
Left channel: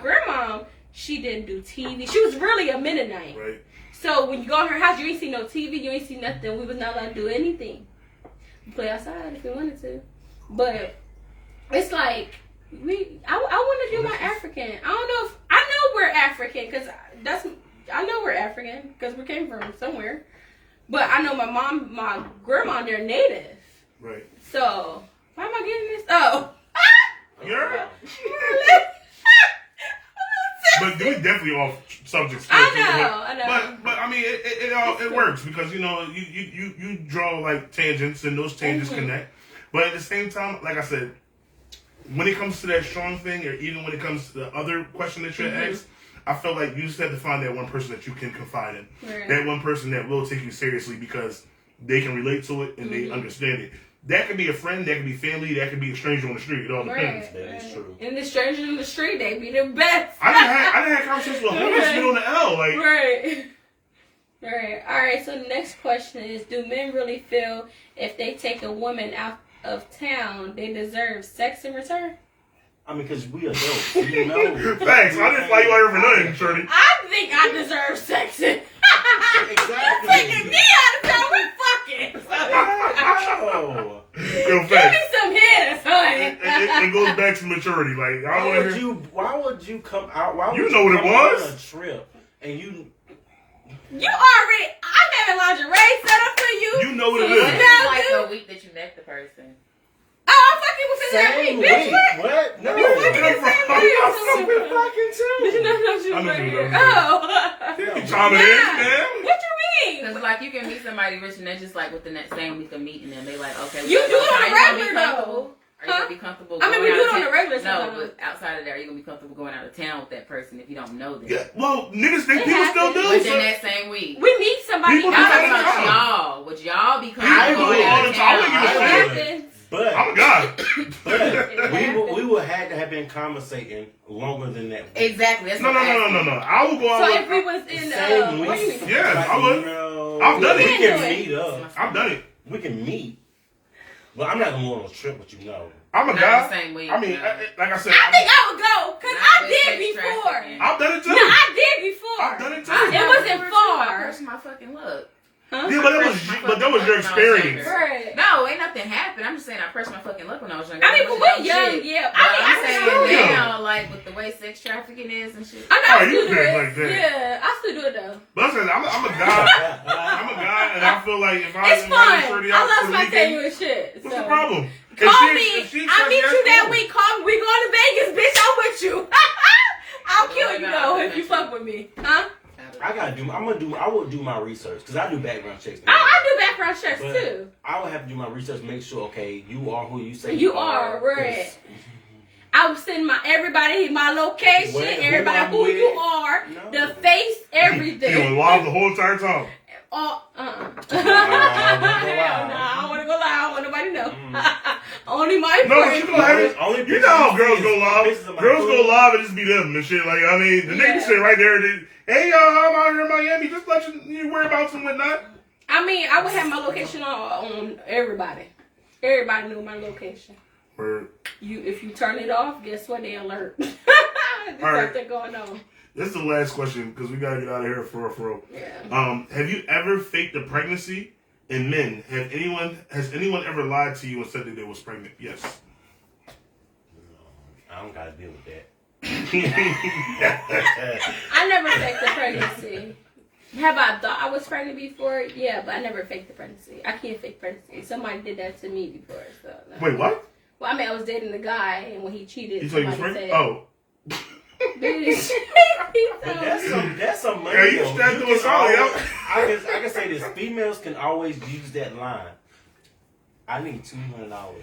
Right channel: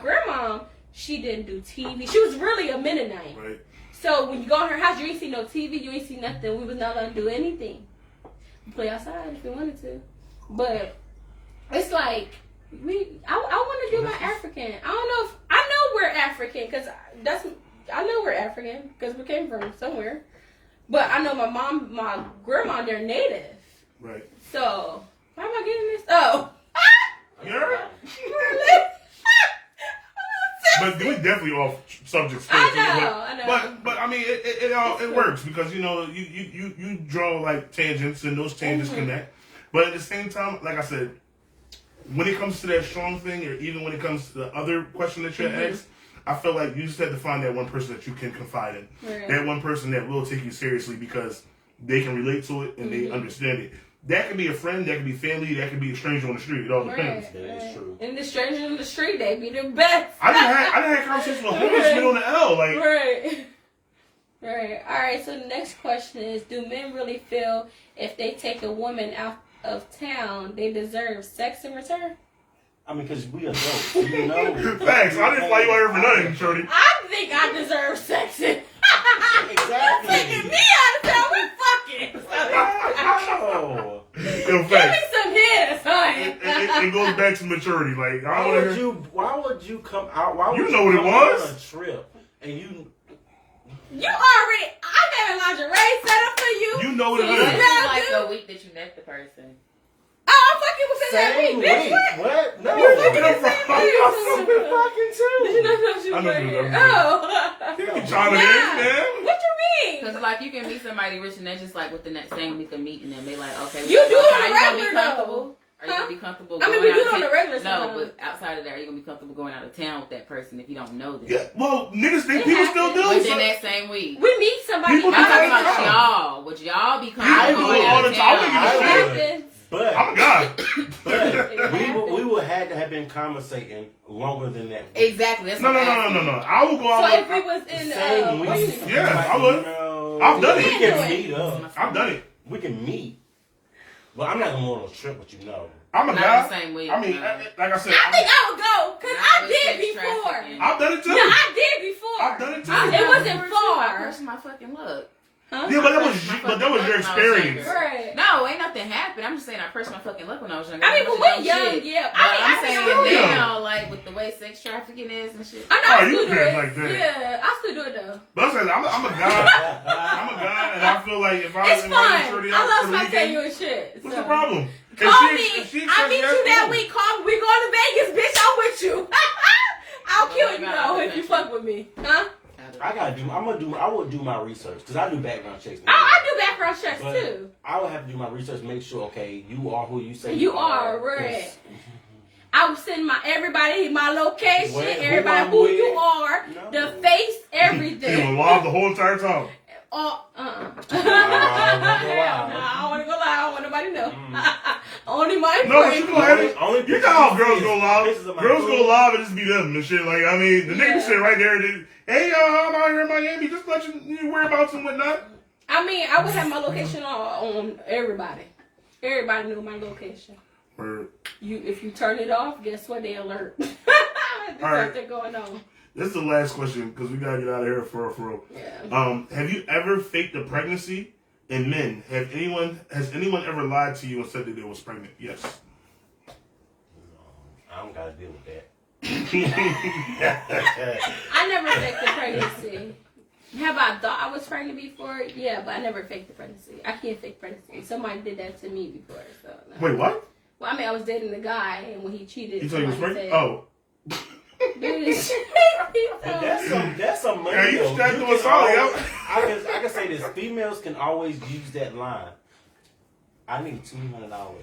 grandma, she didn't do TV. She was really a Mennonite. Right. So when you go in her house, you ain't see no TV, you ain't see nothing. We was not allowed to do anything. We play outside if we wanted to. But it's like, I want to do my African. I don't know if, I know we're African, because I know we're African, because we came from somewhere. But I know my grandma, they're native. Right. So, why am I getting this? Oh. Yeah. But we definitely off subject. I know. But I mean, it works because you draw like tangents and those tangents connect. But at the same time, like I said, when it comes to that strong thing, or even when it comes to the other question that you asked, I feel like you just have to find that one person that you can confide in. Right. That one person that will take you seriously because they can relate to it and they understand it. That could be a friend, that could be family, that could be a stranger on the street. It all depends. Right. That is true. And the stranger in the street, they be the best. I done had conversations with homeless men on the L. Like, Right. Alright, so the next question is, do men really feel if they take a woman out of town, they deserve sex in return? I mean, because we adults, you know. Thanks. I didn't fly you out here for nothing, Shorty. I think I deserve sex in. Exactly. Taking me out of town, we fucking. Oh. Yo, Give facts. me some head, son. It goes back to maturity. Like, I want to. Why would you come out? Why would You know what it was. On a trip and you. You already. I had a lingerie set up for you. You know what it So is. you know, Like dude. the week that you met the person. Oh, I'm fucking within that Same week, bitch. week. What? No. You fucking I'm the same from- week. I'm fucking too. Did you not know you I know were you here? know. Oh. You chiming in, man. What you mean? Because, like, you can meet somebody rich and they're just, like, within that same week of meeting them. They like, okay. You do it on are a you gonna be regular, comfortable? though. Are you going to be comfortable I mean, going we out do of it on town? a regular No, sometimes. but outside of that, are you going to be comfortable going out of town with that person if you don't know them? Yeah, well, niggas think It people still happens. do. Within So that same week. We meet somebody. People do I'm that talking all the about time. y'all. Would y'all be People comfortable do it going all out the of time. I town? wouldn't give a shit. happens. But I'm a guy. we would had to have been conversating longer than that. Exactly. That's No. what I'm asking. I will go out So with. if we was in, Same what do you week. mean? Yeah, I would. No, I've done it. We can meet up. I've done it. We can meet. But I'm not gonna go on a trip with you, know. I'm a Not guy. the same week, I mean, no. like I said, I think I would go, because Not I with did sex before. trafficking. I've done it too. No, I did before. I've done it too. It wasn't far. Where's my fucking look? Huh? Yeah, but that was your experience. Right. No, ain't nothing happened. I'm just saying I pressed my fucking luck when I was younger. I mean, but we're young, yeah. But I I'm mean, saying young. now, like with the way sex trafficking is and shit. I know Oh, I you still do been it. like that. Yeah, I still do it though. But I said, I'm a guy. I'm a guy, and I feel like if I It's invite fun. Shorty I out love for the spontaneous weekend, shit. what's so. the problem? Call If me. if she I says meet yes, you that cool. week. Call me. We going to Vegas, bitch. I'm with you. I'll kill you though if you fuck with me, huh? I would do my research because I do background checks. I do background checks But too. I would have to do my research, make sure, okay, you are who you say You are, right. I would send my location, Who everybody I'm who with. you are, No. the face, You everything. will live the whole entire time. Oh, don't go Hell live. nah, I don't want to go live. I don't want nobody to know. Only my No, but friends. you can have it. Only You know how girls go pictures live. of my Girls go food. live and just be them and shit. Like, I mean, the nigga Yeah. sit right there. Hey, y'all, I'm out here in Miami. Just let you whereabouts and whatnot. I mean, I would have my location on everybody. Everybody knew my location. Word. If you turn it off, guess what? They alert. There's All right. something going on. This is the last question because we gotta get out of here for real. Yeah. Have you ever faked a pregnancy? And men, has anyone ever lied to you and said that they was pregnant? Yes. I don't gotta deal with that. I never faked the pregnancy. Have I thought I was pregnant before? Yeah, but I never faked the pregnancy. I can't fake pregnancy. Somebody did that to me before. So no. Wait, what? Well, I mean, I was dating a guy, and when he cheated, You thought he was somebody pregnant? said, Oh. Bitch. But that's some money. Yeah, you though. strapped to can a solid, yo. always- I can say this: females can always use that line. I need $200.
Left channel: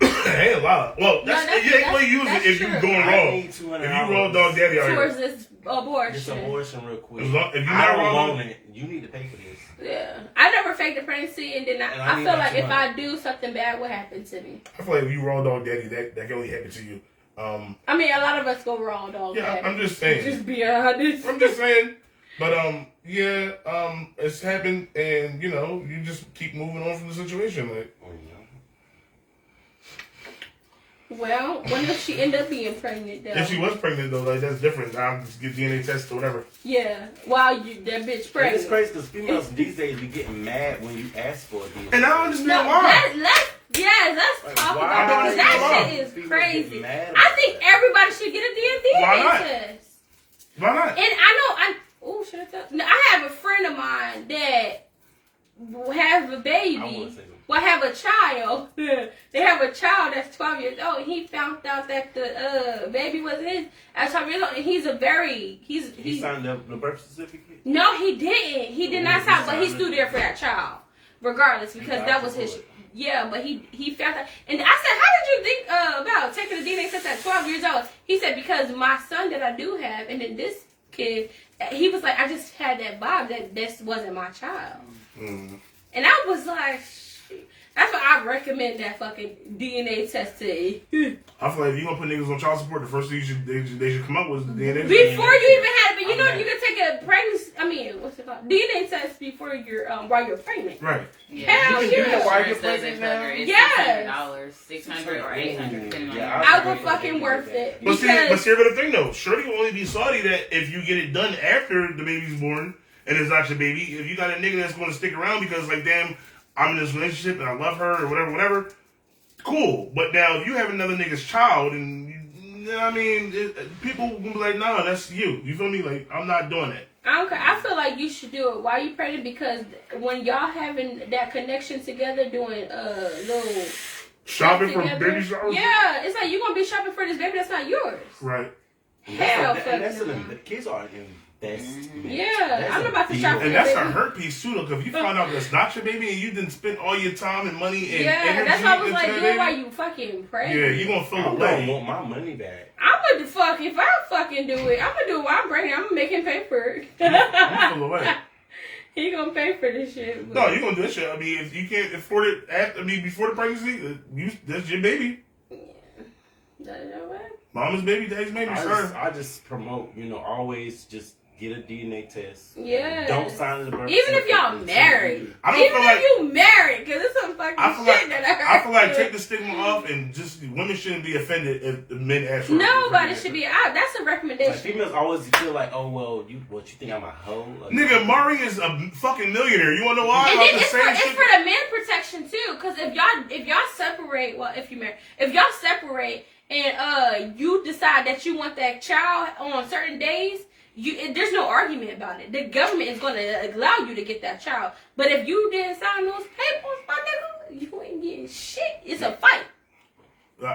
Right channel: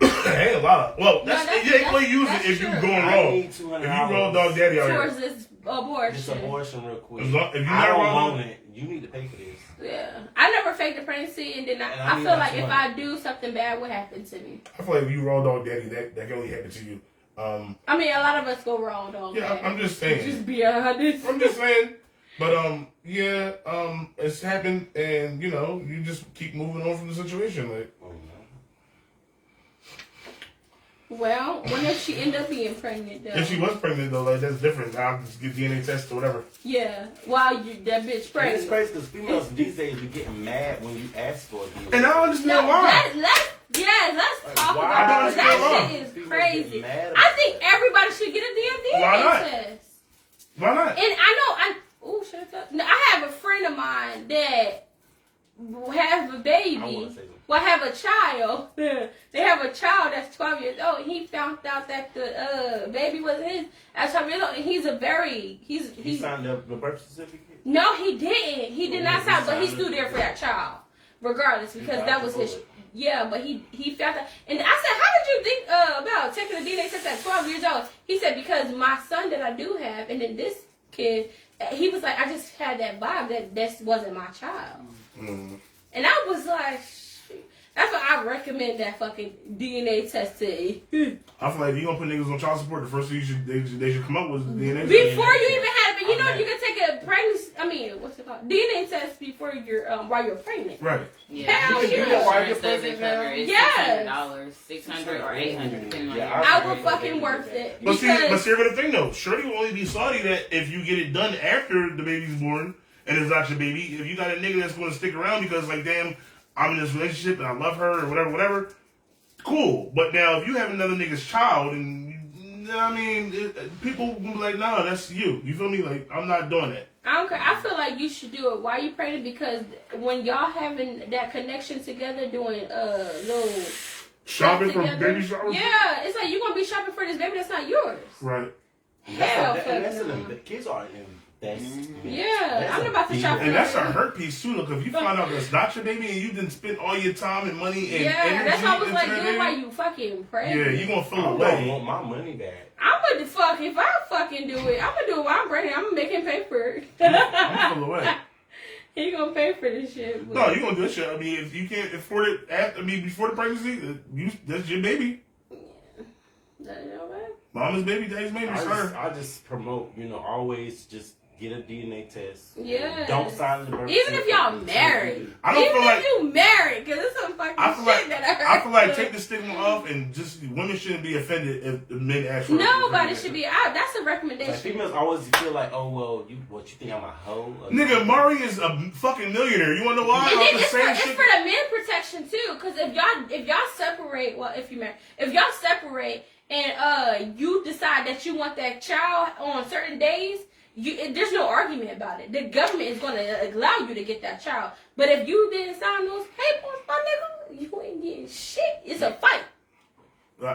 Ain't a lot. Well, No, you ain't gonna use it that's if you true. going I wrong. need If you $200 roll dog daddy out Towards here. this abortion. This abortion real quick. If you I not don't wrong, want it. You need to pay for this. Yeah. I never faked a pregnancy, and then And I I need feel that like if money. I do something bad, what happened to me? I feel like if you roll dog daddy, that can only happen to you. I mean, a lot of us go wrong, dog. Yeah, daddy. I'm just saying. Just be honest. I'm just saying. But yeah, it's happened, and you just keep moving on from the situation. Like, Well, when does she end up being pregnant, though? if she was pregnant though, like that's different. I'll just get DNA test or whatever. Yeah, while you that bitch It's pregnant. crazy because females these days be getting mad when you ask for it. And I don't understand No, why. let's talk why? about I it. don't That understand shit why. is People crazy. get mad about I think everybody should get a DNA Why not? test. Why not? And I have a friend of mine that have a I baby. wanna say that. Well, have a child. They have a child that's 12 years old. He found out that the baby wasn't his at 12 years old. And he's a very He signed the birth certificate. No, he didn't. He did not he sign, but he's signed still it. there for that child, regardless, because got that was the his. boy. Yeah, but he found out. And I said, how did you think about taking a DNA test at 12 years old? He said, because my son that I do have, and then this kid, he was like, I just had that vibe that this wasn't my child. Mm. And I was like, shoot. That's why I recommend that fucking DNA test to you. I feel like if you gonna put niggas on child support, the first thing they should come up with is the DNA. Before you even had it, but you know you can take a pregnancy. I mean, what's it called? DNA test before you're while you're pregnant. Right. Hell You can do that while you're Insurance doesn't pregnant cover now. it. It's Yes. $600 or $800 depending on Yeah, your I would fucking worth it. But see, Because the thing though, Shorty will only be salty that if you get it done after the baby's born and it's not your baby. If you got a nigga that's going to stick around because like, damn, I'm in this relationship and I love her or whatever, cool. But now if you have another nigga's child and people will be like, nah, that's you. You feel me? Like, I'm not doing that. I don't care. I feel like you should do it while you're pregnant because when y'all having that connection together, doing little Shopping for together, baby showers? yeah, it's like you're gonna be shopping for this baby that's not yours. Right. Hell, And that's fuck no. the kids are in best. Yeah, I'm about to shop for And that's baby. a hurt piece too, though, because if you find out that's not your baby and you didn't spend all your time and money and Yeah, energy that's why I was into like, that do it while baby, you fucking pregnant. yeah, you gonna feel I away. don't want my money back. I'm gonna fuck if I fucking do it. I'm gonna do it while I'm pregnant. I'm gonna make him pay for it. I'm gonna feel away. He gonna pay for this shit. But No, you gonna do this shit. I mean, if you can't afford it before the pregnancy, that's your baby. You know what? Mama's baby, daddy's baby, sir. I just promote, always just get a DNA test. Yeah. Don't sign the birth Even if y'all certificate. married. I don't Even feel if like- you married, because it's some fucking I feel shit like that I I feel like heard. take the stigma off and just women shouldn't be offended if the men ask for it. Nobody should be out. That's a Like, recommendation. females always feel like, oh well, you think I'm a hoe? Nigga, Murray is a fucking millionaire. You wanna know why? And About then the it's same for shit. the men protection too, because if y'all separate, well, if you marry, if y'all separate and you decide that you want that child on certain days, there's no argument about it. The government is going to allow you to get that child. But if you didn't sign those papers, my nigga, you ain't getting shit. It's a fight,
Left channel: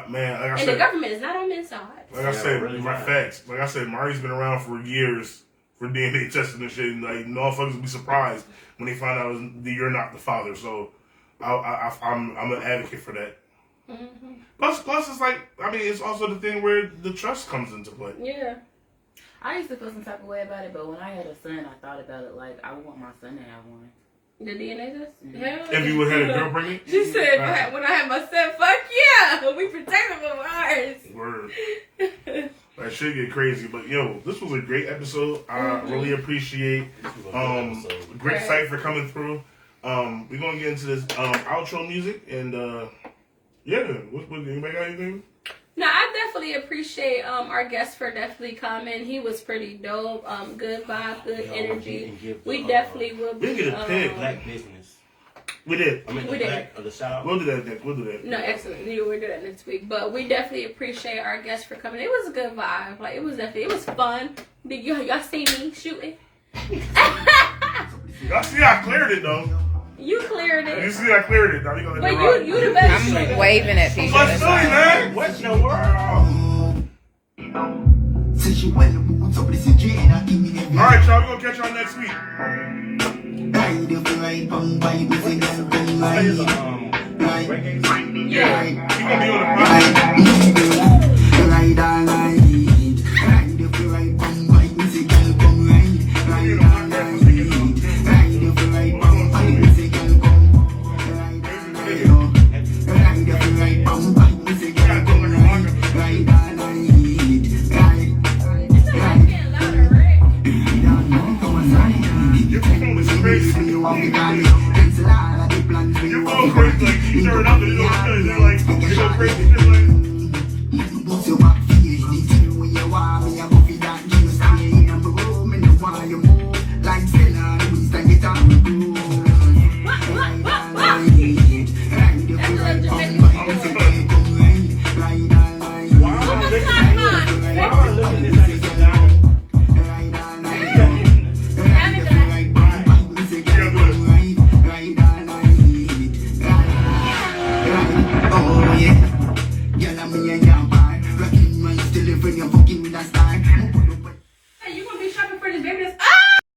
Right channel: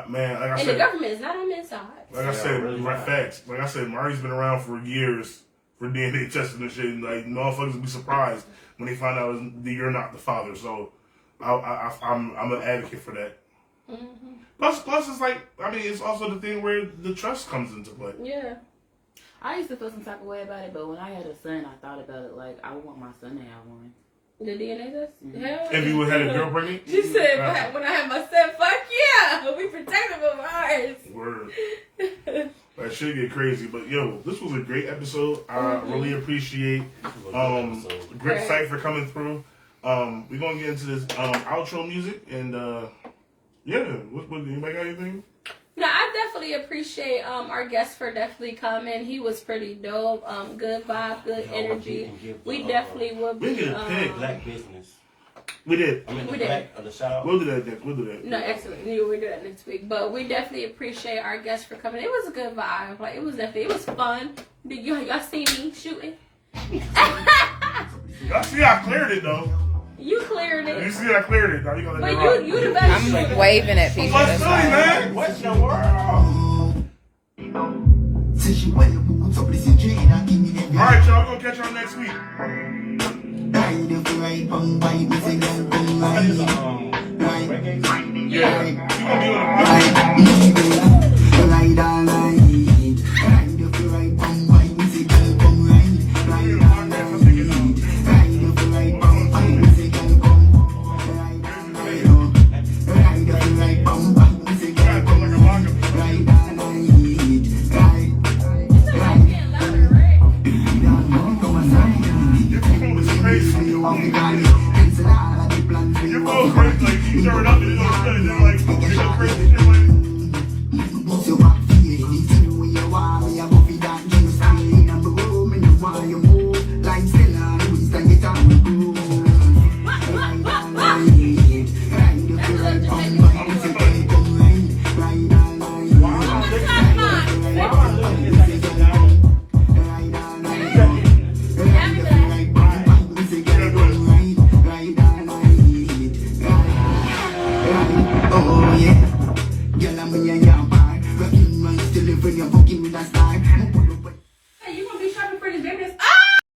Man, like I and said, the government is not on men's side. like I said, really right not. facts. Like I said, Murray's been around for years for DNA testing and shit. And like, motherfuckers will be surprised when they find out that you're not the father. So, I'm an advocate for that. Mm-hmm. Plus, it's like, I mean, it's also the thing where the trust comes into play. Yeah. I used to feel some type of way about it, but when I had a son, I thought about it like I would want my son to have one. The DNA test? Hell If you would have had a girl pregnant, She said, when I had my son, fuck yeah, we protected from ours. word. That shit get crazy, but yo, this was a great episode. I really appreciate This was a good episode. great Right. site for coming through. We're gonna get into this outro music and yeah, what anybody got anything? No, I definitely appreciate our guest for definitely coming. He was pretty dope. Good vibe, good Yo, energy. We definitely will be. We get a pig. Black business. We did. I mean, We the did. black or the shout out. We'll do that next. We'll do that. No, excellent. We'll do that next week. But we definitely appreciate our guest for coming. It was a good vibe. Like it was fun. Did y'all see me shooting? Y'all see I cleared it though. You cleared You it. see I cleared it. Now you gonna But let you the best I'm shooter. waving at people. What's Philly, man? What in the world? Alright, y'all, we're gonna catch y'all next week. Reggae. Yeah, you gonna be on the podcast.